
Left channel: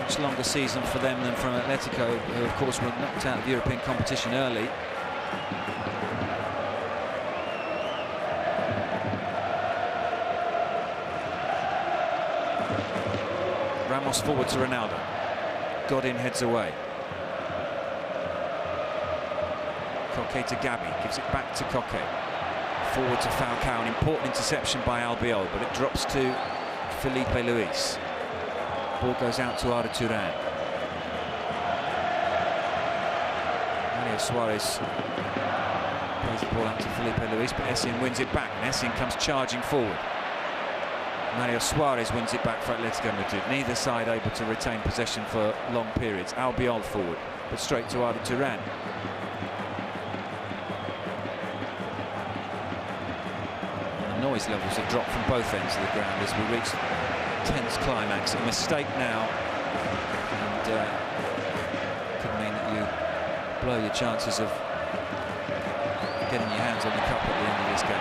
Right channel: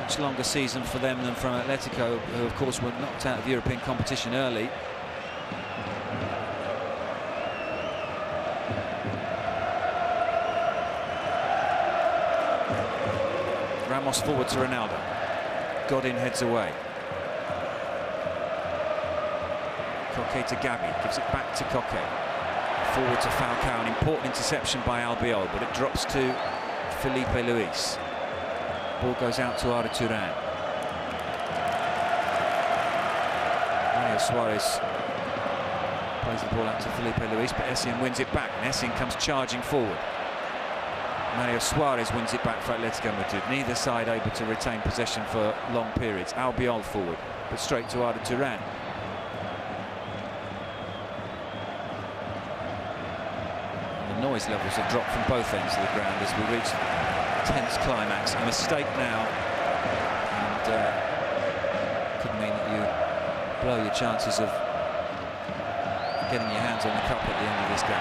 Much longer season for them than from Athletico, who of course were knocked out of European competition early. Ramos forward to Ronaldo. Godin heads away. Coque to Gabi, gives it back to Coque. Forward to Falcao, an important interception by Albiol, but it drops to Felipe Luis. Ball goes out to Arda Turan. Mario Suarez plays the ball out to Felipe Luis, but Essien wins it back, and Essien comes charging forward. Mario Suarez wins it back for Atletico Madrid. Neither side able to retain possession for long periods. Albiol forward, but straight to Arda Turan. And the noise levels have dropped from both ends of the ground as we reach tense climax. A mistake now, and could mean that you blow your chances of getting your hands on the cup at the end of this game.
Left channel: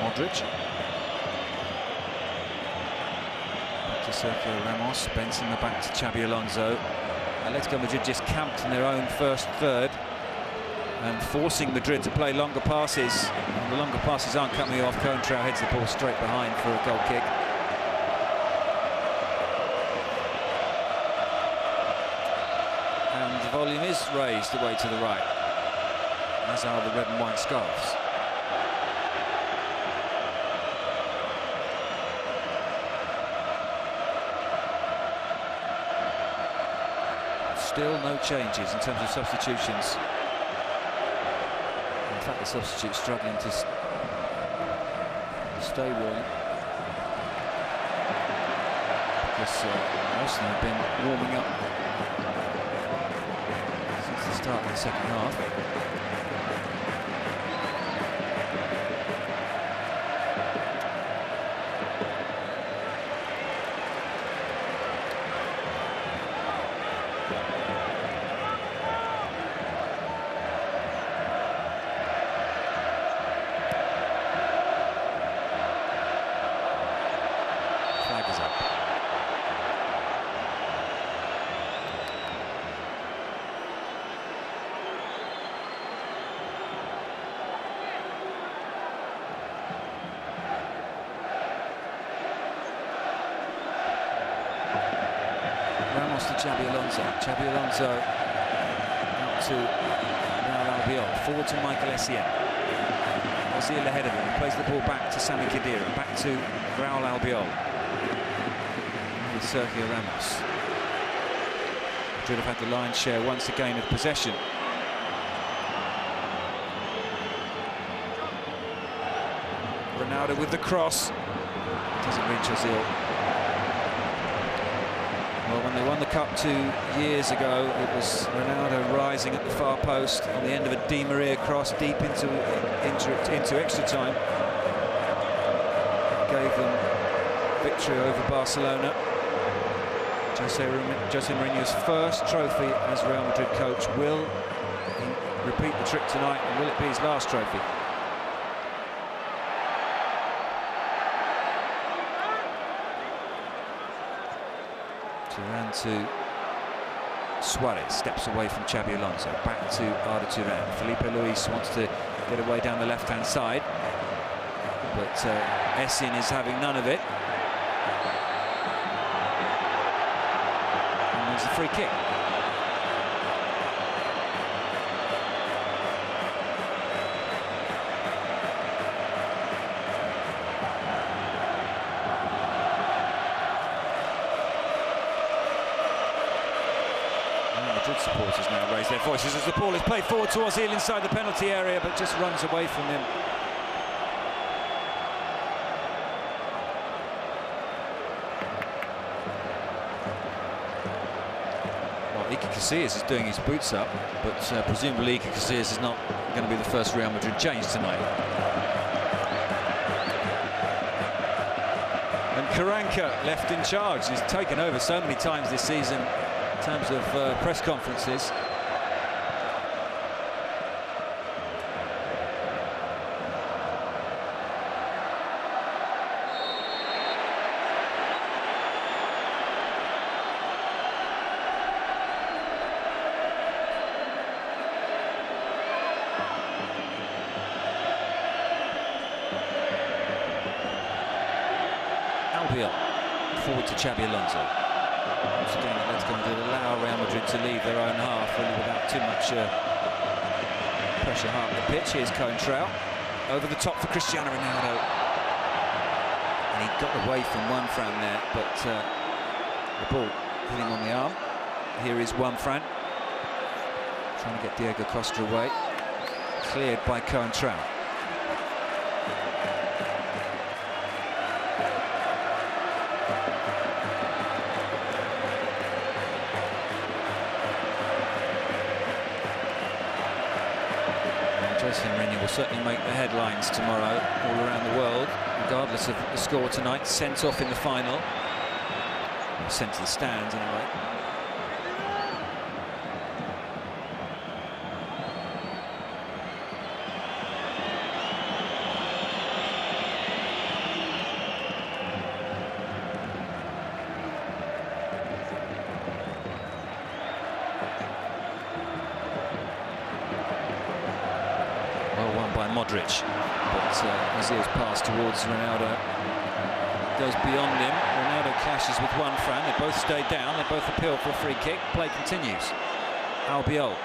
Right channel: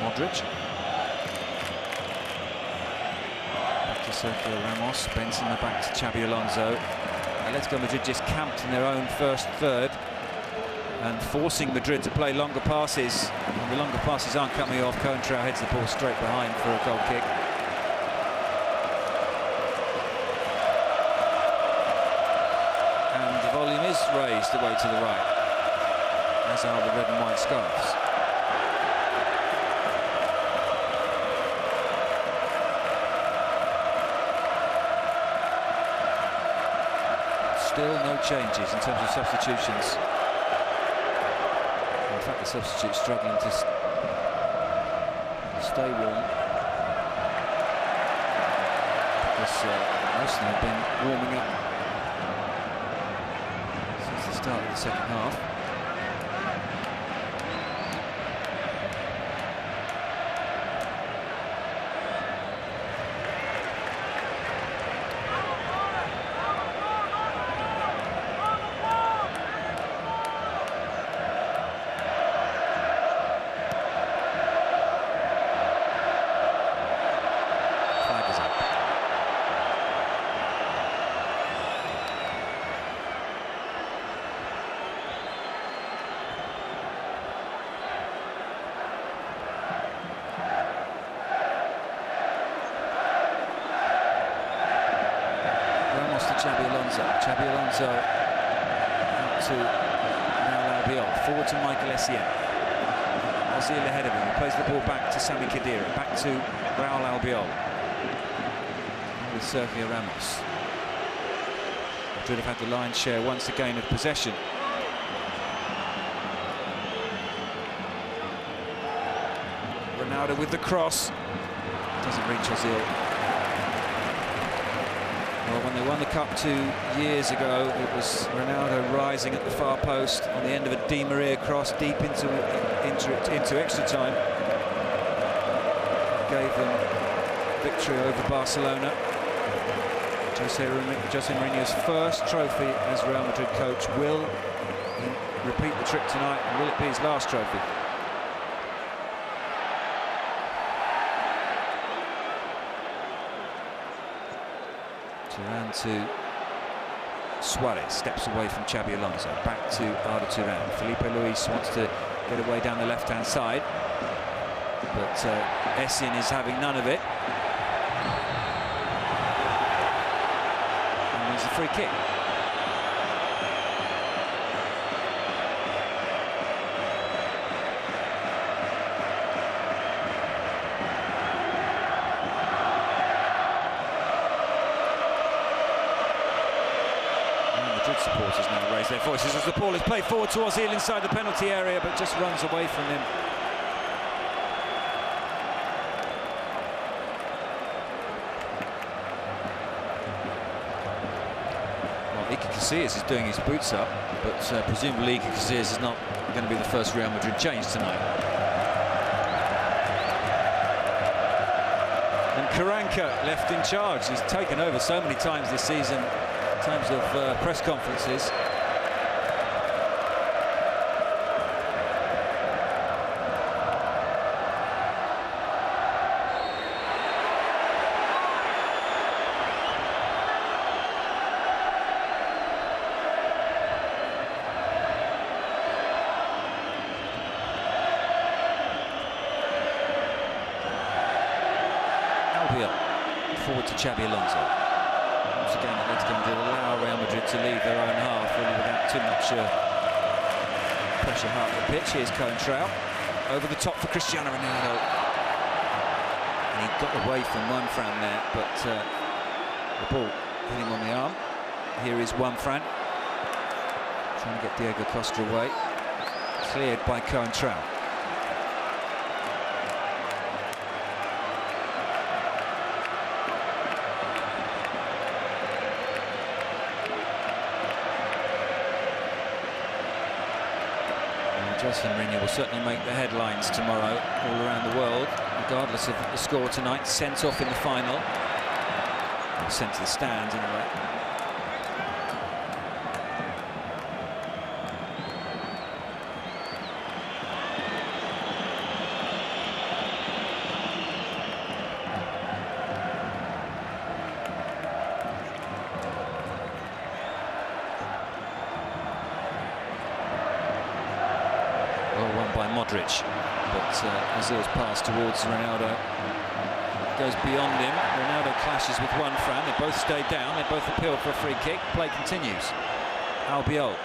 Modric. Back to Sergio Ramos. Benzema back to Xabi Alonso. Atletico Madrid just camped in their own first third and forcing Madrid to play longer passes. And the longer passes aren't coming off. Coentrao heads the ball straight behind for a goal kick. And the volume is raised away to the right, as are the red and white scarves. Still no changes in terms of substitutions. In fact, the substitutes struggling to stay warm, because most of them have been warming up since the start of the second half. Flag is up. Ramos to Xabi Alonso. Xabi Alonso out to Raul Albiol. Forward to Michael Essien. Ozil ahead of him. He plays the ball back to Sami Khedira. Back to Raul Albiol. With Sergio Ramos. Madrid have had the lion's share once again of possession. Ronaldo with the cross. Doesn't reach Ozil. Well, when they won the Cup 2 years ago, it was Ronaldo rising at the far post on the end of a Di Maria cross deep into extra time. It gave them victory over Barcelona. Jose Mourinho's first trophy as Real Madrid coach. Will he repeat the trick tonight, and will it be his last trophy? Turan to Suarez, steps away from Xabi Alonso, back to Arda Turan. Felipe Luis wants to get away down the left-hand side, but Essien is having none of it. And wins the free kick. Madrid supporters now raise their voices as the ball is played forward to Ozil inside the penalty area, but just runs away from him. Casillas is doing his boots up, but presumably Casillas is not going to be the first Real Madrid change tonight. And Karanka left in charge. He's taken over so many times this season in terms of press conferences. Forward to Xabi Alonso. Once again, Athletico Madrid allow Real Madrid to leave their own half, really without too much pressure hard at the pitch. Here's Coentrao over the top for Cristiano Ronaldo, and he got away from Juanfran there, but the ball hit him on the arm. Here is Juanfran trying to get Diego Costa away, cleared by Coentrao. Jose Mourinho will certainly make the headlines tomorrow all around the world, regardless of the score tonight. Sent off in the final, or sent to the stands anyway. By Modric, but Ozil's pass towards Ronaldo goes beyond him. Ronaldo clashes with Juanfran. They both stay down. They both appeal for a free kick. Play continues. Albiol.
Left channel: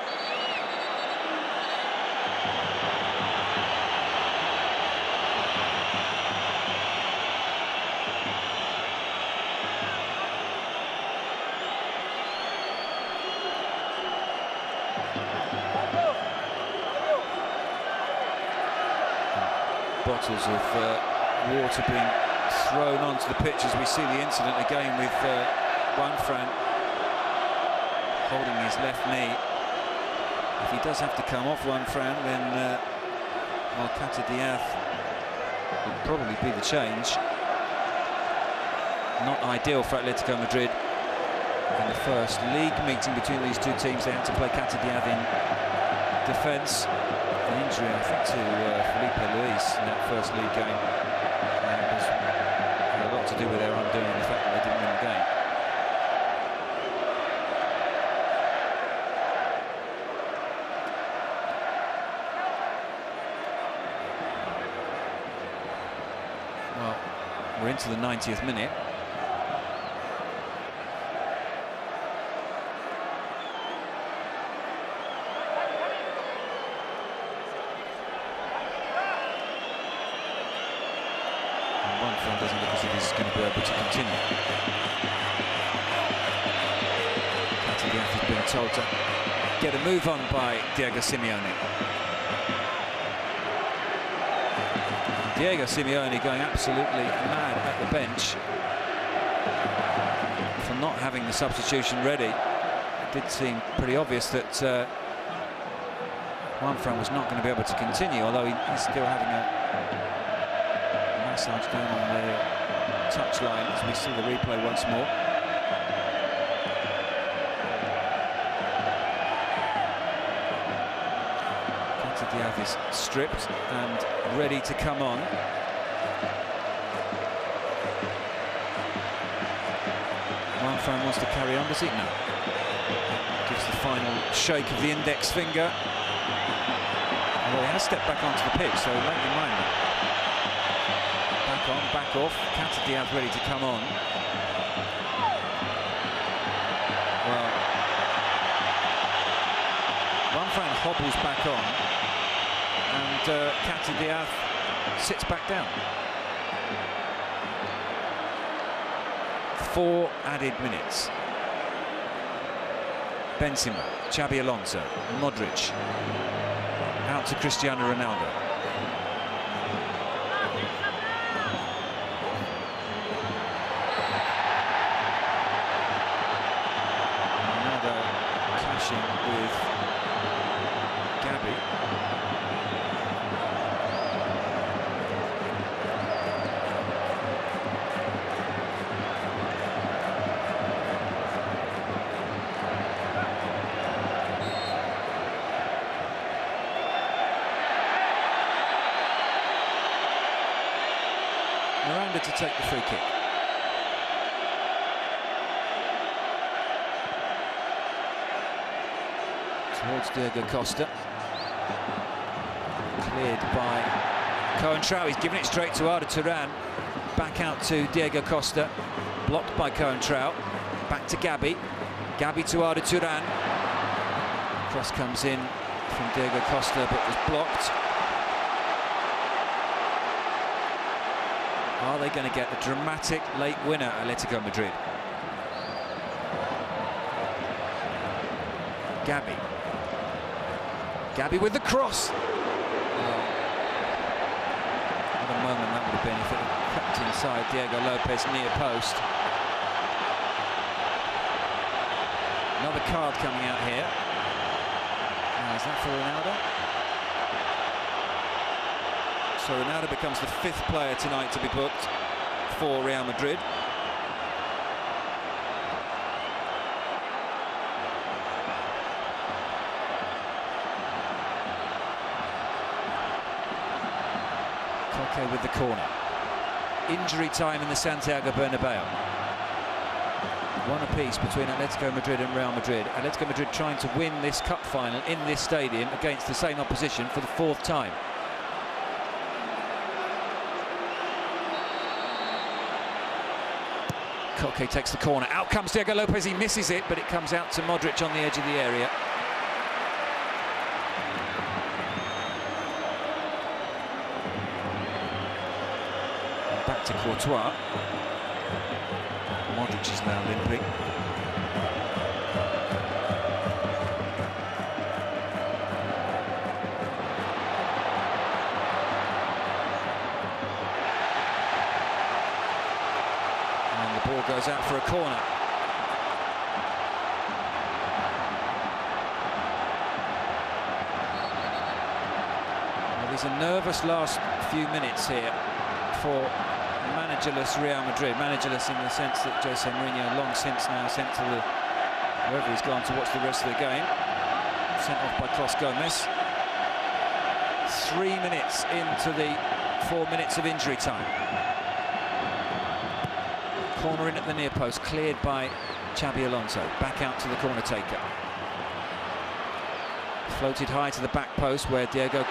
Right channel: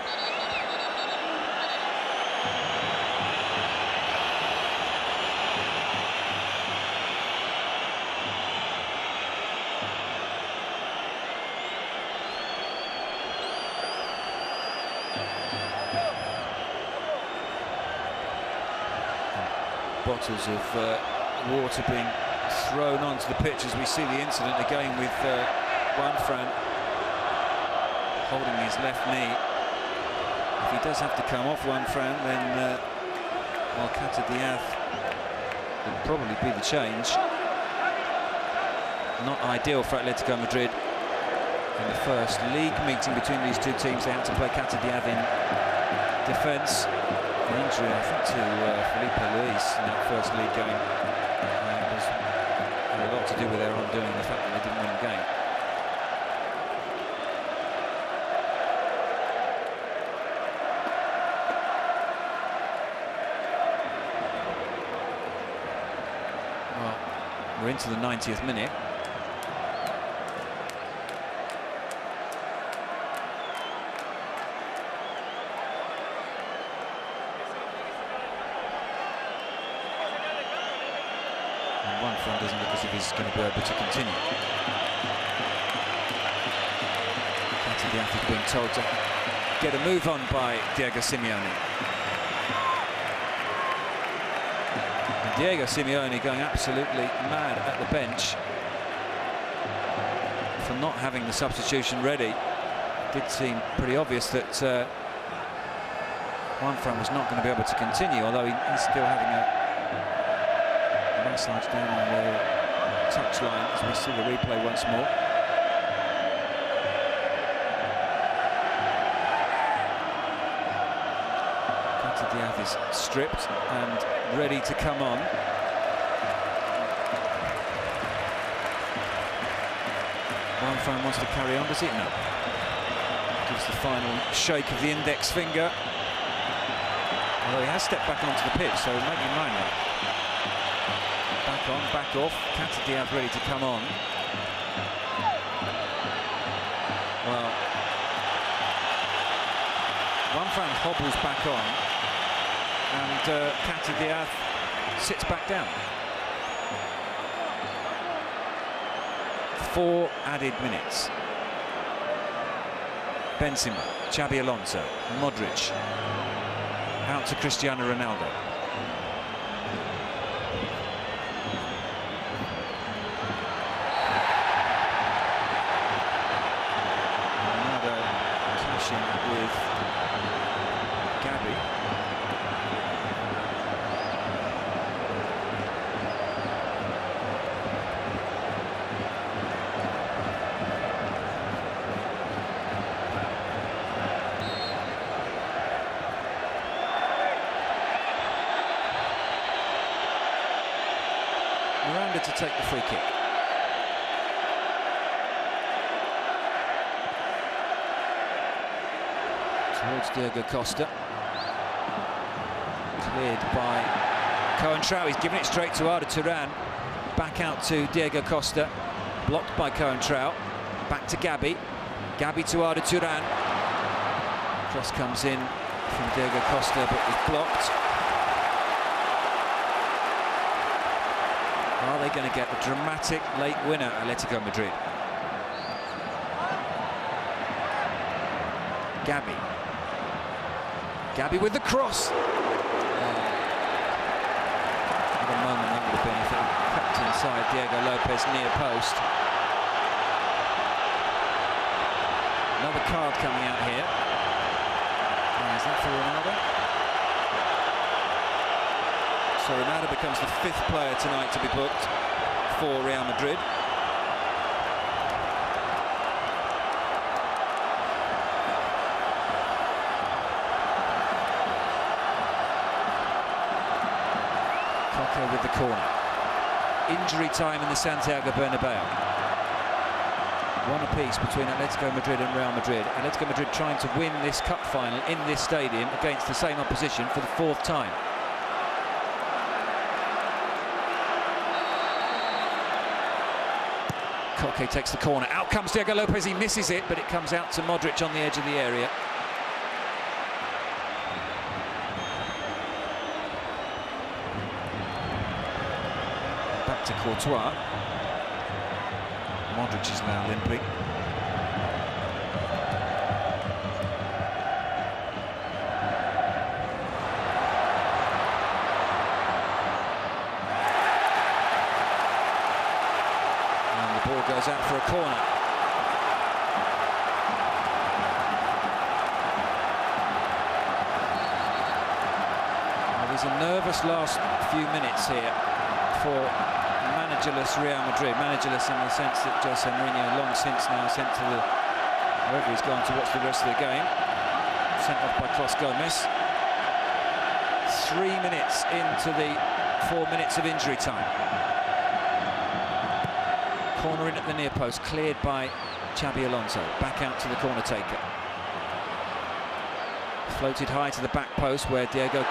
Bottles of water being thrown onto the pitch as we see the incident again with Juanfran holding his left knee. If he does have to come off Juanfran, then Malcata Diaz would probably be the change. Not ideal for Atletico Madrid. In the first league meeting between these two teams, they had to play Cata Diaz in defence. An injury, I think, to Felipe Luis in that first league game. It had a lot to do with their undoing, the fact that they didn't win the game. Well, we're into the 90th minute. Juanfran doesn't look as if he's going to be able to continue. Cata Diaz is being told to get a move on by Diego Simeone. And Diego Simeone going absolutely mad at the bench for not having the substitution ready. It did seem pretty obvious that Juanfran was not going to be able to continue, although he's still having a massage down on the touchline as we see the replay once more. Cata Diaz is stripped and ready to come on. Juanfran wants to carry on, does he? No. Gives the final shake of the index finger. Although he has stepped back onto the pitch, so make your mind that. Back on, back off. Cata Diaz ready to come on. Well, Juanfran hobbles back on, and Cata Diaz sits back down. 4 added minutes. Benzema, Xabi Alonso, Modric, out to Cristiano Ronaldo. with Gabby. Miranda to take the free kick. Towards Diego Costa. Cleared by Coentrao. He's given it straight to Arda Turan. Back out to Diego Costa. Blocked by Coentrao. Back to Gabby. Gabby to Arda Turan. Cross comes in from Diego Costa but was blocked. Are they going to get the dramatic late winner, Athletico Madrid? Gabby. Gabby with the cross. Oh. What a moment that would have been if it had crept inside Diego Lopez near post. Another card coming out here. Is that for Ronaldo? So Ronaldo becomes the 5th player tonight to be booked for Real Madrid. Koke with the corner. Injury time in the Santiago Bernabeu. One apiece between Atletico Madrid and Real Madrid. Atletico Madrid trying to win this cup final in this stadium against the same opposition for the 4th time. Koke takes the corner. Out comes Diego Lopez. He misses it, but it comes out to Modric on the edge of the area. Back to Courtois. Modric is now limping. And the ball goes out for a corner. Well, there's a nervous last few minutes here for managerless Real Madrid. Managerless in the sense that Jose Mourinho long since now sent to the wherever he's gone to watch the rest of the game. Sent off by Clos Gomez. 3 minutes into the 4 minutes of injury time. Corner in at the near post, cleared by Xabi Alonso. Back out to the corner taker. Floated high to the back post where Diego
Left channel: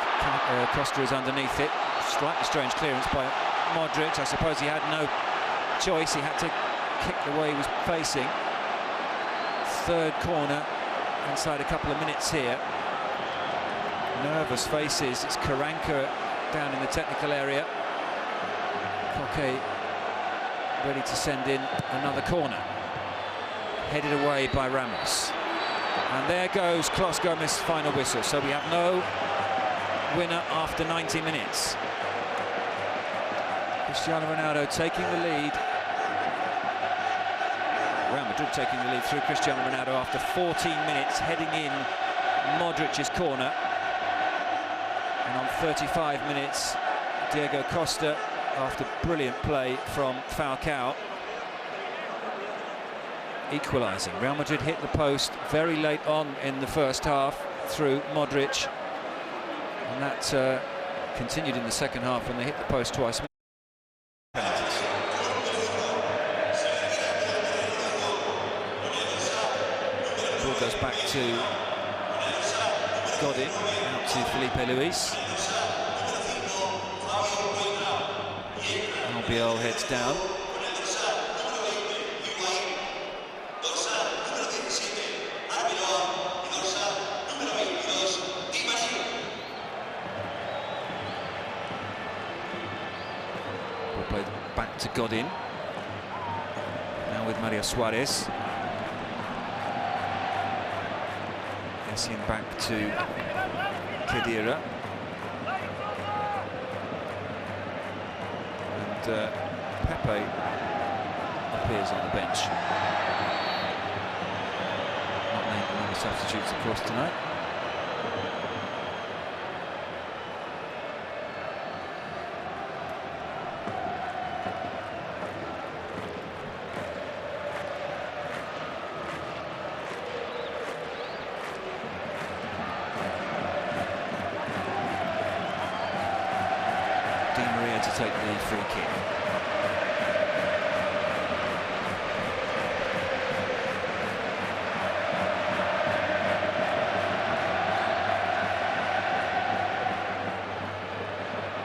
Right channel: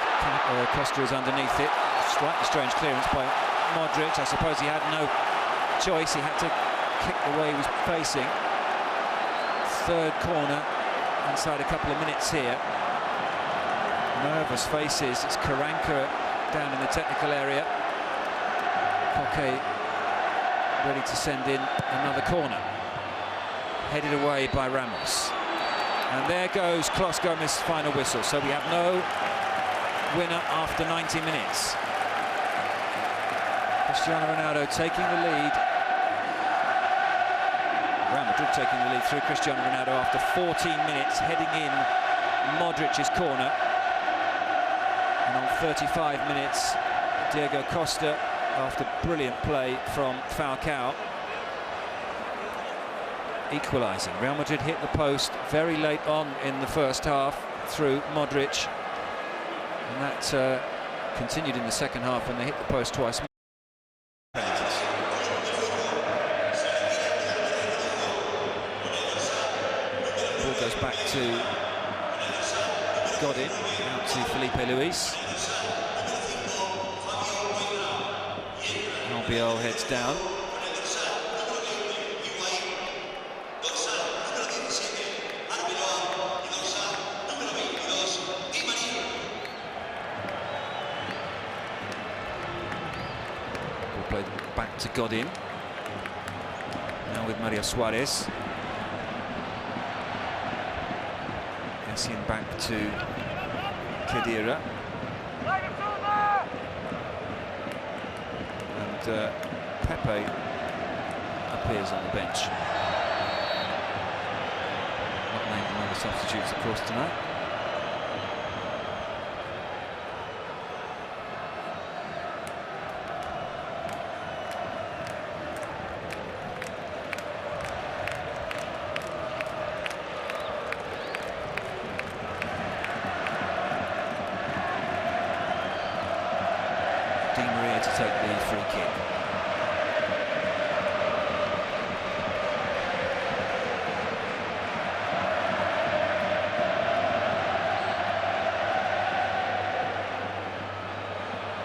Costa is underneath it. Slightly strange clearance by Modric. I suppose he had no choice. He had to kick the way he was facing. 3rd corner inside a couple of minutes here. Nervous faces. It's Karanka down in the technical area. Koke ready to send in another corner. Headed away by Ramos. And there goes Clos Gomez's final whistle. So we have no winner after 90 minutes. Cristiano Ronaldo taking the lead. Real Madrid taking the lead through Cristiano Ronaldo after 14 minutes, heading in Modric's corner. And on 35 minutes, Diego Costa, after brilliant play from Falcao, equalising. Real Madrid hit the post very late on in the first half through Modric. And that continued in the second half when they hit the post twice. Ball goes back to Godin, out to Felipe Luis. Albiol heads down. Ball played back to Godin. Now with Mario Suarez. Essien back to Khedira. And Pepe appears on the bench. Not named the number substitutes, of course, tonight. Di Maria to take the free kick.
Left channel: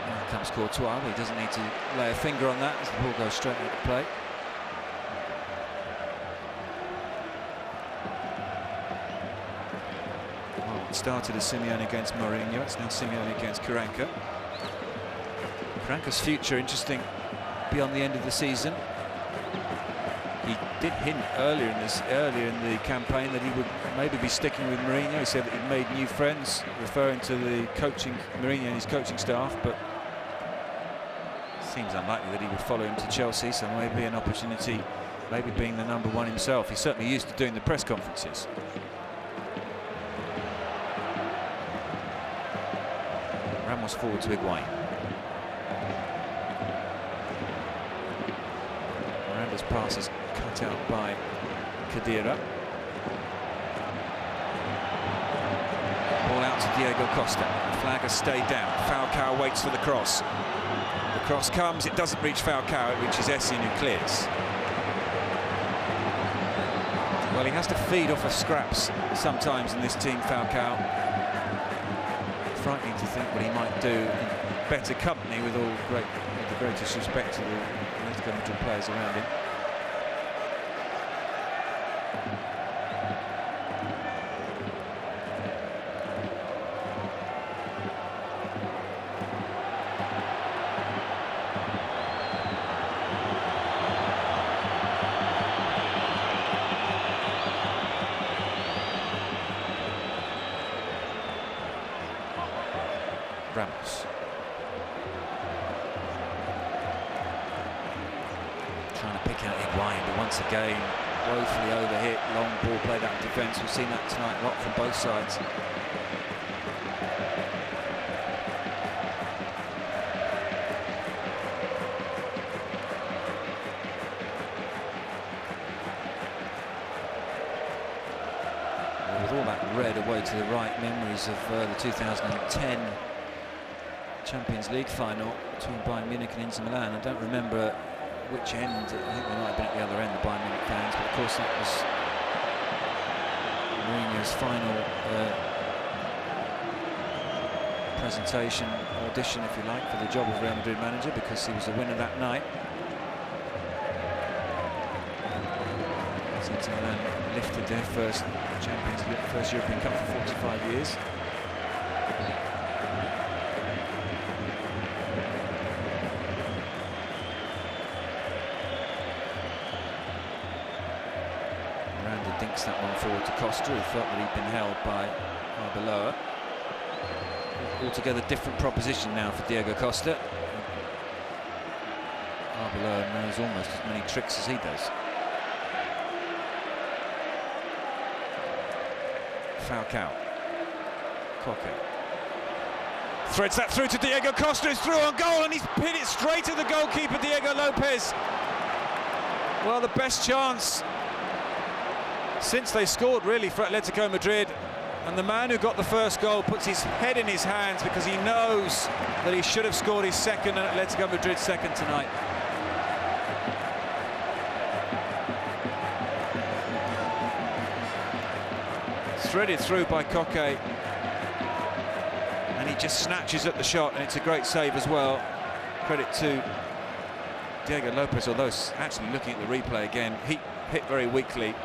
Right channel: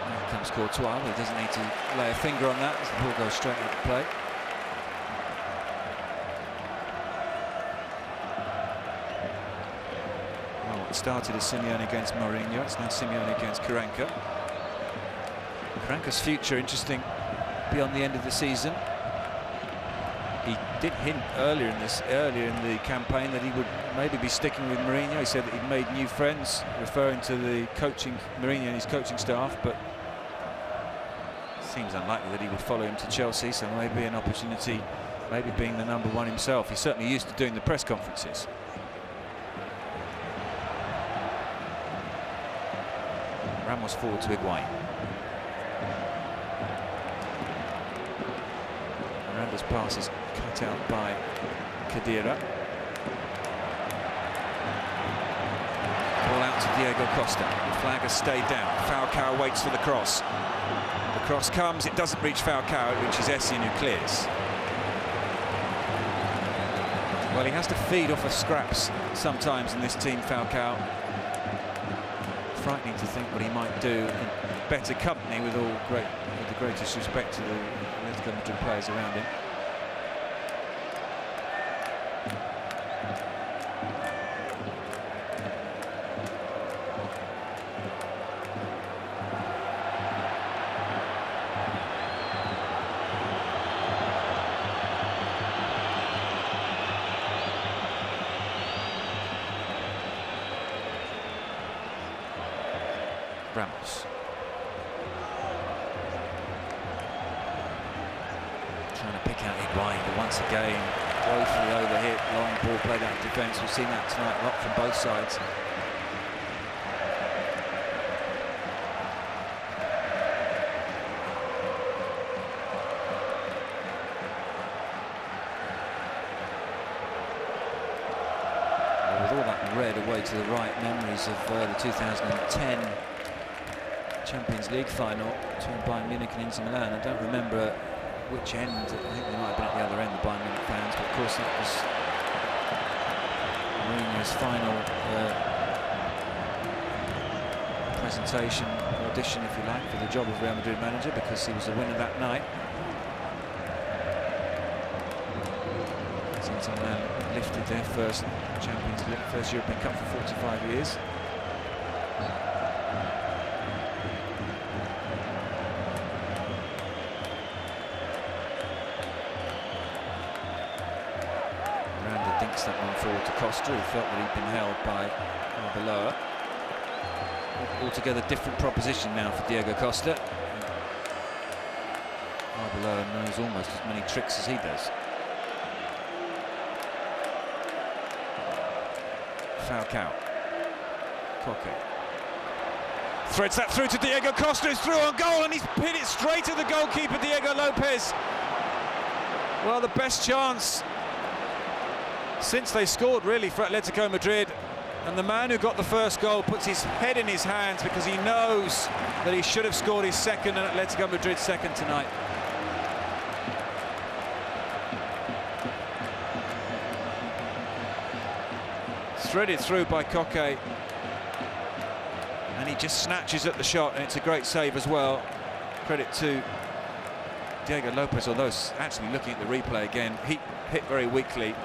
Now comes Courtois, but he doesn't need to lay a finger on that as the ball goes straight out the play. Well, it started as Simeone against Mourinho, it's now Simeone against Karanka. Karanka's future interesting beyond the end of the season. He did hint earlier in the campaign that he would maybe be sticking with Mourinho. He said that he'd made new friends, referring to the coaching Mourinho and his coaching staff, but it seems unlikely that he would follow him to Chelsea, so maybe an opportunity, maybe being the #1 himself. He's certainly used to doing the press conferences. Ramos forward to Higuain. Miranda's pass is cut out by Khedira. Ball out to Diego Costa. The flag has stayed down. Falcao waits for the cross. The cross comes, it doesn't reach Falcao, it reaches Essien, who clears. Well, he has to feed off of scraps sometimes in this team, Falcao. Frightening to think what he might do in better company, with the greatest respect to the Atletico Madrid players around him. Ramos. Trying to pick out Higuain, but once again, woefully overhit. Long ball played out of defence. We've seen that tonight a lot from both sides. Well, with all that red away to the right, memories of the 2010 Champions League final between Bayern Munich and Inter Milan. I don't remember which end. I think they might have been at the other end, the Bayern Munich fans, but of course that was Mourinho's final presentation, audition if you like, for the job of Real Madrid manager, because he was the winner that night. Inter Milan lifted their first first European Cup for 45 years. Dinks that one forward to Costa, who felt that he'd been held by Arbeloa. Altogether different proposition now for Diego Costa. Arbeloa knows almost as many tricks as he does. Falcao. Koke. Threads that through to Diego Costa, who's through on goal, and he's hit it straight at the goalkeeper, Diego Lopez. Well, the best chance since they scored, really, for Atletico Madrid. And the man who got the first goal puts his head in his hands because he knows that he should have scored his second, and Atletico Madrid's second tonight. Threaded through by Koke, and he just snatches at the shot, and it's a great save as well. Credit to Diego Lopez, although actually looking at the replay again, he hit very weakly.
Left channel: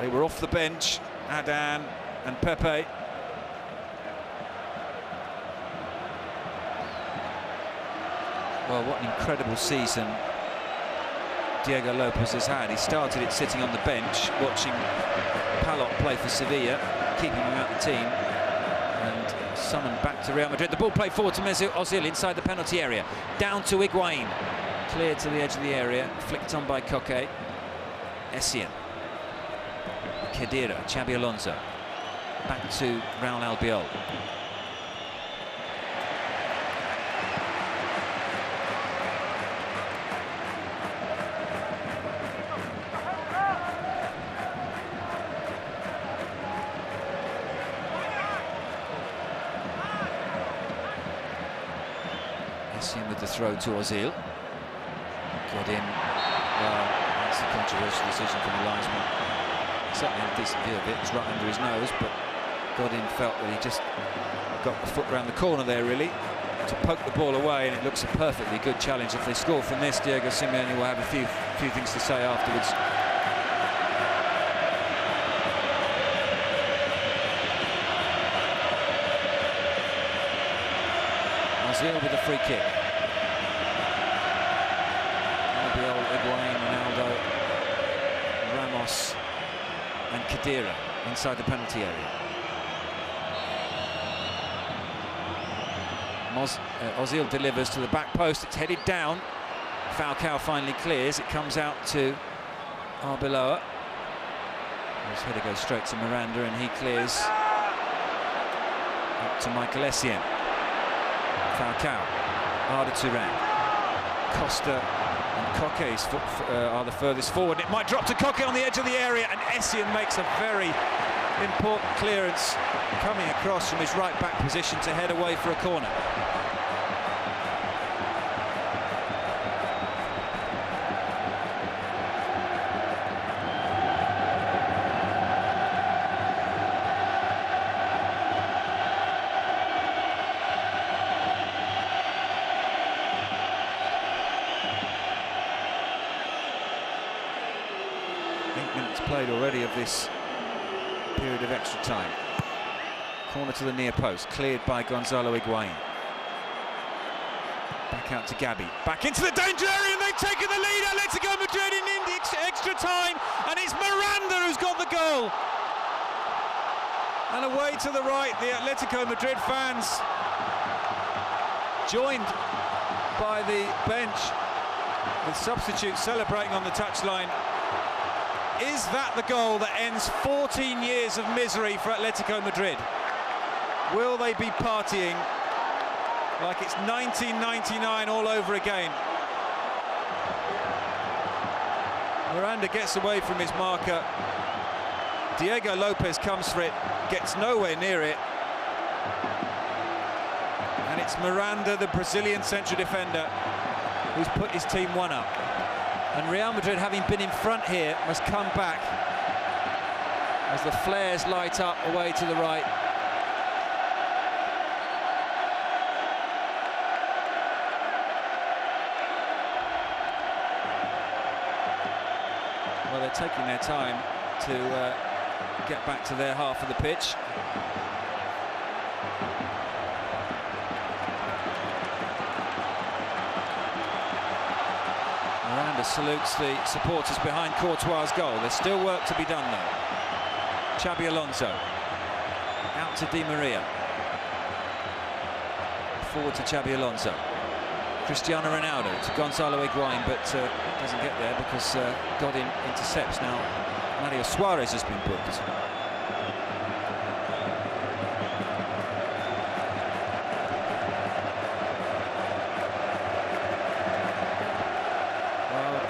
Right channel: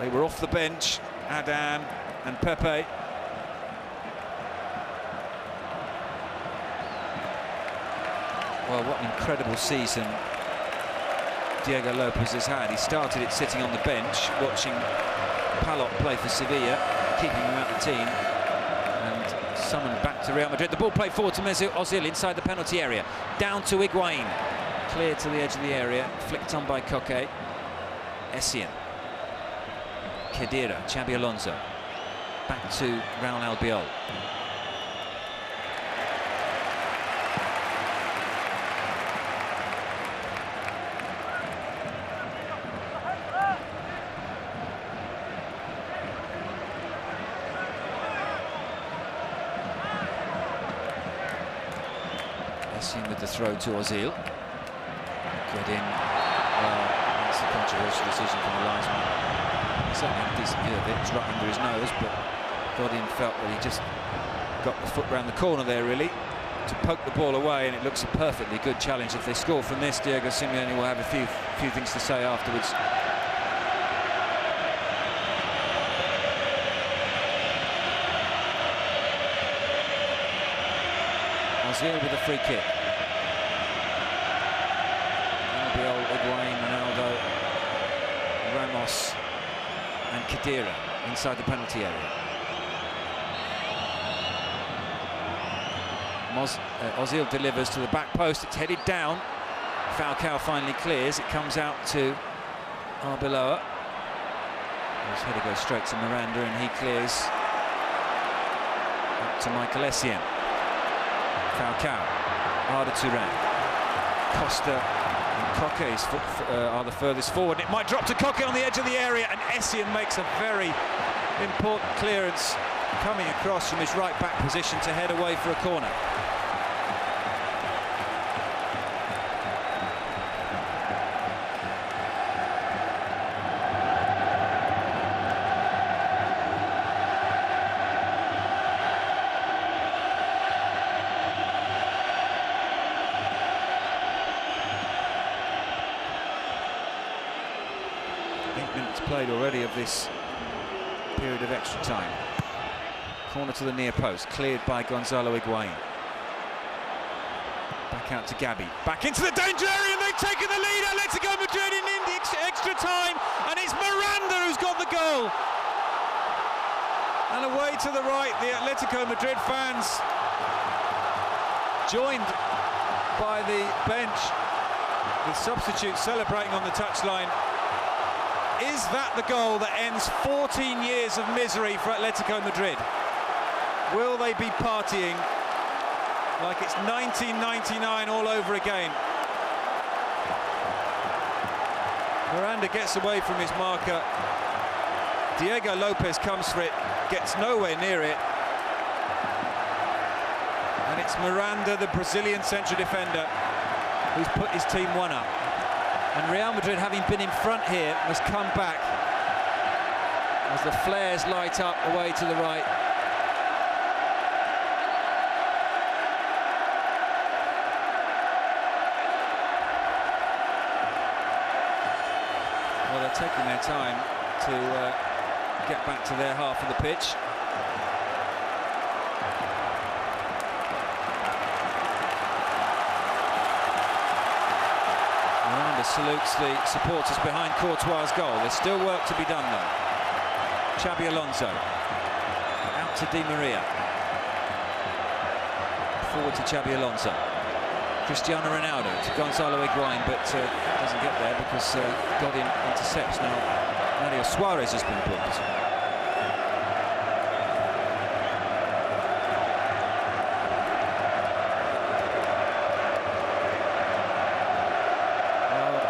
They were off the bench, Adan and Pepe. Well, what an incredible season Diego Lopez has had. He started it sitting on the bench, watching Palop play for Sevilla, keeping him out the team, and summoned back to Real Madrid. The ball played forward to Mesut Ozil inside the penalty area. Down to Higuain. Cleared to the edge of the area, flicked on by Koke. Essien. Khedira, Xabi Alonso. back to Raul Albiol. Essien with the throw to Ozil. Godin, well, that's a controversial decision from the linesman. He certainly had a decent view of it. It's right under his nose, but Godin felt that he just got the foot round the corner there, really, to poke the ball away, and it looks a perfectly good challenge. If they score from this, Diego Simeone will have a few things to say afterwards. Ozil with a free kick. Albiol, Higuain, Ronaldo, Ramos and Khedira inside the penalty area. Ozil delivers to the back post. It's headed down. Falcao finally clears. It comes out to Arbeloa. His header goes straight to Miranda, and he clears up to Michael Essien. Falcao, Arda Turan, Costa and Koke are the furthest forward. It might drop to Koke on the edge of the area, and Essien makes a very important clearance coming across from his right back position to head away for a corner. Played already of this period of extra time. Corner to the near post, cleared by Gonzalo Higuain. Back out to Gabi, back into the danger area, and they've taken the lead. Athletico Madrid in the extra time, and it's Miranda who's got the goal. And away to the right, the Athletico Madrid fans, joined by the bench, with substitutes celebrating on the touchline. Is that the goal that ends 14 years of misery for Athletico Madrid? Will they be partying like it's 1999 all over again? Miranda gets away from his marker. Diego Lopez comes for it, gets nowhere near it. And it's Miranda, the Brazilian central defender, who's put his team one up. And Real Madrid, having been in front here, must come back as the flares light up away to the right. Well, they're taking their time to get back to their half of the pitch. Miranda salutes the supporters behind Courtois' goal. There's still work to be done, though. Xabi Alonso out to Di Maria, forward to Xabi Alonso. Cristiano Ronaldo to Gonzalo Higuain, but doesn't get there because Godin intercepts. Now Mario Suarez has been booked.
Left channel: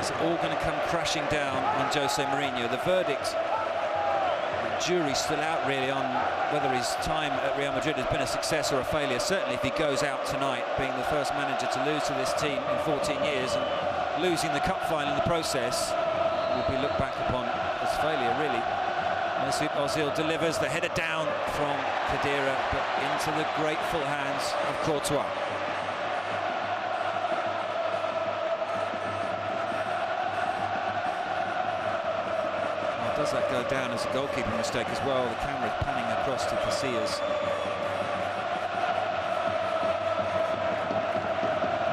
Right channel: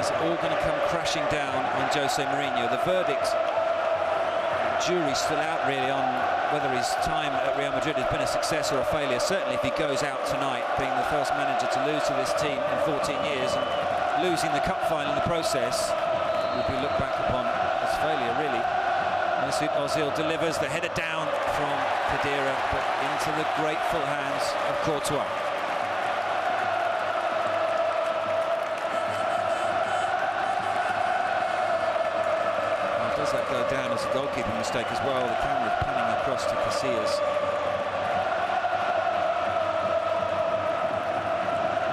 Is it all going to come crashing down on Jose Mourinho? The verdict, the jury's still out really on whether his time at Real Madrid has been a success or a failure. Certainly if he goes out tonight, being the first manager to lose to this team in 14 years and losing the cup final in the process, will be looked back upon as failure, really. Mesut Ozil delivers the header down from Khedira, but into the grateful hands of Courtois. Does that go down as a goalkeeping mistake as well? The camera's panning across to Casillas.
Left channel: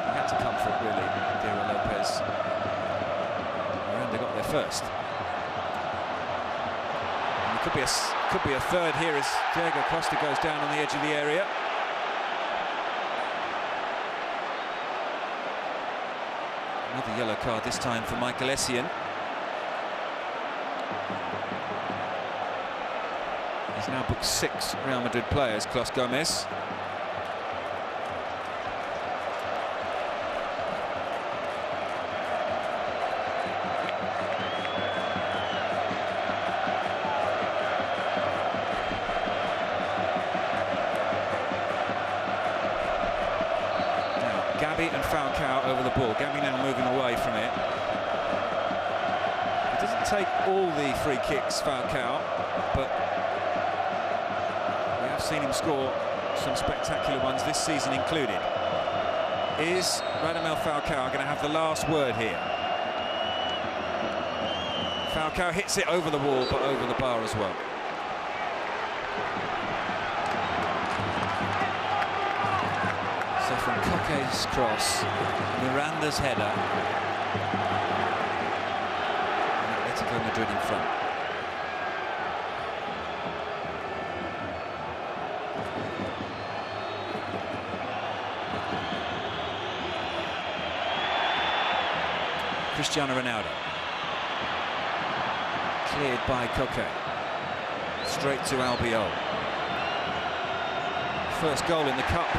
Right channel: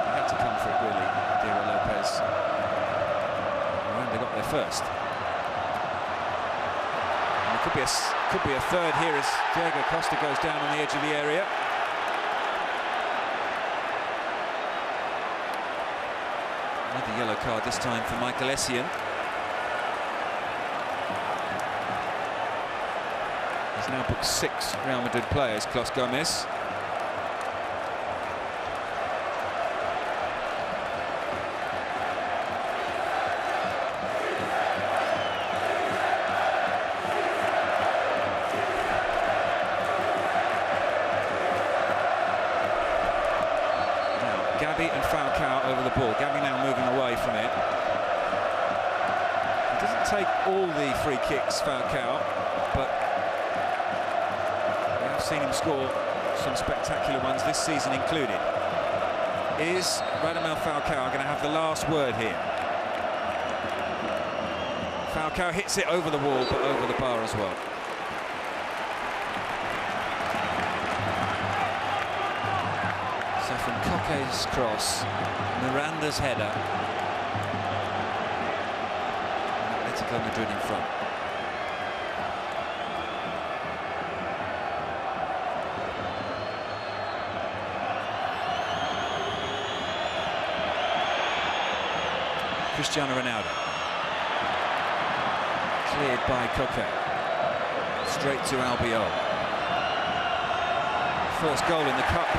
He had to come for it, really, Diego Lopez. Miranda got there first. And there could be a third here as Diego Costa goes down on the edge of the area. Another yellow card this time for Michael Essien. He's now booked 6 Real Madrid players, Clos Gomez. Now, Gabi and Falcao over the ball. Gabi now moving away from it. He doesn't take all the free kicks, Falcao, but we have seen him score some spectacular ones this season included. Is Radamel Falcao going to have the last word here? Falcao hits it over the wall, but over the bar as well. So from Coque's cross, Miranda's header, and Atletico Madrid in front. Cristiano Ronaldo. Cleared by Coque. Straight to Albiol. First goal in the cup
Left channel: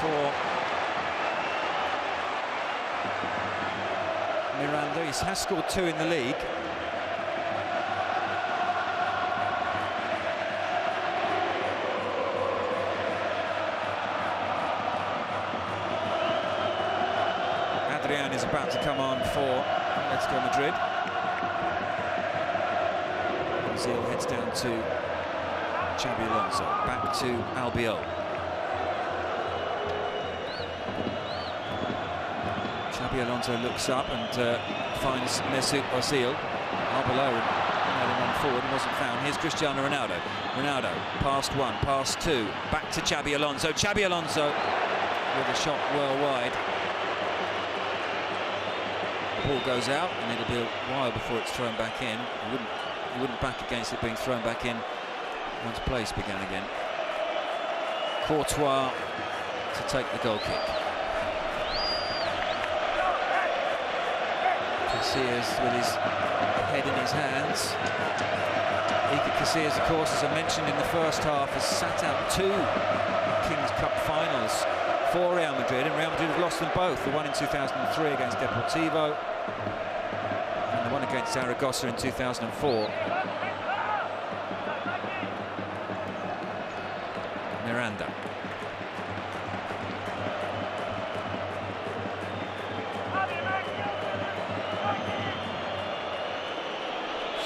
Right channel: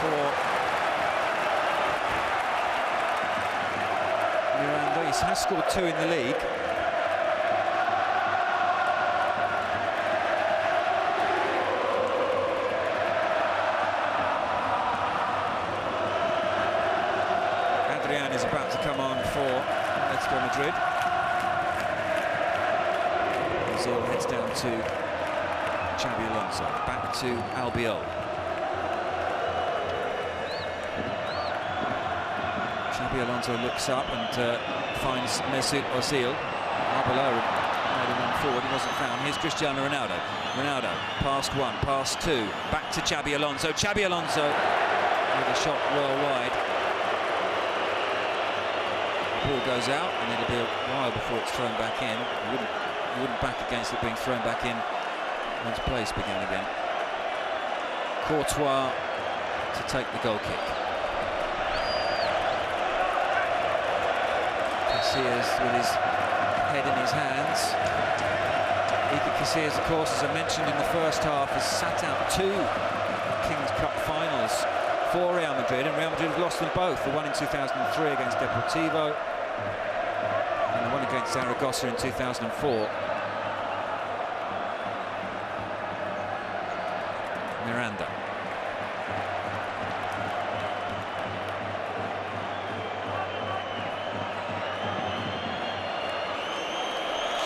for Miranda. He has scored 2 in the league. Adrian is about to come on for Atletico Madrid. Ozil heads down to Xabi Alonso. Back to Albiol. Xabi Alonso looks up and finds Mesut Ozil. Arbeloa made a run forward, he wasn't found. Here's Cristiano Ronaldo. Ronaldo, past 1, past 2, back to Xabi Alonso. Xabi Alonso with a shot well wide. The ball goes out, and it'll be a while before it's thrown back in. You wouldn't back against it being thrown back in once place began again. Courtois to take the goal kick. Casillas with his head in his hands. Iker Casillas, of course, as I mentioned in the first half, has sat out 2 Kings Cup finals for Real Madrid, and Real Madrid have lost them both. The one in 2003 against Deportivo, and the one against Zaragoza in 2004. Miranda.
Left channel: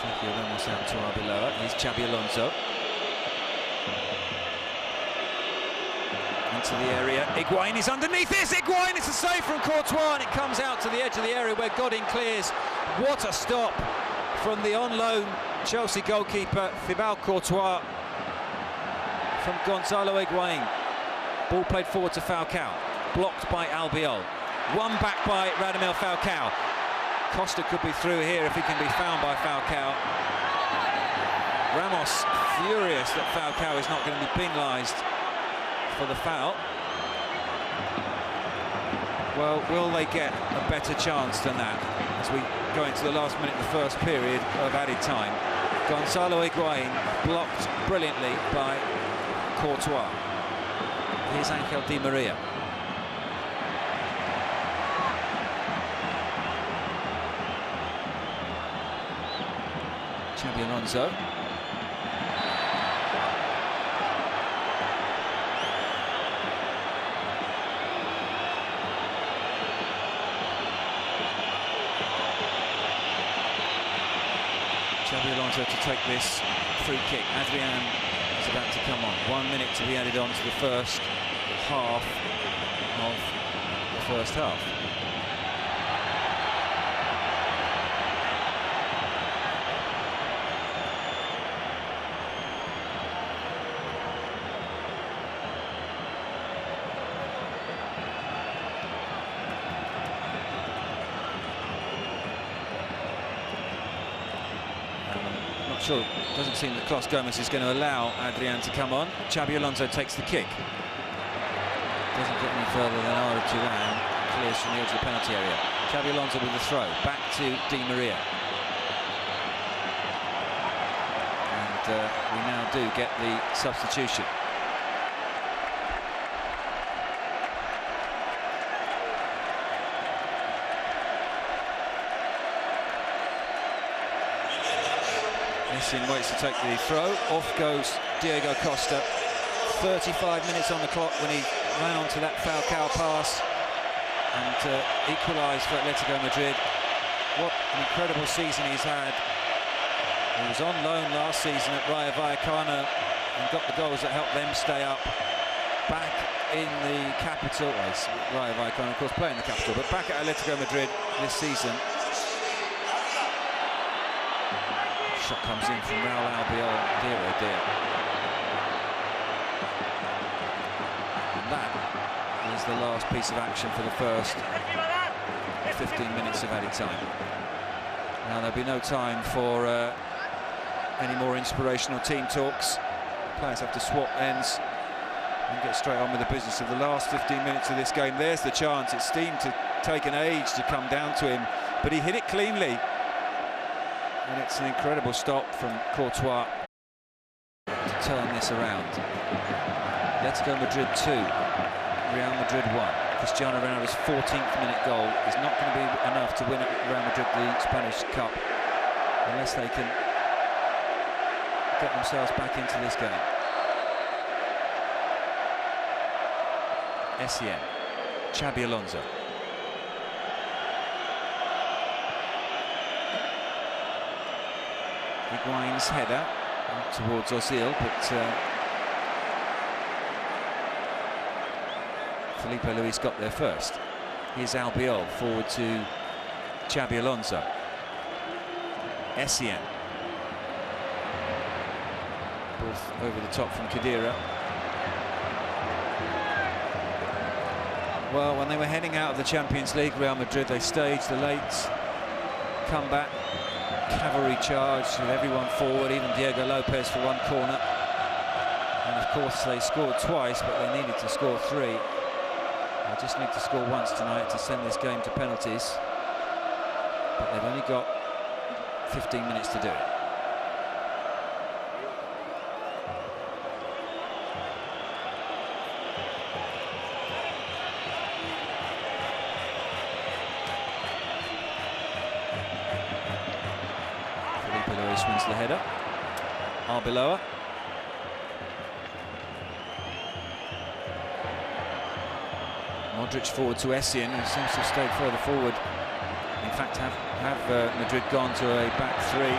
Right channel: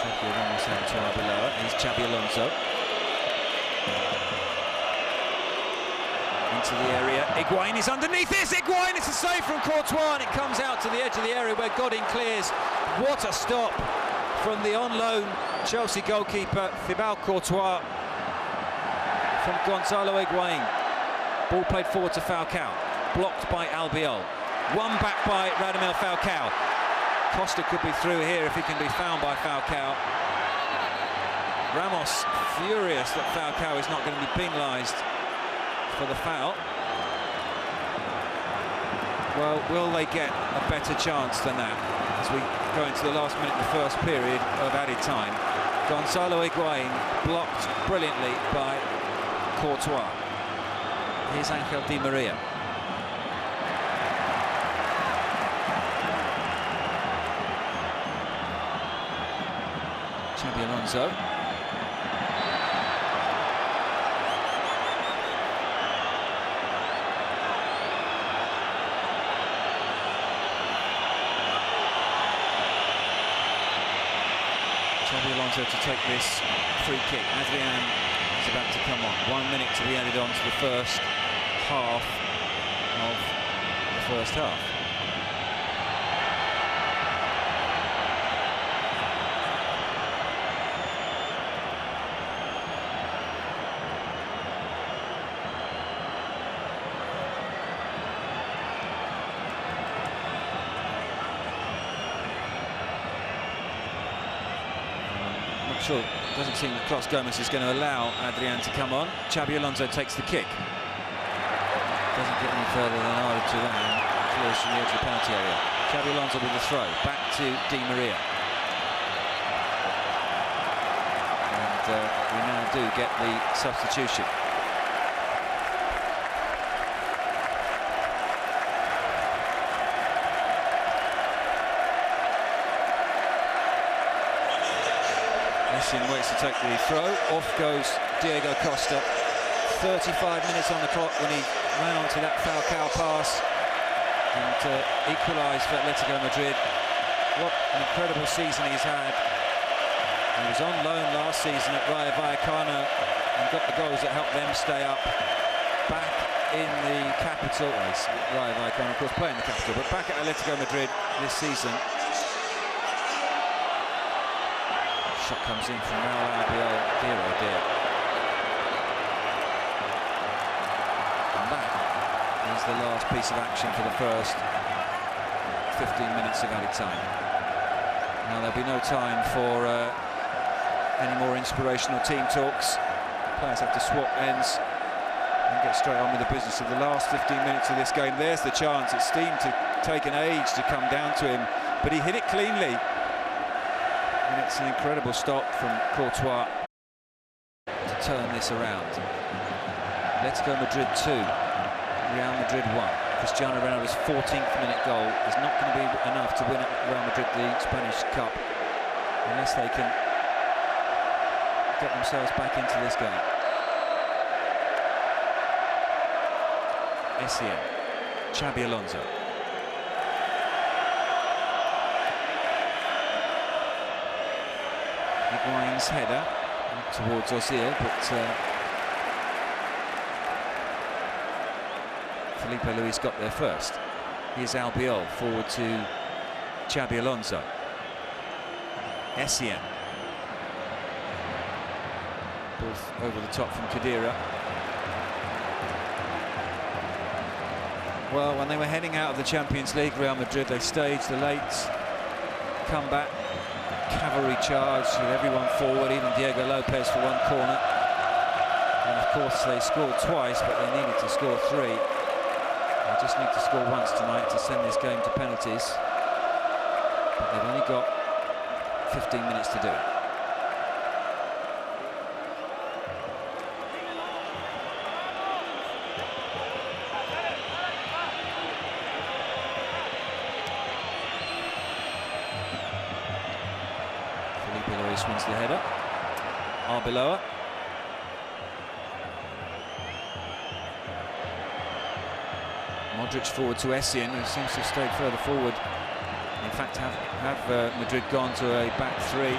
Sergio Ramos out to Arbeloa. Here's Xabi Alonso. Into the area. Higuain is underneath this. Higuain, it's a save from Courtois, and it comes out to the edge of the area where Godin clears. What a stop from the on-loan Chelsea goalkeeper Thibaut Courtois from Gonzalo Higuain. Ball played forward to Falcao. Blocked by Albiol. Won back by Radamel Falcao. Costa could be through here if he can be found by Falcao. Ramos furious that Falcao is not going to be penalised for the foul. Well, will they get a better chance than that as we go into the last minute of the first period of added time? Gonzalo Higuain blocked brilliantly by Courtois. Here's Angel Di Maria. Xabi Alonso. Xabi Alonso to take this free kick. Adrian is about to come on. 1 minute to be added on to the first half of the first half. Sure, doesn't seem that Clos Gomez is going to allow Adrian to come on. Xabi Alonso takes the kick. Doesn't get any further than Arda Turan. Clears from the edge of the penalty area. Xabi Alonso with the throw. Back to Di Maria. And we now do get the substitution. Essien waits to take the throw. Off goes Diego Costa. 35 minutes on the clock when he ran onto that Falcao pass and equalised for Atletico Madrid. What an incredible season he's had. He was on loan last season at Rayo Vallecano and got the goals that helped them stay up. Back in the capital, well, Rayo Vallecano of course playing the capital, but back at Atletico Madrid this season. Shot comes in from Raul Albiol. Dear oh dear. And that is the last piece of action for the first 15 minutes of added time. Now there'll be no time for any more inspirational team talks. Players have to swap ends and get straight on with the business of the last 15 minutes of this game. There's the chance. It seemed to take an age to come down to him, but he hit it cleanly. And it's an incredible stop from Courtois to turn this around. Atletico Madrid 2, Real Madrid 1. Cristiano Ronaldo's 14th minute goal is not going to be enough to win at Real Madrid the Spanish Cup unless they can get themselves back into this game. Essien, Xabi Alonso. Higuain's header towards Ozil, but Felipe Luis got there first. Here's Albiol forward to Xabi Alonso. Essien. Both over the top from Khedira. Well, when they were heading out of the Champions League, Real Madrid, they staged the late comeback. Cavalry charge with everyone forward, even Diego Lopez for one corner. And of course they scored twice, but they needed to score 3. They just need to score once tonight to send this game to penalties. But they've only got 15 minutes to do it. Luis wins the header. Arbeloa. Modric forward to Essien, who seems to have stayed further forward. In fact, have Madrid gone to a back 3.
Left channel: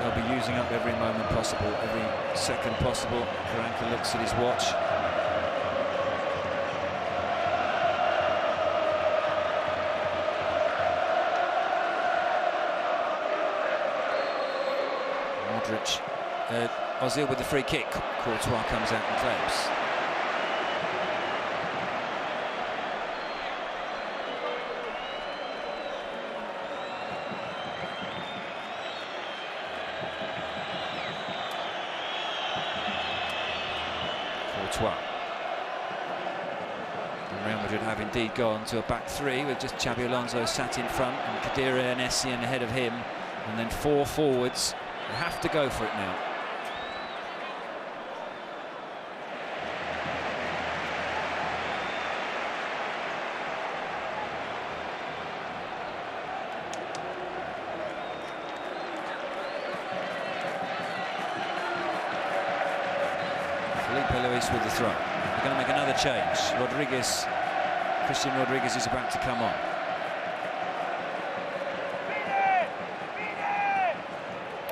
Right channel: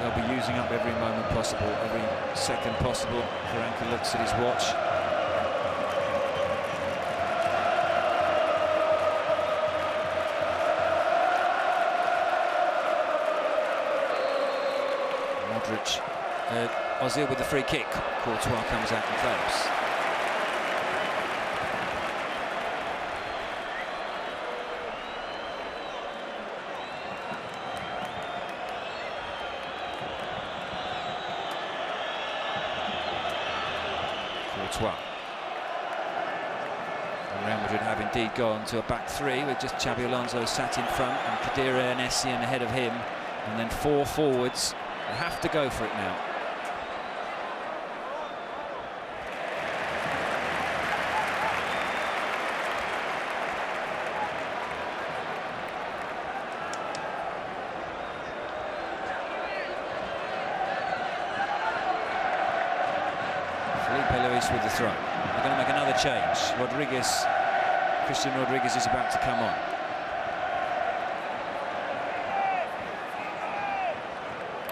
They'll be using up every moment possible, every second possible. Karanka looks at his watch. Modric, Ozil with the free kick. Courtois comes out and claims. Courtois. And Real Madrid have indeed gone to a back 3 with just Xabi Alonso sat in front and Khedira and Essien ahead of him, and then 4 forwards. They have to go for it now. Felipe Luis with the throw. They're going to make another change. Christian Rodriguez is about to come on.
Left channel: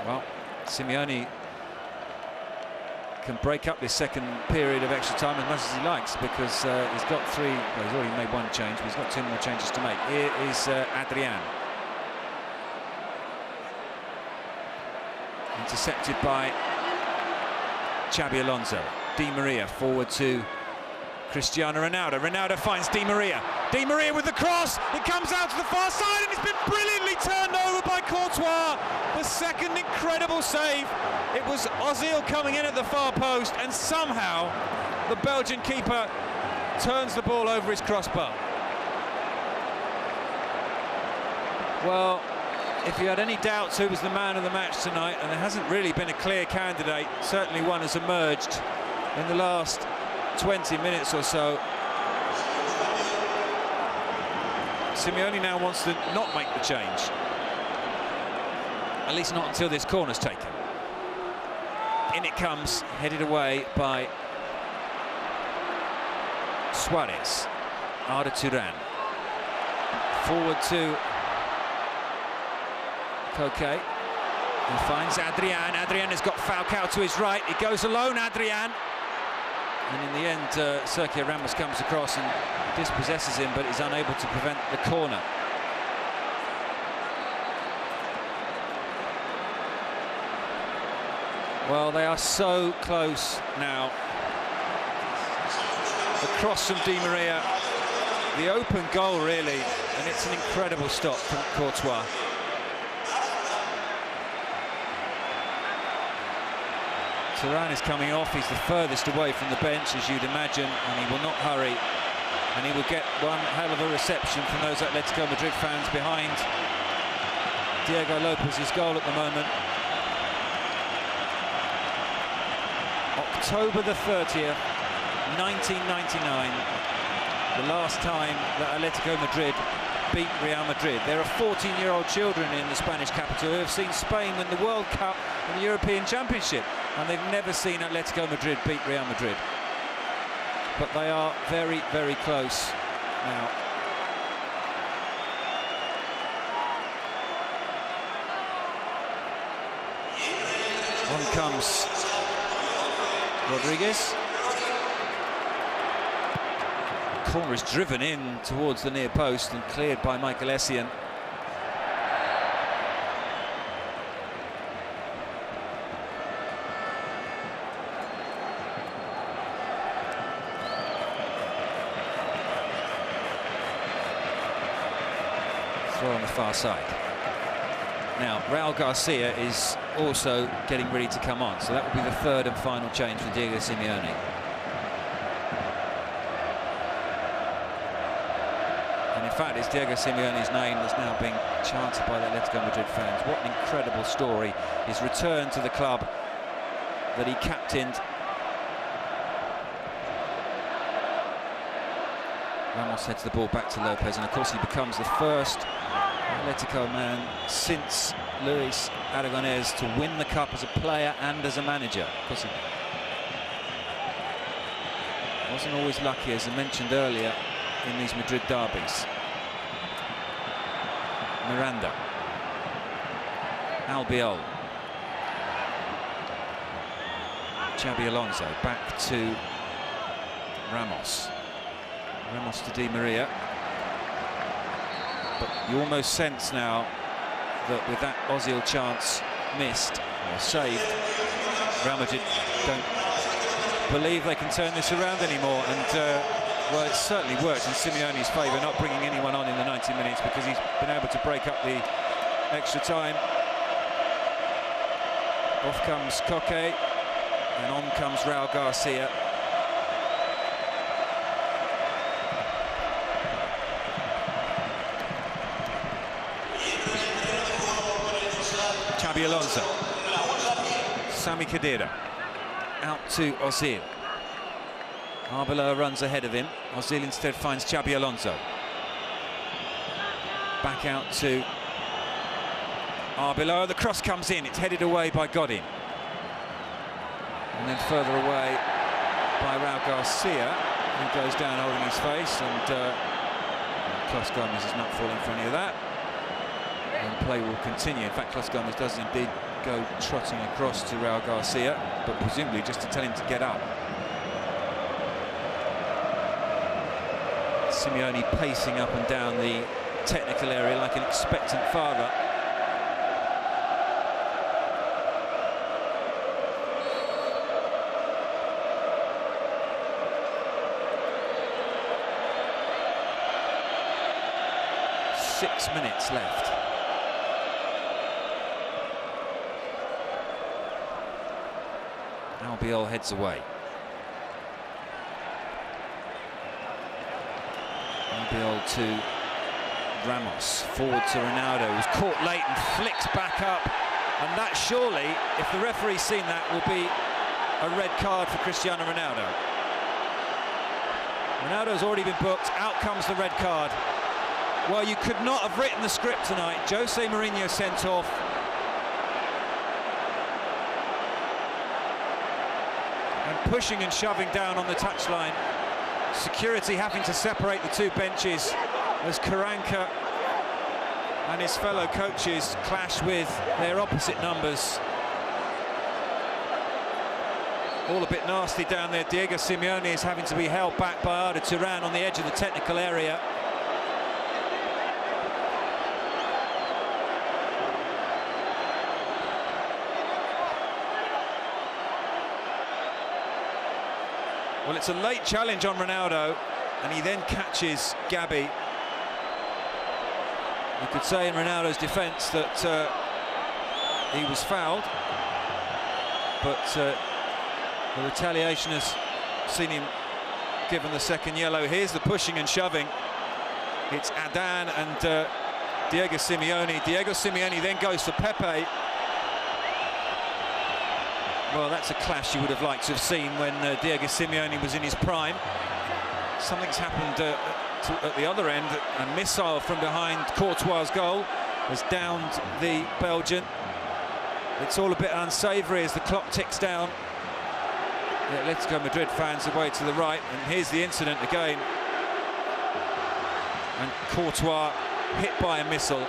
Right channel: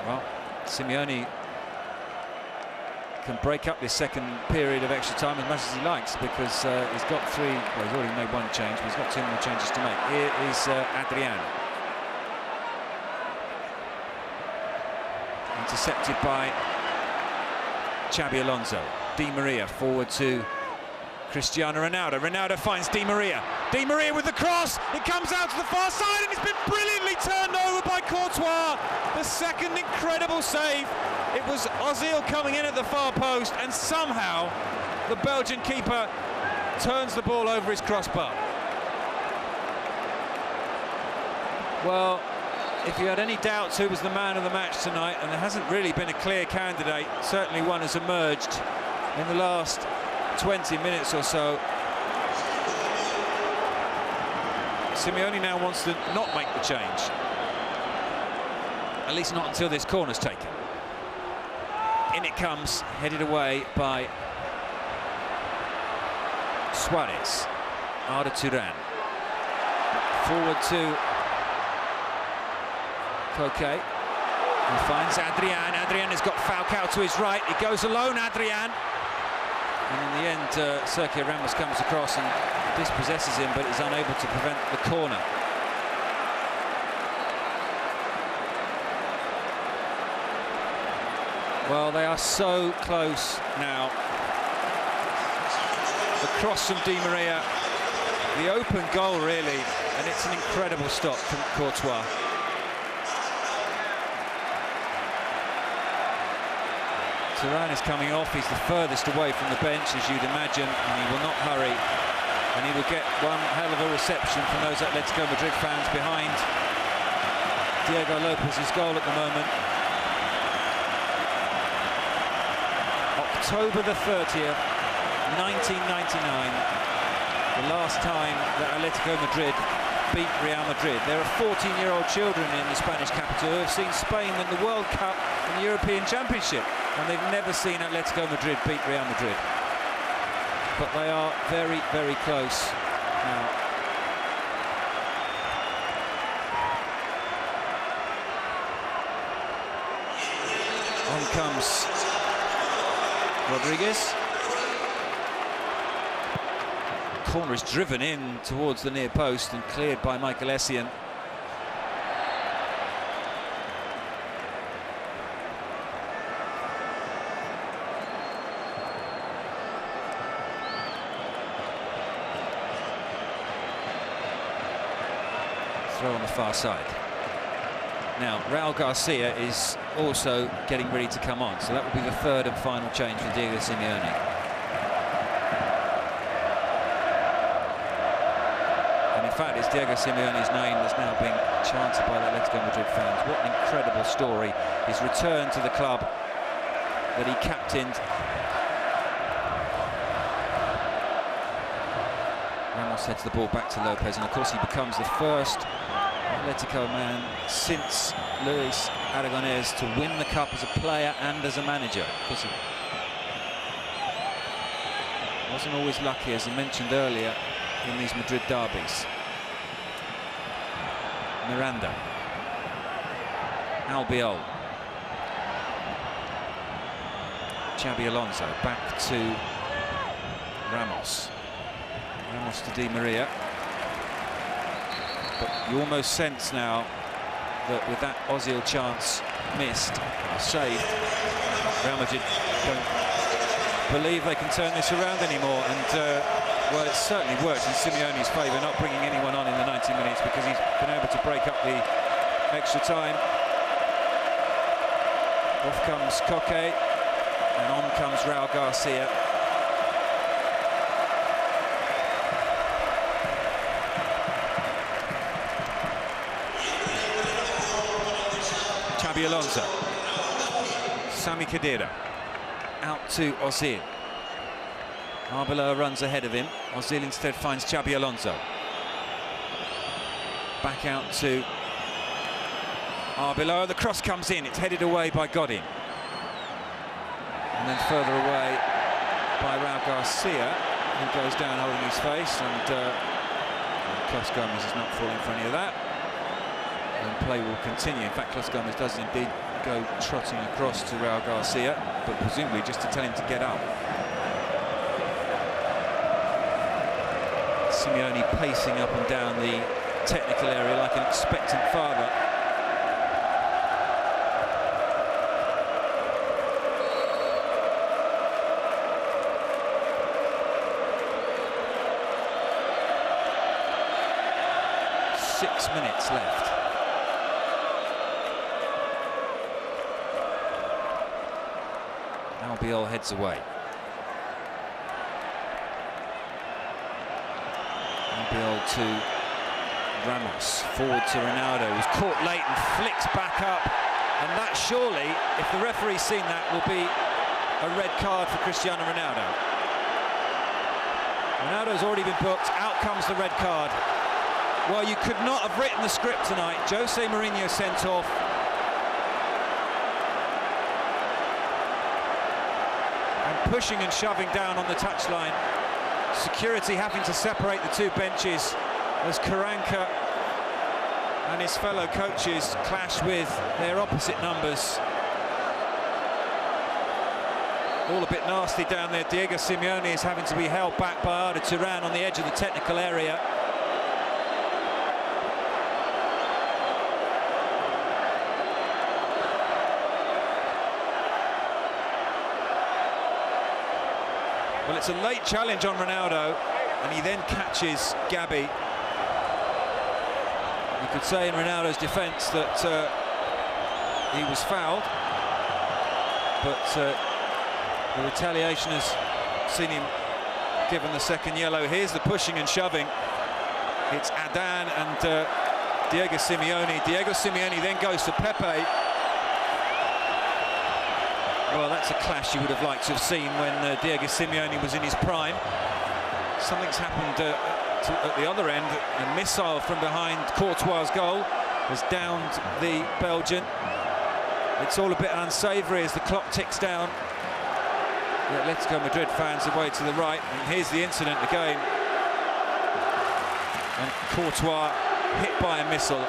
Well, Simeone can break up this second period of extra time as much as he likes, because he's got 3, well, he's already made 1 change, but he's got 2 more changes to make. Here is Adrian. Intercepted by Xabi Alonso. Di Maria forward to Cristiano Ronaldo. Ronaldo finds Di Maria. Di Maria with the cross. It comes out to the far side and it's been brilliantly turned over by Courtois. The second incredible save It was Ozil coming in at the far post, and somehow the Belgian keeper turns the ball over his crossbar. Well, if you had any doubts who was the man of the match tonight, and there hasn't really been a clear candidate, certainly one has emerged in the last 20 minutes or so. Simeone now wants to not make the change, at least not until this corner's taken. In it comes, headed away by Suarez. Arda Turan. Forward to Koke. He finds Adrian. Adrian has got Falcao to his right. He goes alone, Adrian. And in the end, Sergio Ramos comes across and dispossesses him, but is unable to prevent the corner. Well, they are so close now. The cross from Di Maria, the open goal really, and it's an incredible stop from Courtois. Turan is coming off. He's the furthest away from the bench, as you'd imagine, and he will not hurry. And he will get one hell of a reception from those Atletico Madrid fans behind Diego Lopez's goal at the moment. October the 30th, 1999, the last time that Atletico Madrid beat Real Madrid. There are 14-year-old children in the Spanish capital who have seen Spain win the World Cup and the European Championship, and they've never seen Atletico Madrid beat Real Madrid. But they are very, very close now. On comes Rodriguez. Corner is driven in towards the near post and cleared by Michael Essien. Throw on the far side. Now, Raul Garcia is also getting ready to come on, so that will be the third and final change for Diego Simeone. And in fact, it's Diego Simeone's name that's now being chanted by the Atletico Madrid fans. What an incredible story. His return to the club that he captained. Ramos heads the ball back to Lopez, and of course he becomes the first Atletico man since Luis Aragonés to win the cup as a player and as a manager. Of course, he wasn't always lucky, as I mentioned earlier, in these Madrid derbies. Miranda. Albiol. Xabi Alonso back to Ramos. Ramos to Di Maria. But you almost sense now that with that Ozil chance missed or saved, Real Madrid don't believe they can turn this around anymore. And well, it's certainly worked in Simeone's favour, not bringing anyone on in the 90 minutes, because he's been able to break up the extra time. Off comes Koke, and on comes Raul Garcia. Xabi Alonso. Sami Khedira. Out to Ozil. Arbeloa runs ahead of him. Ozil instead finds Xabi Alonso. Back out to Arbeloa. The cross comes in. It's headed away by Godin. And then further away by Raul Garcia, who goes down holding his face. And Clos Gomez is not falling for any of that. And play will continue. In fact, Clos Gomez does indeed go trotting across to Raul Garcia, but presumably just to tell him to get up. Simeone pacing up and down the technical area like an expectant father. Six minutes left. Albiol heads away. Albiol to Ramos, forward to Ronaldo, who's caught late and flicks back up. And that surely, if the referee's seen that, will be a red card for Cristiano Ronaldo. Ronaldo's already been booked. Out comes the red card. Well, you could not have written the script tonight. Jose Mourinho sent off. And pushing and shoving down on the touchline. Security having to separate the two benches as Karanka and his fellow coaches clash with their opposite numbers. All a bit nasty down there. Diego Simeone is having to be held back by Arda Turan on the edge of the technical area. Well, it's a late challenge on Ronaldo, and he then catches Gabi. You could say in Ronaldo's defence that he was fouled, but the retaliation has seen him given the second yellow. Here's the pushing and shoving. It's Adan and Diego Simeone. Diego Simeone then goes for Pepe. Well, that's a clash you would have liked to have seen when Diego Simeone was in his prime. Something's happened at the other end. A missile from behind Courtois' goal has downed the Belgian. It's all a bit unsavoury as the clock ticks down. The Atletico Madrid fans away to the right, and here's the incident again. And Courtois hit by a missile.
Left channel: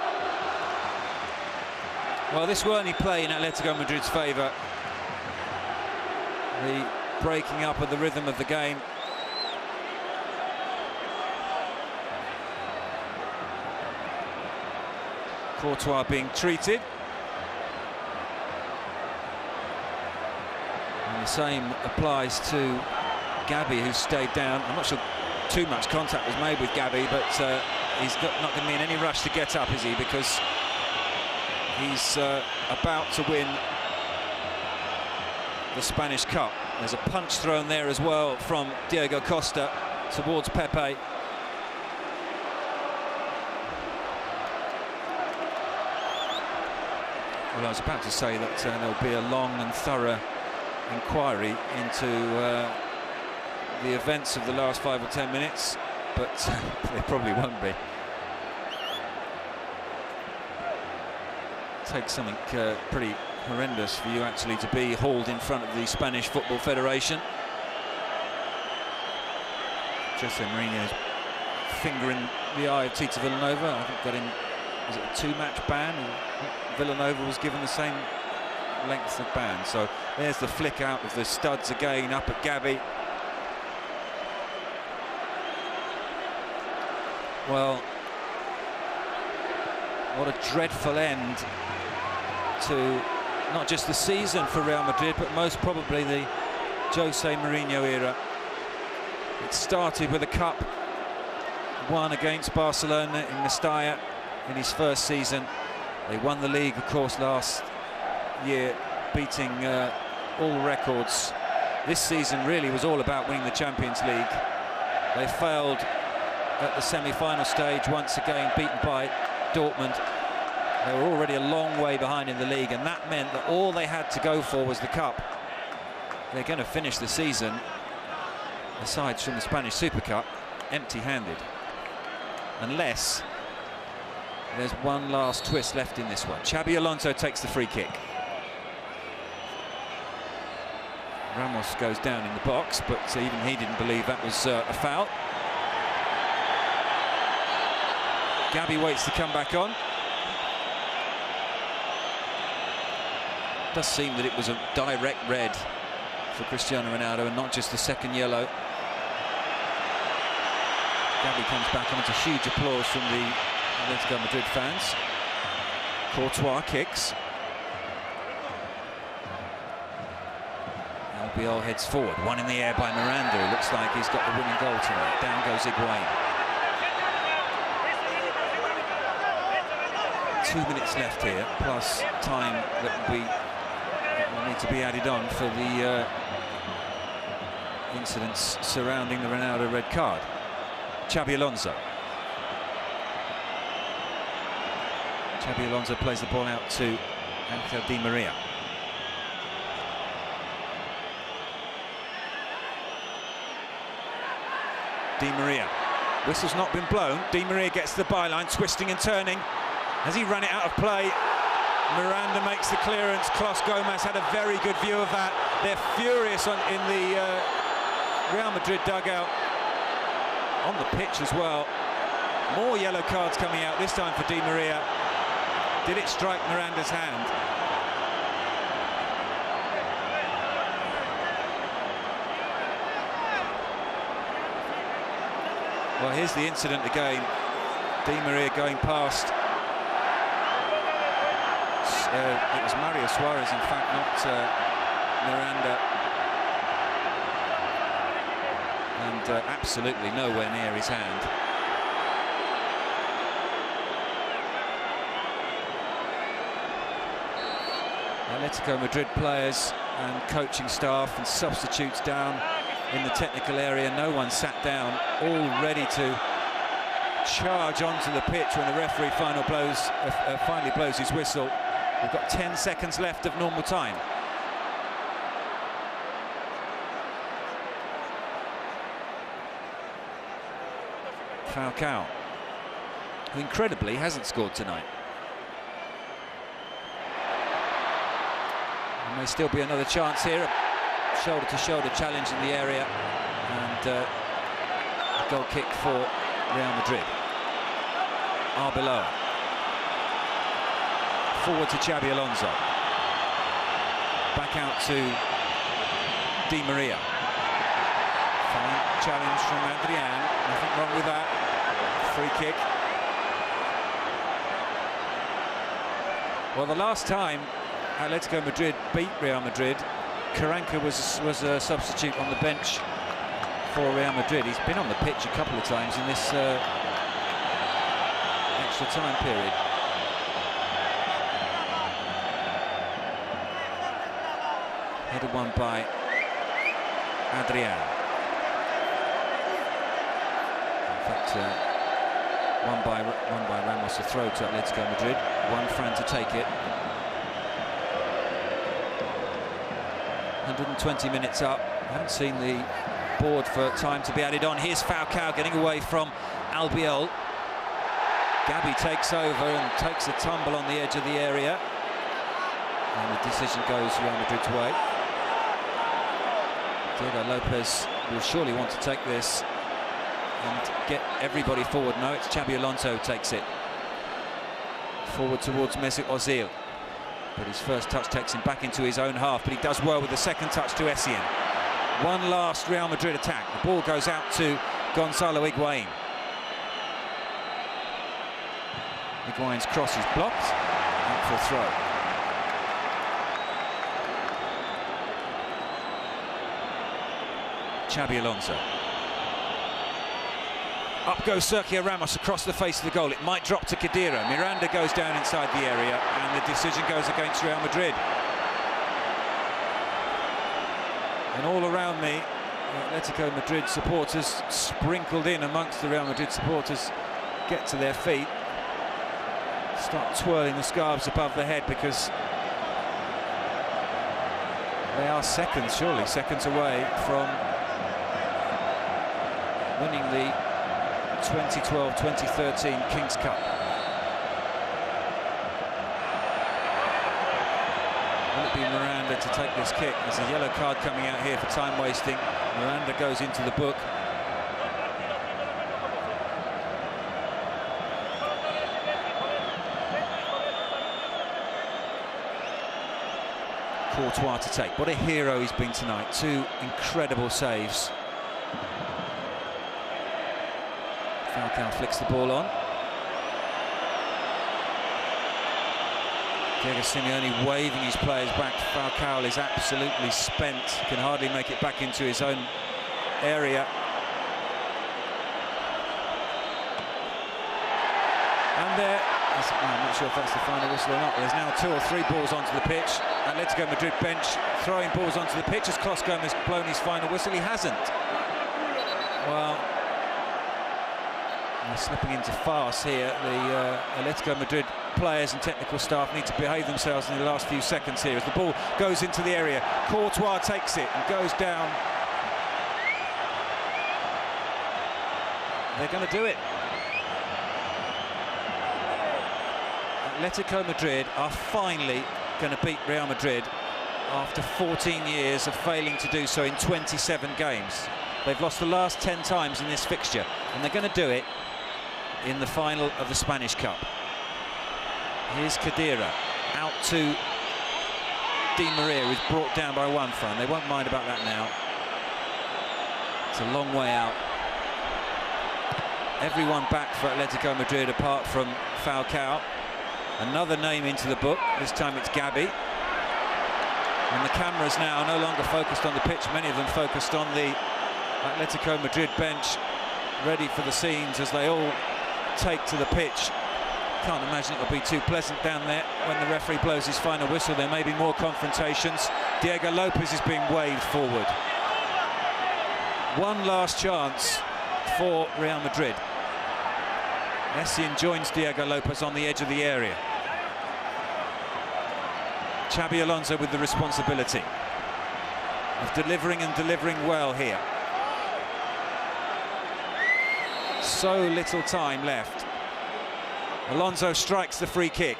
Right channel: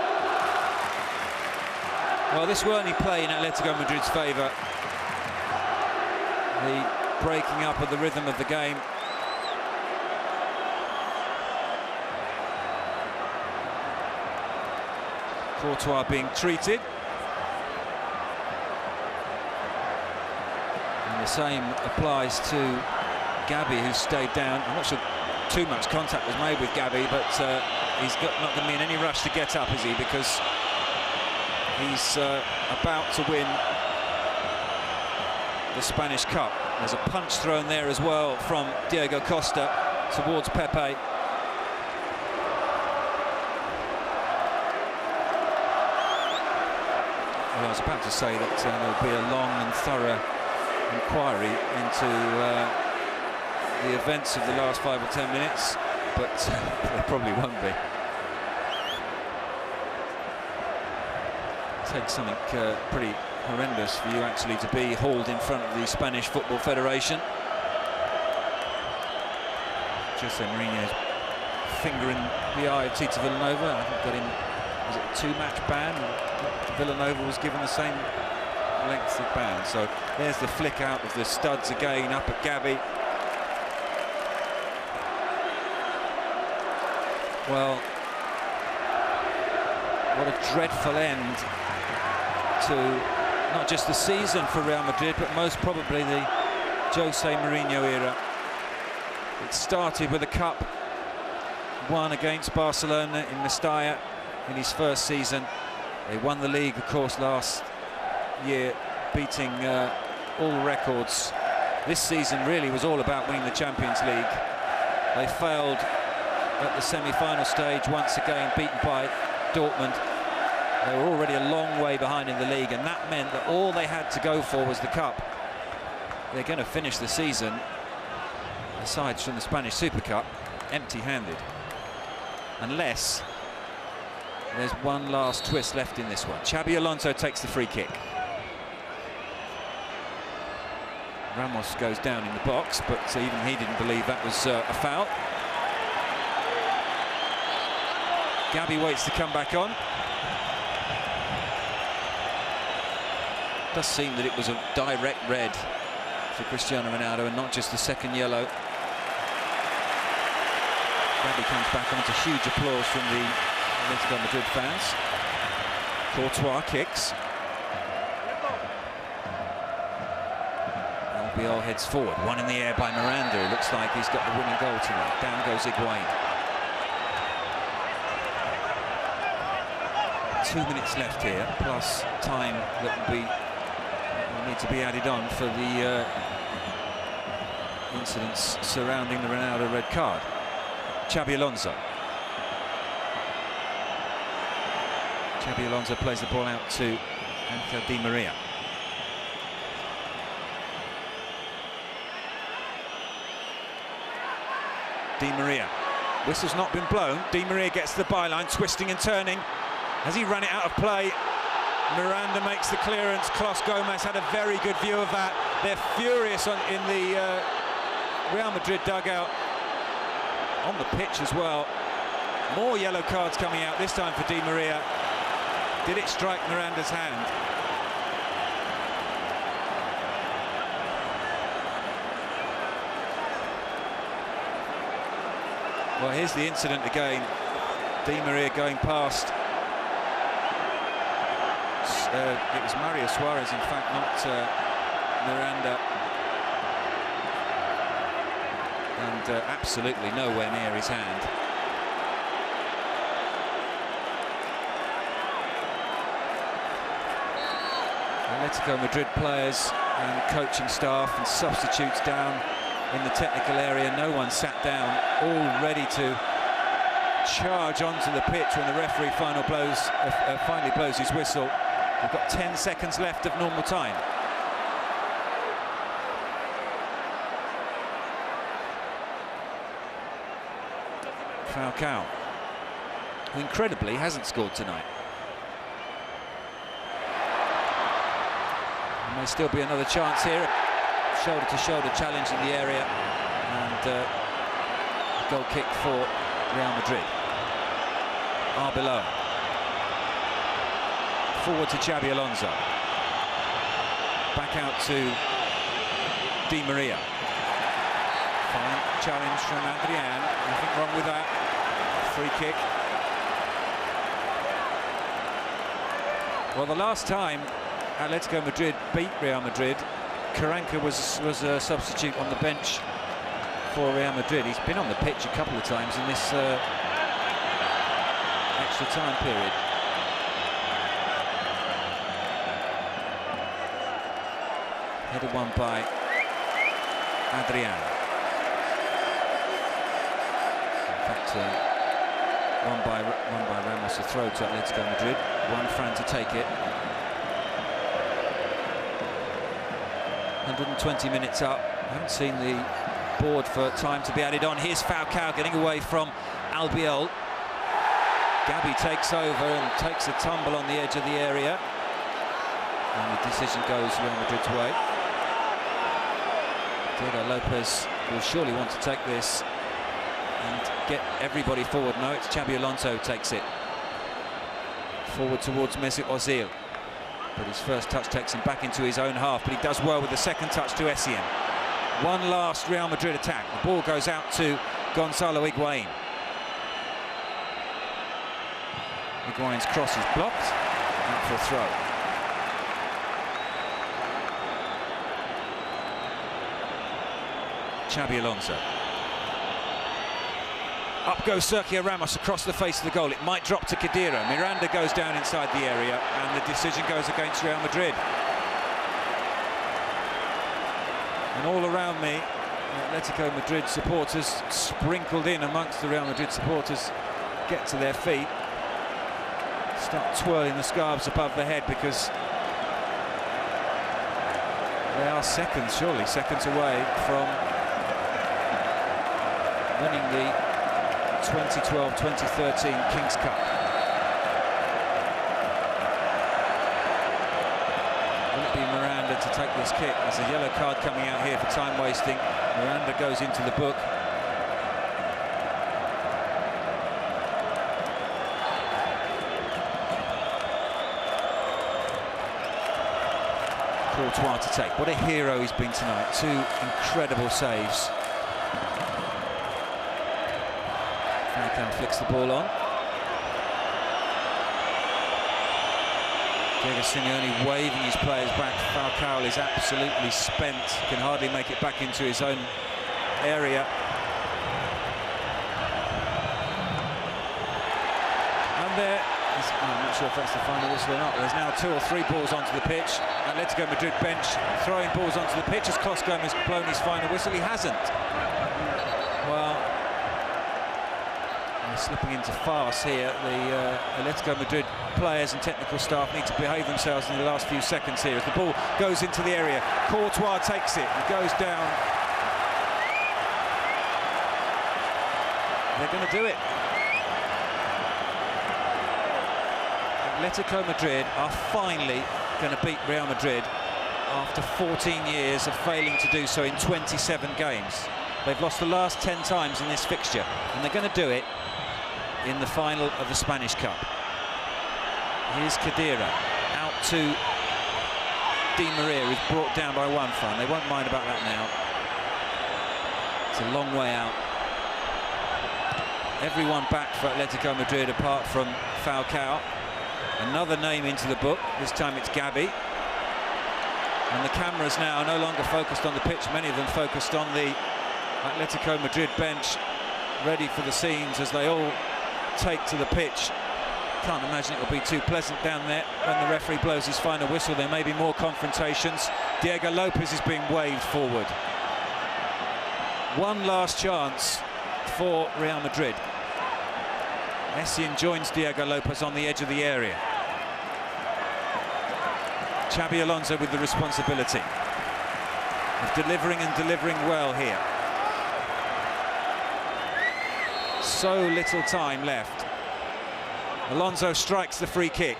Well, this will only play in Atletico Madrid's favour. The breaking up of the rhythm of the game. Courtois being treated. And the same applies to Gabi, who stayed down. I'm not sure too much contact was made with Gabi, but he's not going to be in any rush to get up, is he? Because he's about to win the Spanish Cup. There's a punch thrown there as well from Diego Costa towards Pepe. Well, I was about to say that there'll be a long and thorough inquiry into the events of the last 5 or 10 minutes, but there probably won't be. It takes something pretty horrendous for you actually to be hauled in front of the Spanish Football Federation. Jose Mourinho's finger in the eye of Tito Villanova. I think got him, was it a 2-match ban? Villanova was given the same length of ban. So there's the flick out of the studs again up at Gabi. Well, what a dreadful end to not just the season for Real Madrid, but most probably the Jose Mourinho era. It started with a cup won against Barcelona in Mestalla in his first season. They won the league, of course, last year, beating all records. This season really was all about winning the Champions League. They failed at the semi-final stage, once again beaten by Dortmund. They were already a long way behind in the league, and that meant that all they had to go for was the cup. They're going to finish the season, aside from the Spanish Super Cup, empty-handed, unless there's one last twist left in this one. Xabi Alonso takes the free kick. Ramos goes down in the box, but even he didn't believe that was a foul. Gabi waits to come back on. Does seem that it was a direct red for Cristiano Ronaldo and not just the second yellow. Gabi comes back on to huge applause from the Atletico Madrid fans. Courtois kicks. Albiol heads forward. One in the air by Miranda. It looks like he's got the winning goal tonight. Down goes Higuain. 2 minutes left here, plus time that will need to be added on for the incidents surrounding the Ronaldo red card. Xabi Alonso. Xabi Alonso plays the ball out to Angel Di Maria. Di Maria. Whistle's not been blown. Di Maria gets the byline, twisting and turning. Has he run it out of play? Miranda makes the clearance. Klos Gomez had a very good view of that. They're furious in the Real Madrid dugout. On the pitch as well. More yellow cards coming out, this time for Di Maria. Did it strike Miranda's hand? Well, here's the incident again. Di Maria going past. It was Mario Suarez, in fact, not Miranda. And absolutely nowhere near his hand. Athletico Madrid players and coaching staff and substitutes down in the technical area. No one sat down, all ready to charge onto the pitch when the referee finally blows his whistle. We've got 10 seconds left of normal time. Falcao, who incredibly hasn't scored tonight. There may still be another chance here. Shoulder-to-shoulder challenge in the area, and a goal kick for Real Madrid. Arbeloa. Forward to Xabi Alonso. Back out to Di Maria. Fine challenge from Adrian. Nothing wrong with that. Free kick. Well, the last time Atletico Madrid beat Real Madrid, Carranca was a substitute on the bench for Real Madrid. He's been on the pitch a couple of times in this extra time period. Headed one by Adrian. In fact, one by Ramos, a throw to Atletico Madrid. One Fran to take it. 120 minutes up. I haven't seen the board for time to be added on. Here's Falcao getting away from Albiol. Gabi takes over and takes a tumble on the edge of the area. And the decision goes Real Madrid's way. Diego Lopez will surely want to take this and get everybody forward. No, it's Xabi Alonso who takes it. Forward towards Mesut Ozil. But his first touch takes him back into his own half, but he does well with the second touch to Essien. One last Real Madrid attack. The ball goes out to Gonzalo Higuain. Higuain's cross is blocked, out for a throw. Xabi Alonso. Up goes Sergio Ramos across the face of the goal. It might drop to Khedira. Miranda goes down inside the area, and the decision goes against Real Madrid. And all around me, Atletico Madrid supporters sprinkled in amongst the Real Madrid supporters get to their feet, start twirling the scarves above their head, because they are seconds, surely seconds away from winning the 2012-2013 Kings Cup. Will it be Miranda to take this kick? There's a yellow card coming out here for time wasting. Miranda goes into the book. Courtois to take. What a hero he's been tonight. Two incredible saves. Falcao flicks the ball on. Diego Simeone waving his players back. Falcao is absolutely spent, can hardly make it back into his own area. And there, I'm not sure if that's the final whistle or not. There's now 2 or 3 balls onto the pitch. Atletico Madrid bench throwing balls onto the pitch as Klos Gomez blown his final whistle. He hasn't. Well, they're slipping into farce here. The Atletico Madrid players and technical staff need to behave themselves in the last few seconds here as the ball goes into the area. Courtois takes it and goes down. They're going to do it. Atletico Madrid are finally going to beat Real Madrid after 14 years of failing to do so in 27 games. They've lost the last 10 times in this fixture, and they're going to do it in the final of the Spanish Cup. Here's Khedira out to Di Maria, who's brought down by one front. They won't mind about that now. It's a long way out. Everyone back for Atletico Madrid apart from Falcao. Another name into the book. This time it's Gabi. And the cameras now no longer focused on the pitch. Many of them focused on the Atletico Madrid bench, ready for the scenes as they all take to the pitch. Can't imagine it'll be too pleasant down there when the referee blows his final whistle. There may be more confrontations. Diego Lopez is being waved forward. One last chance for Real Madrid. Essien joins Diego Lopez on the edge of the area. Xabi Alonso with the responsibility of delivering and delivering well here. So little time left. Alonso strikes the free kick.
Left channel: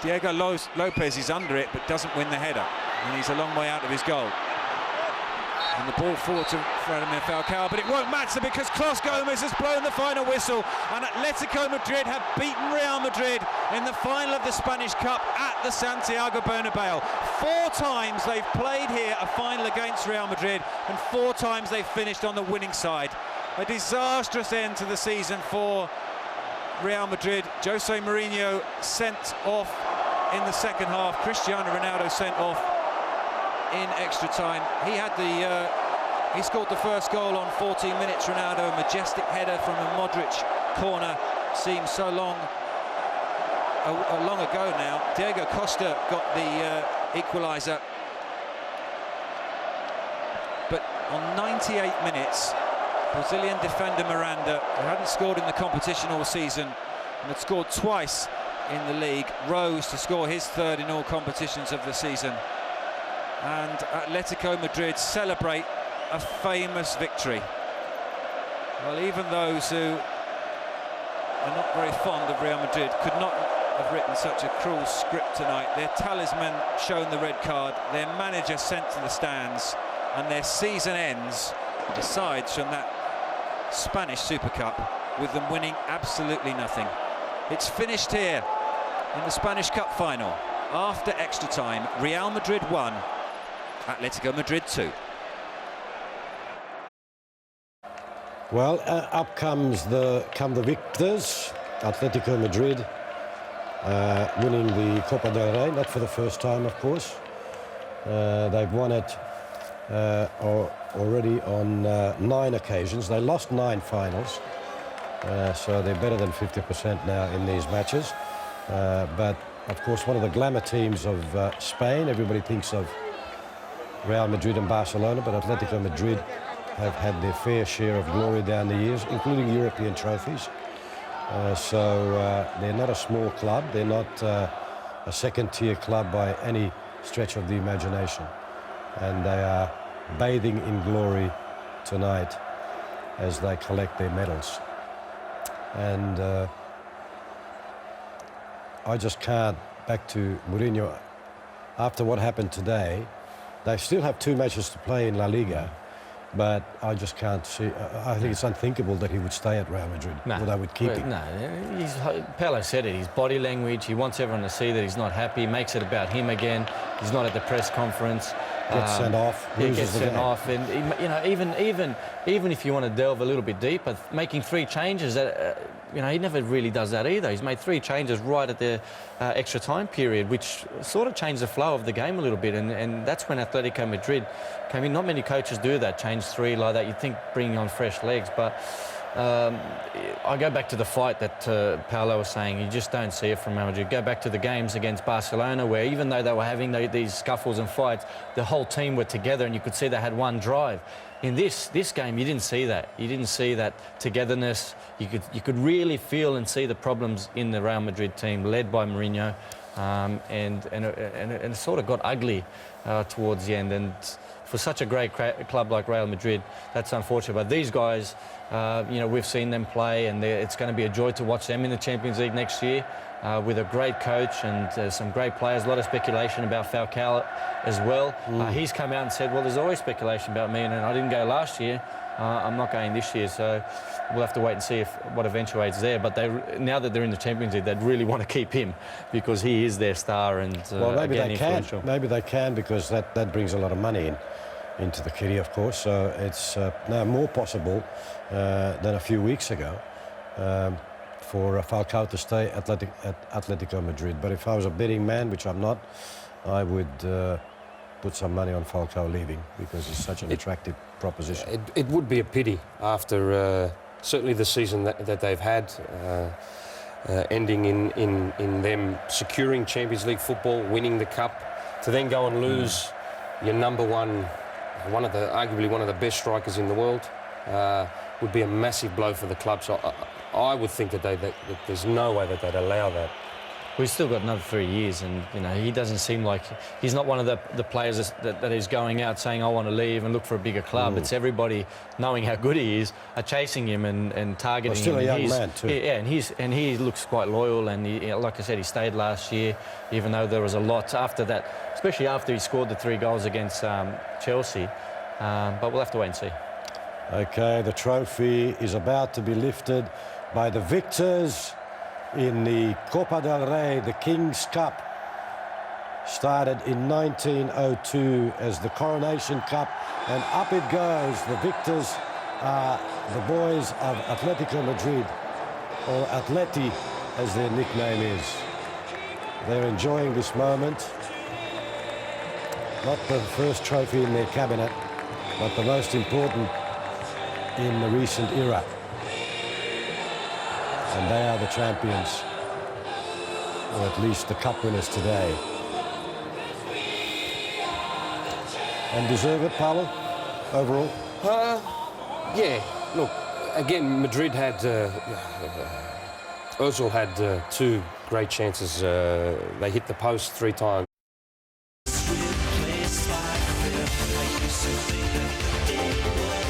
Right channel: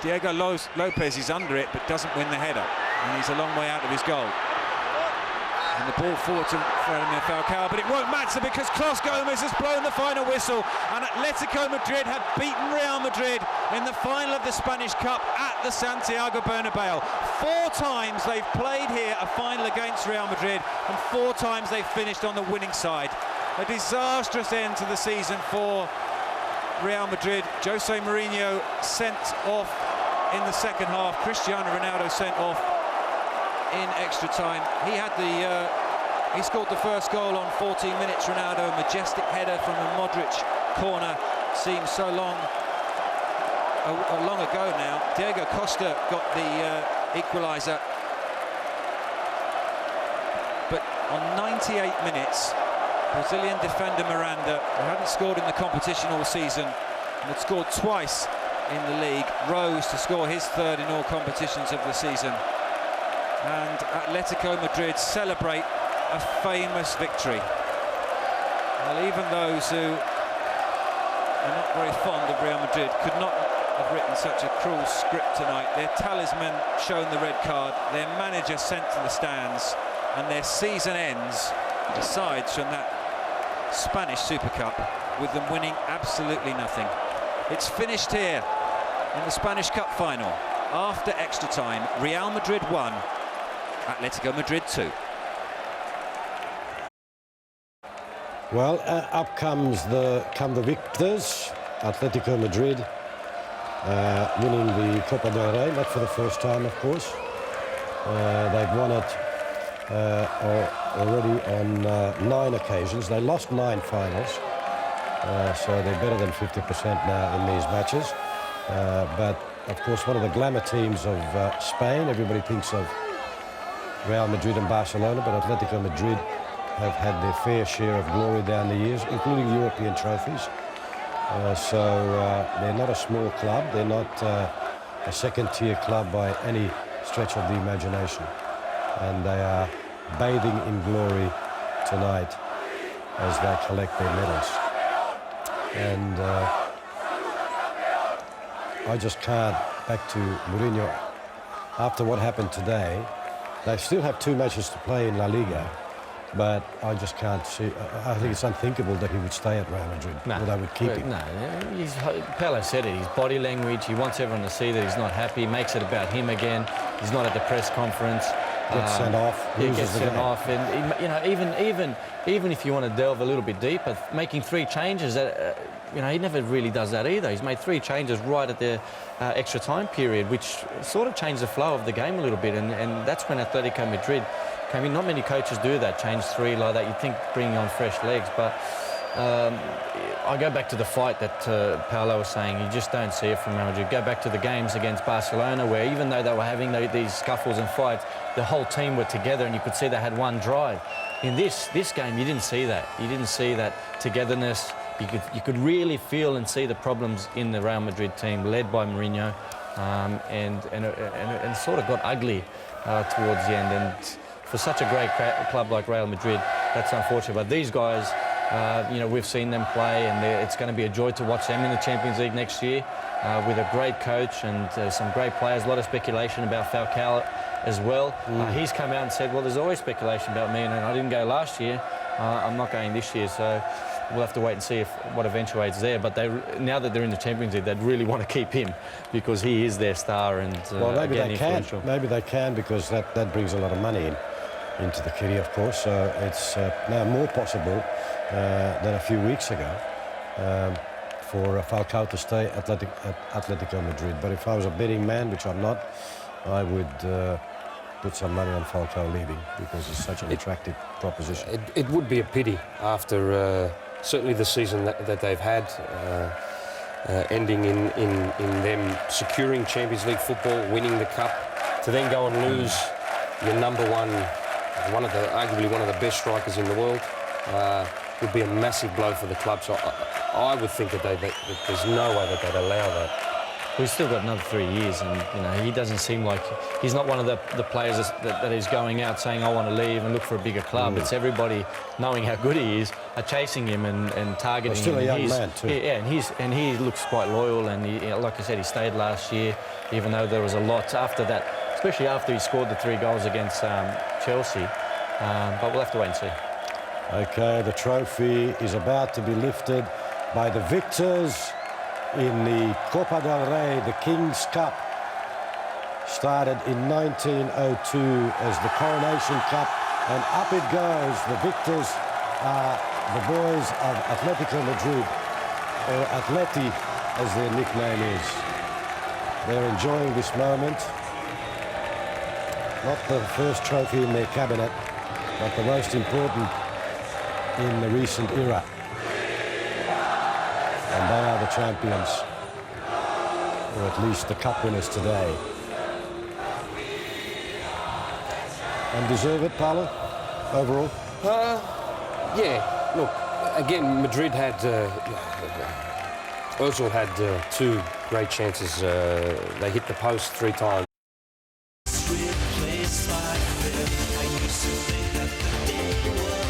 Diego Lopez is under it but doesn't win the header, and he's a long way out of his goal. And the ball forward to Vladimir Falcao, but it won't matter because Klos Gomez has blown the final whistle, and Atletico Madrid have beaten Real Madrid in the final of the Spanish Cup at the Santiago Bernabeu. 4 times they've played here a final against Real Madrid, and 4 times they've finished on the winning side. A disastrous end to the season for Real Madrid. Jose Mourinho sent off in the second half. Cristiano Ronaldo sent off in extra time. He scored the first goal on 14 minutes. Ronaldo, a majestic header from a Modric corner. Seems so long ago now. Diego Costa got the equaliser, but on 98 minutes, Brazilian defender Miranda, who hadn't scored in the competition all season and had scored twice in the league, rose to score his 3rd in all competitions of the season. And Atletico Madrid celebrate a famous victory. Well, even those who are not very fond of Real Madrid could not have written such a cruel script tonight. Their talisman shown the red card, their manager sent to the stands, and their season ends, decides from that Spanish Super Cup, with them winning absolutely nothing. It's finished here in the Spanish Cup final. After extra time, Real Madrid 1, Atletico Madrid 2. Well, up come the victors. Atletico Madrid winning the Copa del Rey, not for the first time, of course. They've won it already on 9 occasions. They lost 9 finals, so they're better than 50% now in these matches. But of course, one of the glamour teams of Spain. Everybody thinks of Real Madrid and Barcelona, but Atletico Madrid have had their fair share of glory down the years, including European trophies. So they're not a small club. They're not a second-tier club by any stretch of the imagination. And they are bathing in glory tonight as they collect their medals. And I just can't, back to Mourinho, after what happened today, they still have 2 matches to play in La Liga, but I just can't see. I think it's unthinkable that he would stay at Real Madrid, or they would keep him. No, Pele said it, his body language, he wants everyone to see that he's not happy, makes it about him again. He's not at the press conference. Gets sent off, gets sent off, and you know, even if you want to delve a little bit deeper, making 3 changes, you know, he never really does that either. He's made 3 changes right at the extra time period, which sort of changed the flow of the game a little bit, and that's when Atletico Madrid came in. Not many coaches do that, change 3 like that. You'd think bringing on fresh legs, but I go back to the fight that Paolo was saying. You just don't see it from Real Madrid. Go back to the games against Barcelona, where even though they were having these scuffles and fights, the whole team were together, and you could see they had one drive. In this game, you didn't see that. You didn't see that togetherness. You could really feel and see the problems in the Real Madrid team, led by Mourinho, and it sort of got ugly towards the end. And for such a great club like Real Madrid, that's unfortunate. But these guys, you know, we've seen them play, and it's going to be a joy to watch them in the Champions League next year with a great coach and some great players. A lot of speculation about Falcao as well. He's come out and said, well, there's always speculation about me, and I didn't go last year. I'm not going this year, so we'll have to wait and see what eventuates there. But now that they're in the Champions League, they'd really want to keep him because he is their star. And well, maybe again, they can. Maybe they can, because that brings a lot of money into the kitty, of course. So it's now more possible than a few weeks ago for Falcao to stay at Athletico Madrid. But if I was a betting man, which I'm not, I would put some money on Falcao leaving, because it's such an attractive proposition. It would be a pity after certainly the season that they've had, ending in them securing Champions League football, winning the cup, to then go and lose your number one, arguably one of the best strikers in the world, would be a massive blow for the club. So I would think that there's no way that they'd allow that. We've still got another 3 years, and you know, he doesn't seem like he's not one of the players that is going out saying I want to leave and look for a bigger club. It's everybody knowing how good he is are chasing him and targeting him. Still a young man too. Yeah, and he looks quite loyal, and he, like I said, he stayed last year, even though there was a lot after that, especially after he scored the 3 goals against Chelsea. But we'll have to wait and see. Okay, the trophy is about to be lifted by the victors in the Copa del Rey, the King's Cup. Started in 1902 as the Coronation Cup, and up it goes. The victors are the boys of Athletico Madrid, or Atleti as their nickname is. They're enjoying this moment. Not the first trophy in their cabinet, but the most important in the recent era. And they are the champions, or at least the cup winners today. And deserve it, Paolo, overall? Yeah, look, again, Madrid had, Ozil had 2 great chances. They hit the post 3 times. Replaced by fear. I used to think that the day was